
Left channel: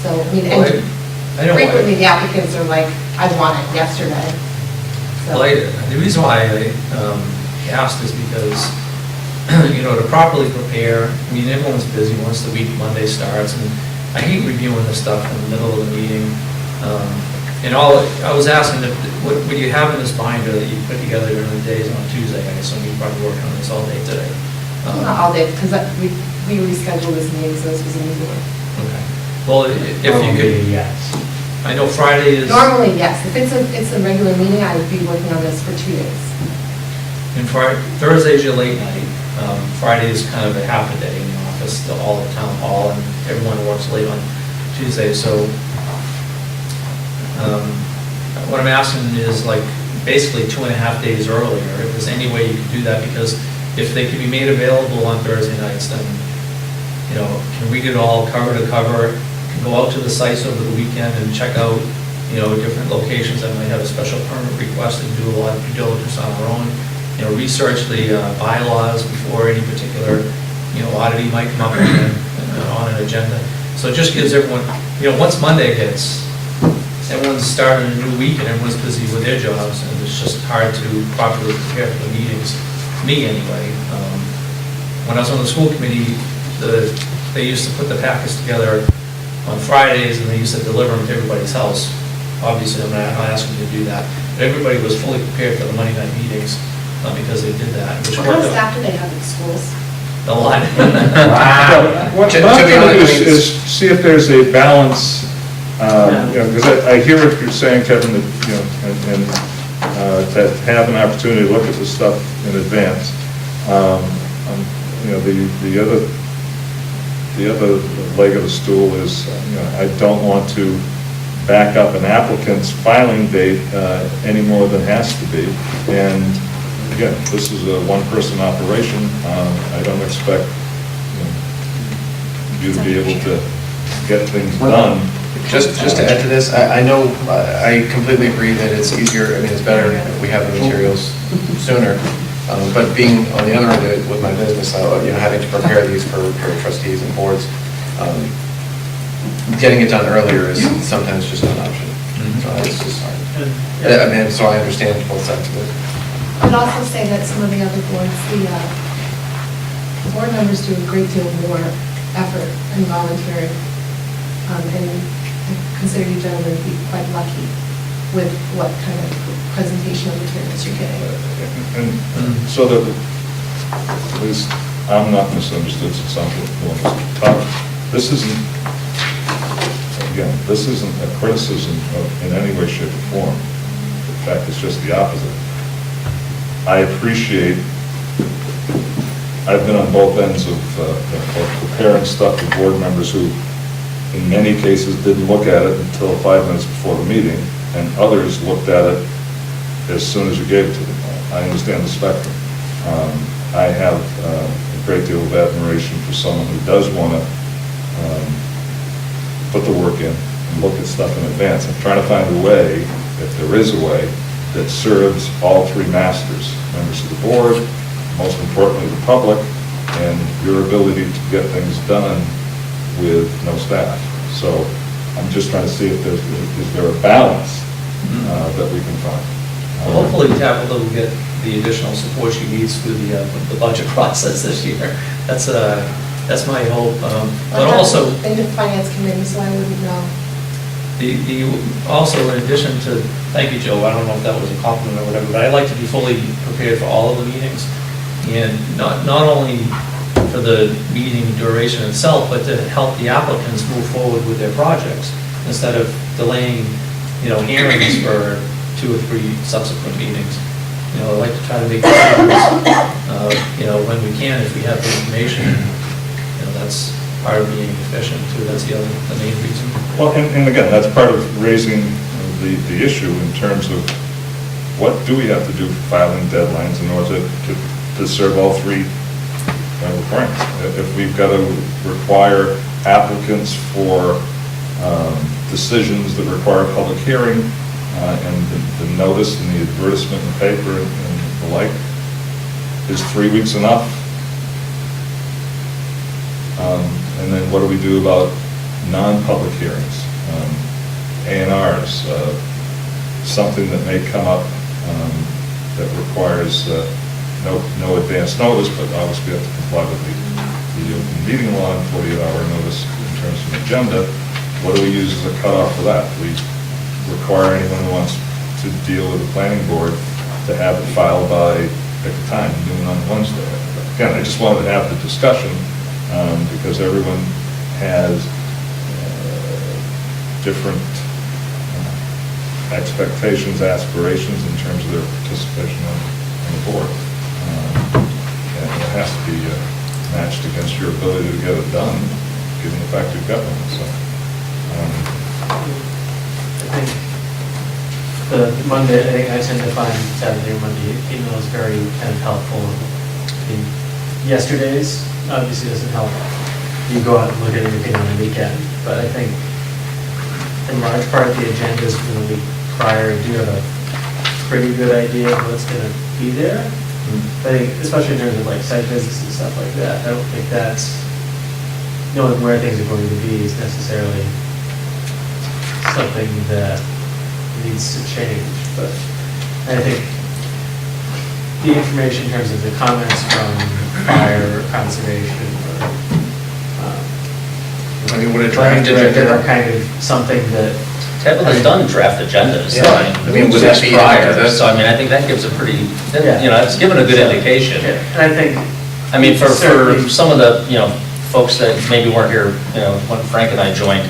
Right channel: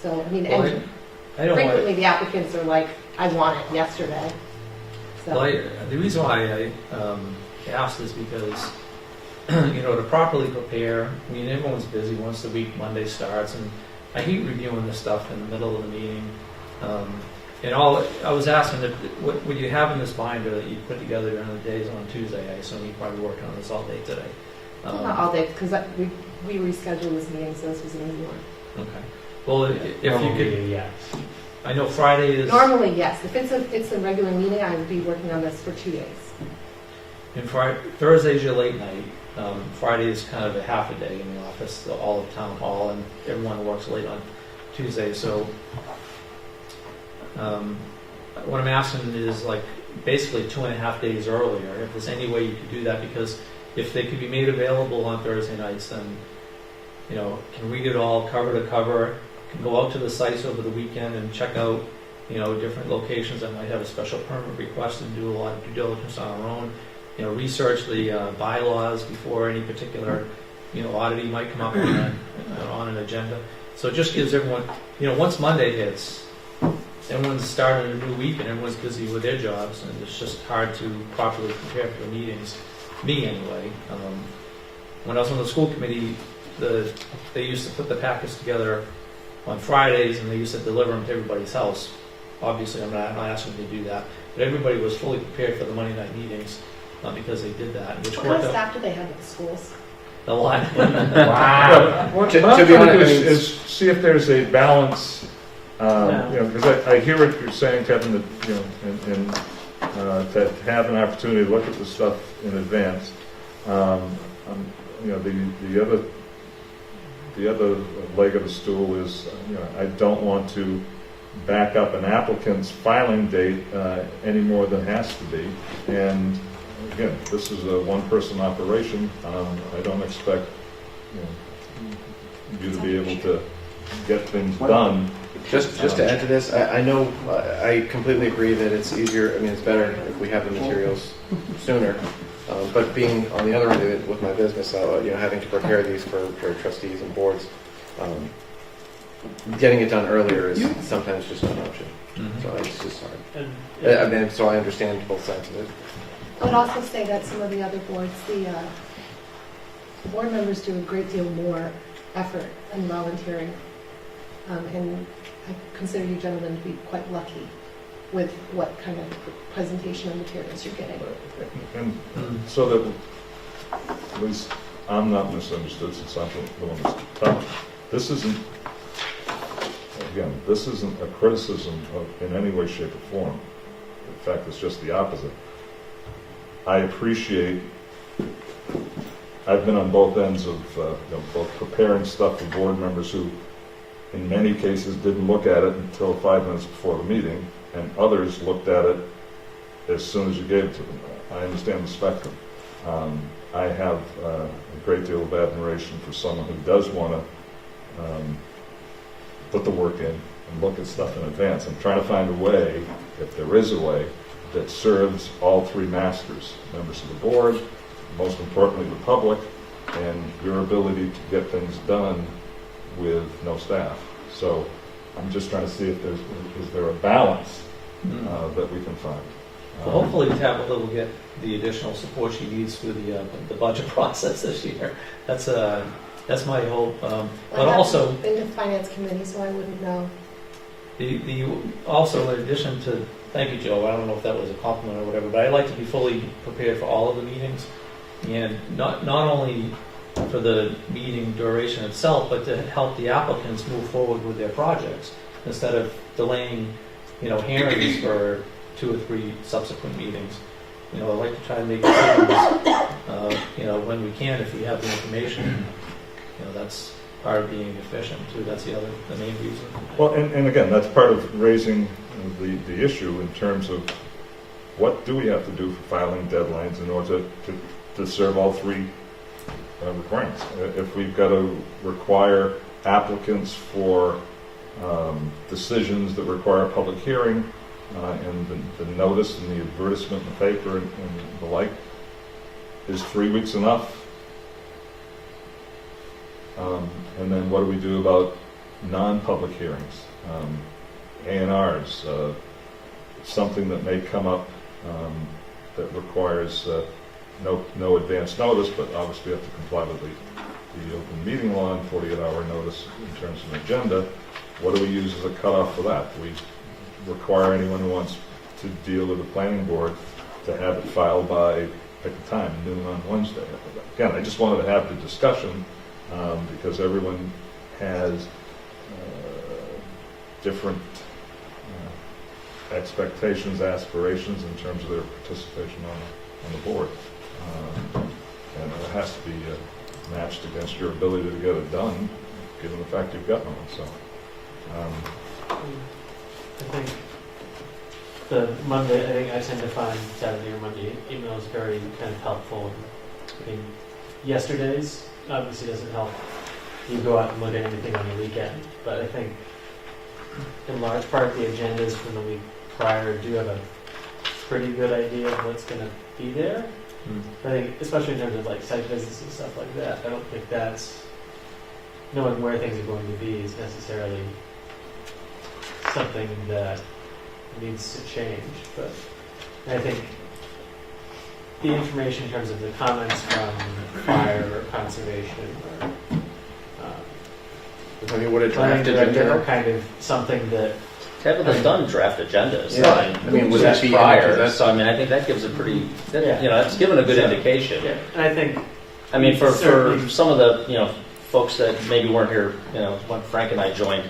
So, I mean, Well, and I know why- frequently the applicants are like, I want it yesterday. So, Well, the reason why I asked is because, you know, to properly prepare, I mean, everyone's busy once the week, Monday starts, and I hate reviewing this stuff in the middle of the meeting. And I was asking, what you have in this binder that you put together during the days on Tuesday, I assume you probably worked on this all day today. not all day, because we rescheduled this meeting, so this was a new one. Okay. Well, if you could, Yes. I know Friday is. Normally, yes, if it's a regular meeting, I would be working on this for 2 days. And Thursday's your late night. Friday is kind of a half a day in the office, all of town hall, and everyone works late on Tuesday. So what I'm asking is like basically 2.5 days earlier, if there's any way you could do that, because if they can be made available on Thursday nights, then, you know, can read it all cover to cover, can go out to the sites over the weekend and check out, you know, different locations that might have a special permit request and do a lot of due diligence on our own. You know, research the bylaws before any particular, you know, oddity might come up on an agenda. So it just gives everyone, you know, once Monday hits, everyone's starting a new week and everyone's busy with their jobs, and it's just hard to properly prepare for the meetings, me anyway. When I was on the school committee, they used to put the packets together on Fridays and they used to deliver them to everybody's house. Obviously, I'm not asking you to do that, but everybody was fully prepared for the Monday night meetings because they did that. Which What kind of worked out staff do they have in schools? a lot. What I'm trying to do is see if there's a balance, you know, because I hear what you're saying, Kevin, that, you know, and to have an opportunity to look at this stuff in advance. You know, the other leg of the stool is, you know, I don't want to back up an applicant's filing date any more than has to be. And again, this is a one-person operation. I don't expect, you to be able to get things done. Just to add to this, I know, I completely agree that it's easier, I mean, it's better if we have the materials sooner. But being on the other end of it with my business, you know, having to prepare these for trustees and boards, getting it done earlier is sometimes just not an option. So it's just hard. I mean, so I understand both sides of it. I would also say that some of the other boards, the board members do a great deal more effort and volunteering. And I consider you gentlemen to be quite lucky with what kind of presentation of materials you're getting. And so that at least I'm not misunderstood since I'm the one who's talking. This isn't, again, this isn't a criticism in any way, shape, or form. In fact, it's just the opposite. I appreciate, I've been on both ends of preparing stuff for board members who, in many cases, didn't look at it until 5 minutes before the meeting, and others looked at it as soon as you gave it to them. I understand the spectrum. I have a great deal of admiration for someone who does want to put the work in and look at stuff in advance. I'm trying to find a way, if there is a way, that serves all three masters, members of the board, most importantly the public, and your ability to get things done with no staff. So I'm just trying to see if there's, is there a balance that we can find. Well, hopefully Tabitha will get the additional support she needs through the budget process this year. That's my hope. But also, Been to the finance committee, so I wouldn't know. Also, in addition to, thank you, Joe, I don't know if that was a compliment or whatever, but I like to be fully prepared for all of the meetings. And not only for the meeting duration itself, but to help the applicants move forward with their projects instead of delaying, you know, hearings for 2 or 3 subsequent meetings. You know, I like to try to make decisions, you know, when we can, if we have the information. You know, that's part of being efficient too. That's the main reason. Well, and again, that's part of raising the issue in terms of what do we have to do for filing deadlines in order to serve all three requirements. If we've got to require applicants for decisions that require a public hearing and the notice and the advertisement in the paper and the like, is 3 weeks enough? And then what do we do about non-public hearings, A&Rs, something that may come up that requires no advance notice, but obviously we have to comply with the open meeting law and 48-hour notice in terms of an agenda. What do we use as a cutoff for that? Do we require anyone who wants to deal with the planning board to have it filed by, at the time, noon on Wednesday? Again, I just wanted to have the discussion because everyone has different expectations, aspirations in terms of their participation on the board. And it has to be matched against your ability to get it done, given the fact you've got one, so. I think the Monday, I tend to find Saturday or Monday emails very kind of helpful. I mean, yesterday's obviously doesn't help you go out and look at anything on the weekend, but I think in large part the agendas from the week prior do have a pretty good idea of what's going to be there. I think, especially in terms of like site visits and stuff like that, I don't think that's, knowing where things are going to be is necessarily something that needs to change, but I think the information in terms of the comments from fire or conservation or I mean, would a planning draft director agenda? are kind of something that. Tabitha's done draft agendas. Yeah. I mean, would that be prior, into that? so I mean, I think that gives a pretty, Yeah. you know, it's given a good So, indication. Yeah, and I think. I mean, for certainly- some of the, you know, folks that maybe weren't here, you know, when Frank and I joined,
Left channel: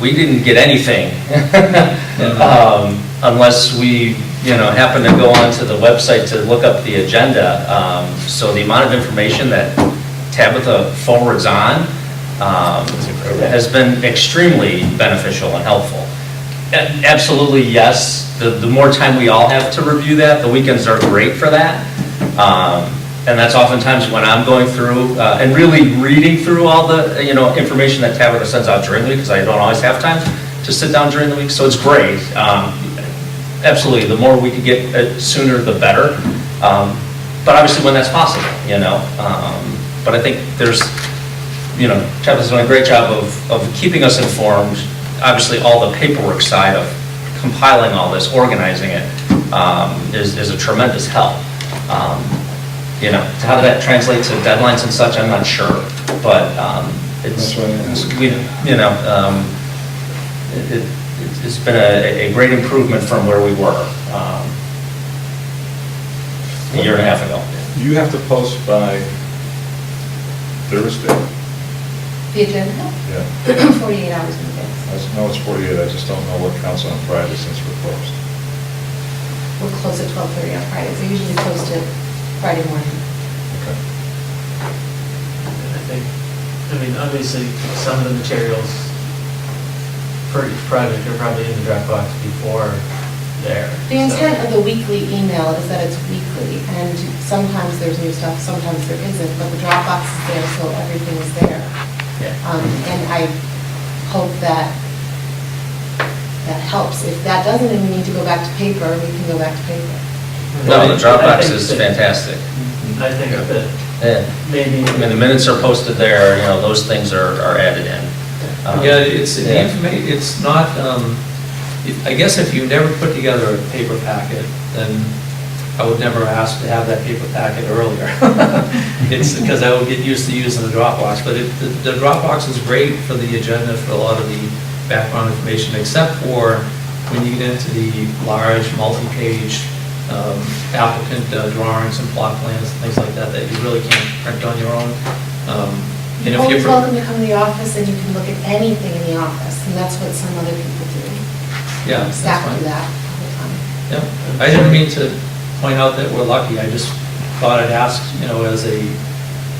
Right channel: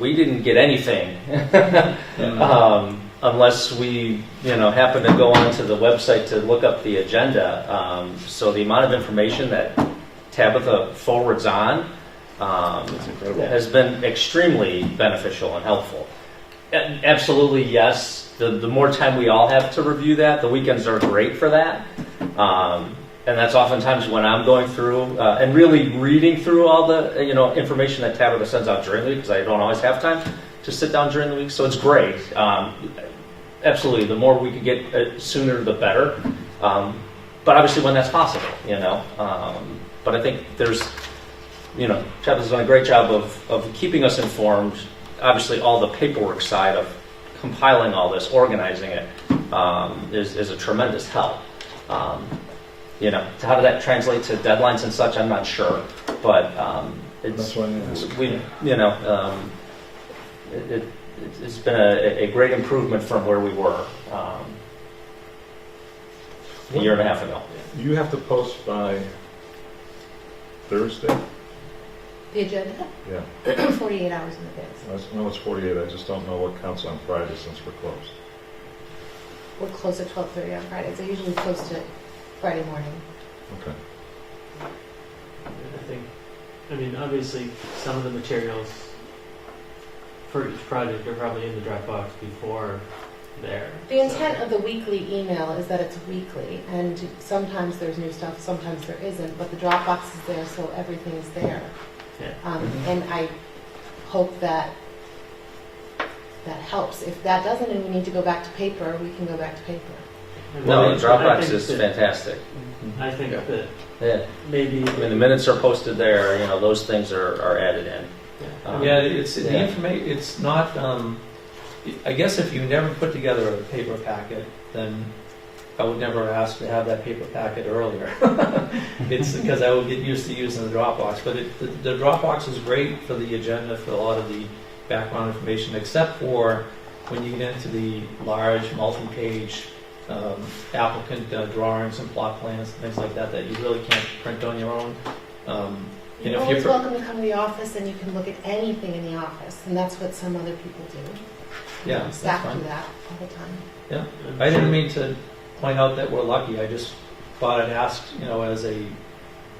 we didn't get anything unless we, you know, happened to go onto the website to look up the agenda. So the amount of information that Tabitha forwards on has been extremely beneficial and helpful. Absolutely, yes. The more time we all have to review that, the weekends are great for that. And that's oftentimes when I'm going through and really reading through all the, you know, information that Tabitha sends out during the week, because I don't always have time to sit down during the week, so it's great. Absolutely, the more we can get sooner, the better. But obviously when that's possible, you know. But I think there's, you know, Tabitha's done a great job of keeping us informed. Obviously, all the paperwork side of compiling all this, organizing it, is a tremendous help. You know, how did that translate to deadlines and such, I'm not sure, but it's, That's why I asked. you know, it's been a great improvement from where we were a year and a half ago. You have to post by Thursday? The agenda? Yeah. 48 hours in advance. I know it's 48, I just don't know what counts on Friday since we're closed. We'll close at 12:30 on Fridays. I usually post it Friday morning. Okay. I think, I mean, obviously, some of the materials for each project are probably in the Dropbox before there. The intent of the weekly email is that it's weekly, and sometimes there's new stuff, sometimes there isn't, but the Dropbox is there, so everything is there. Yeah. And I hope that that helps. If that doesn't, and we need to go back to paper, we can go back to paper. No, the I Dropbox think is that- fantastic. I think that Yeah. maybe. I mean, the minutes are posted there, you know, those things are added in. Yeah, it's, the Yeah. it's not, I guess if you never put together a paper packet, then I would never ask to have that paper packet earlier. It's because I would get used to using the Dropbox, but the Dropbox is great for the agenda, for a lot of the background information, except for when you get into the large multi-page applicant drawings and plot plans, things like that, that you really can't print on your own. And if Always you welcome to come to the office, and you can look at anything in the office, and that's what some other people do. Yeah, that's Staff fine. do that all the time. Yeah, I didn't mean to point out that we're lucky, I just thought I'd ask, you know, as a,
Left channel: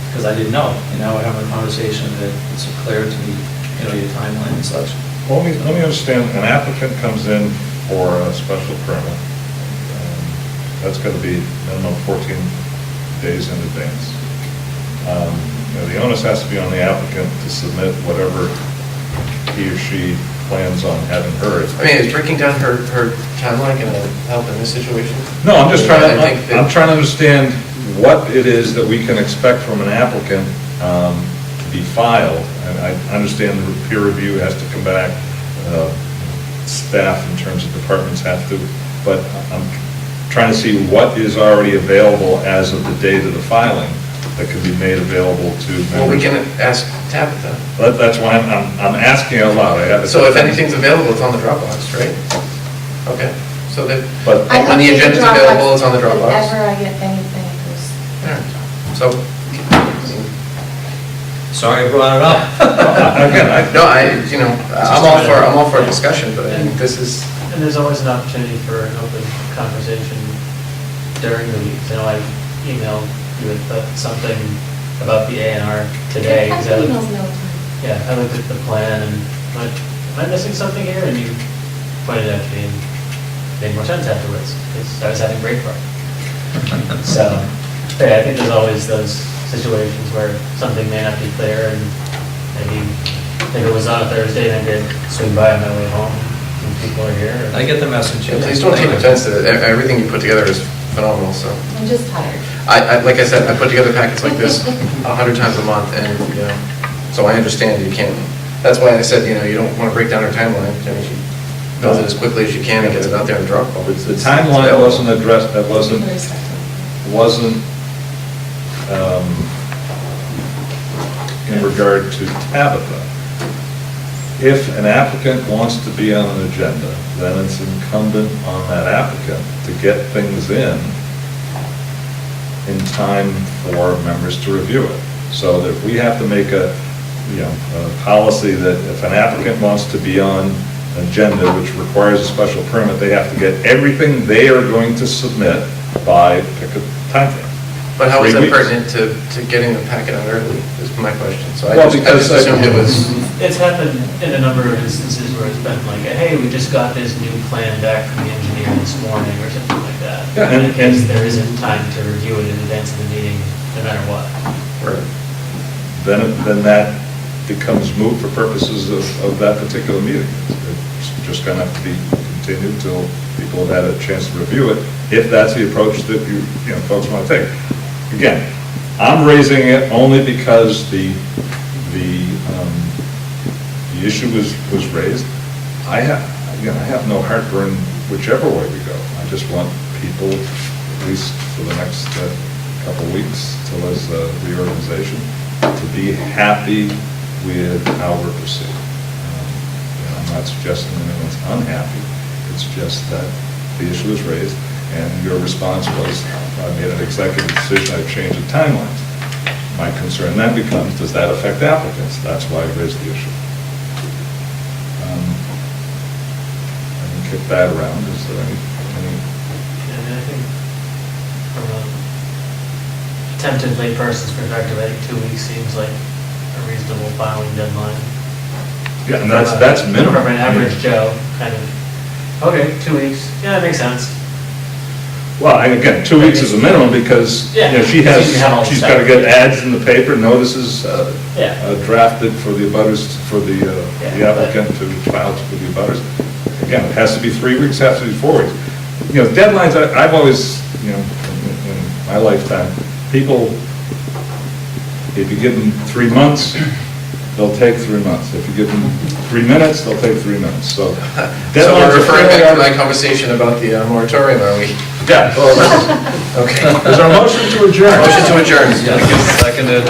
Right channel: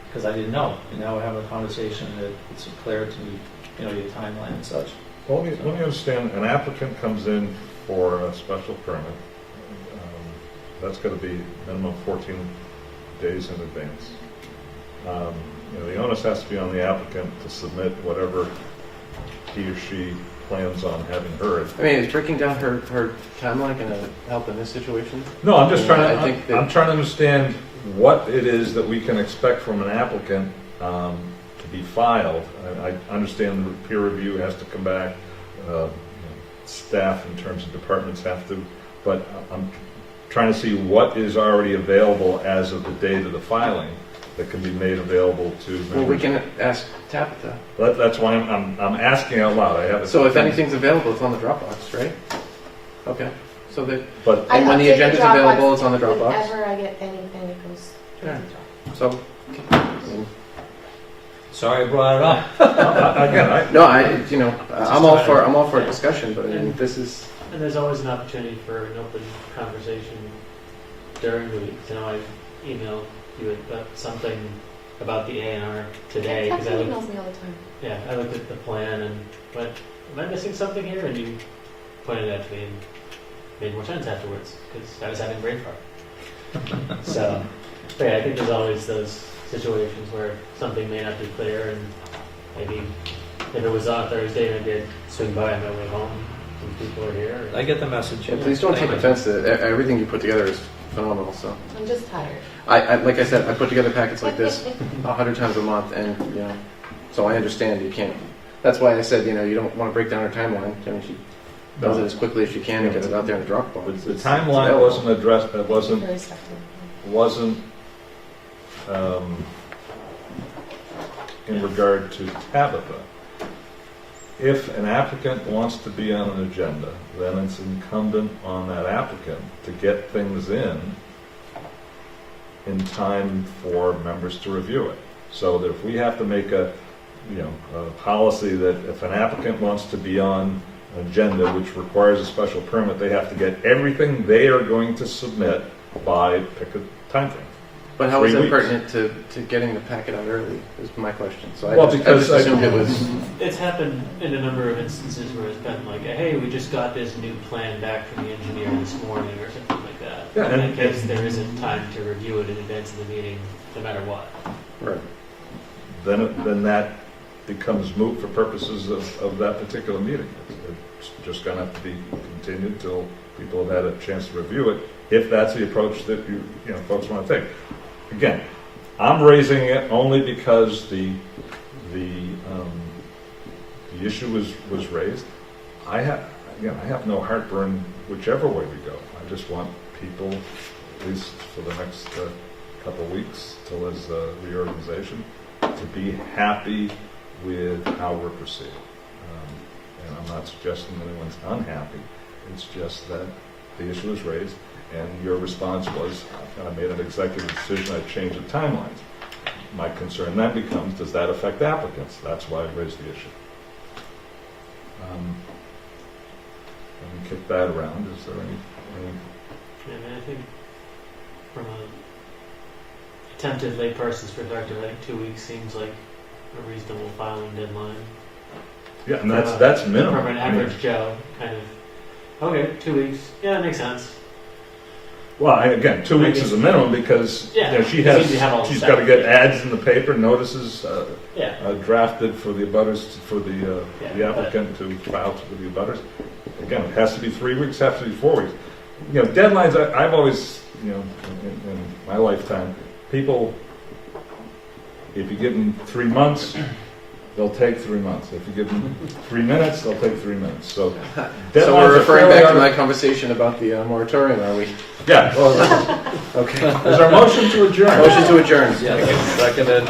because I didn't know, and now we're having a conversation that it's clear to me, you know, your timeline and such. Well, let me understand, an applicant comes in for a special permit. That's going to be minimum 14 days in advance. You know, the onus has to be on the applicant to submit whatever he or she plans on having heard. I mean, is breaking down her timeline going to help in this situation? No, I'm just trying I think to, that- I'm trying to understand what it is that we can expect from an applicant to be filed. And I understand the peer review has to come back, staff in terms of departments have to, but I'm trying to see what is already available as of the date of the filing that can be made available to members. Well, we can ask Tabitha. That's why I'm asking out loud. I have. So if anything's available, it's on the Dropbox, right? Okay, so that, But and when the I update agenda's Dropbox available, it's on the Dropbox? Whenever I get anything, it goes. Yeah. So, Sorry I brought it up. again, no, you know, I'm all for a discussion, but I think this is, And there's always an opportunity for an open conversation during the week. You know, I emailed you with something about the A and R today. I 'cause get I looked- emails all the time. Yeah, I looked at the plan and went, am I missing something here? And you pointed out to me and made more sense afterwards, because I was having break for it. So, yeah, I think there's always those situations where something may not be clear, and maybe if it was on a Thursday, and I did swing by on my way home, and people are here. I get the message. Yeah, please don't take offense to it. Everything you put together is phenomenal, so. I'm just tired. Like I said, I put together packets like this 100 times a month, and, you know, so I understand you can't, that's why I said, you know, you don't want to break down her timeline. I mean, she does it as quickly as she can and gets it out there in Dropbox. The timeline wasn't addressed, that wasn't in regard to Tabitha. If an applicant wants to be on an agenda, then it's incumbent on that applicant to get things in time for members to review it. So that if we have to make a policy that if an applicant wants to be on an agenda which requires a special permit, they have to get everything they are going to submit by pick a timeframe. But how is 3 that weeks. pertinent to getting the packet out early, is my question. So I Well, just because assumed it was, It's happened in a number of instances where it's been like, hey, we just got this new plan back from the engineer this morning, or something like that. Yeah, In and- case and- there isn't time to review it in advance of the meeting, no matter what. right. Then that becomes moot for purposes of that particular meeting. It's just going to have to be continued till people have had a chance to review it, if that's the approach that you folks want to take. Again, I'm raising it only because the issue was raised. I have no heartburn whichever way we go. I just want people, at least for the next couple weeks till there's reorganization, to be happy with how we're proceeding. And I'm not suggesting anyone's unhappy. It's just that the issue was raised, and your response was, I made an executive decision, I've changed the timelines. My concern then becomes, does that affect applicants? That's why I raised the issue. I can kick that around. Is there any And I think from a attempted layperson's perspective, I think 2 weeks seems like a reasonable filing deadline. yeah, and that's minimum. From an average Joe, kind of, okay, 2 weeks, yeah, that makes sense. Well, again, 2 weeks is a minimum because, Yeah, she's you have all the got to stuff. get ads in the paper, notices Yeah. drafted for the abutters, for the Yeah, applicant to file with the abutters. Again, it has to be 3 weeks, has to be 4 weeks. Deadlines, I've always, in my lifetime, people, if you give them 3 months, they'll take 3 months. If you give them 3 minutes, they'll take 3 minutes, so. So deadlines we're are referring fairly back to my arbitrary. conversation about the moratorium, are we? Yeah. Okay. Is there a motion to adjourn? Motion to adjourn. Yes, seconded.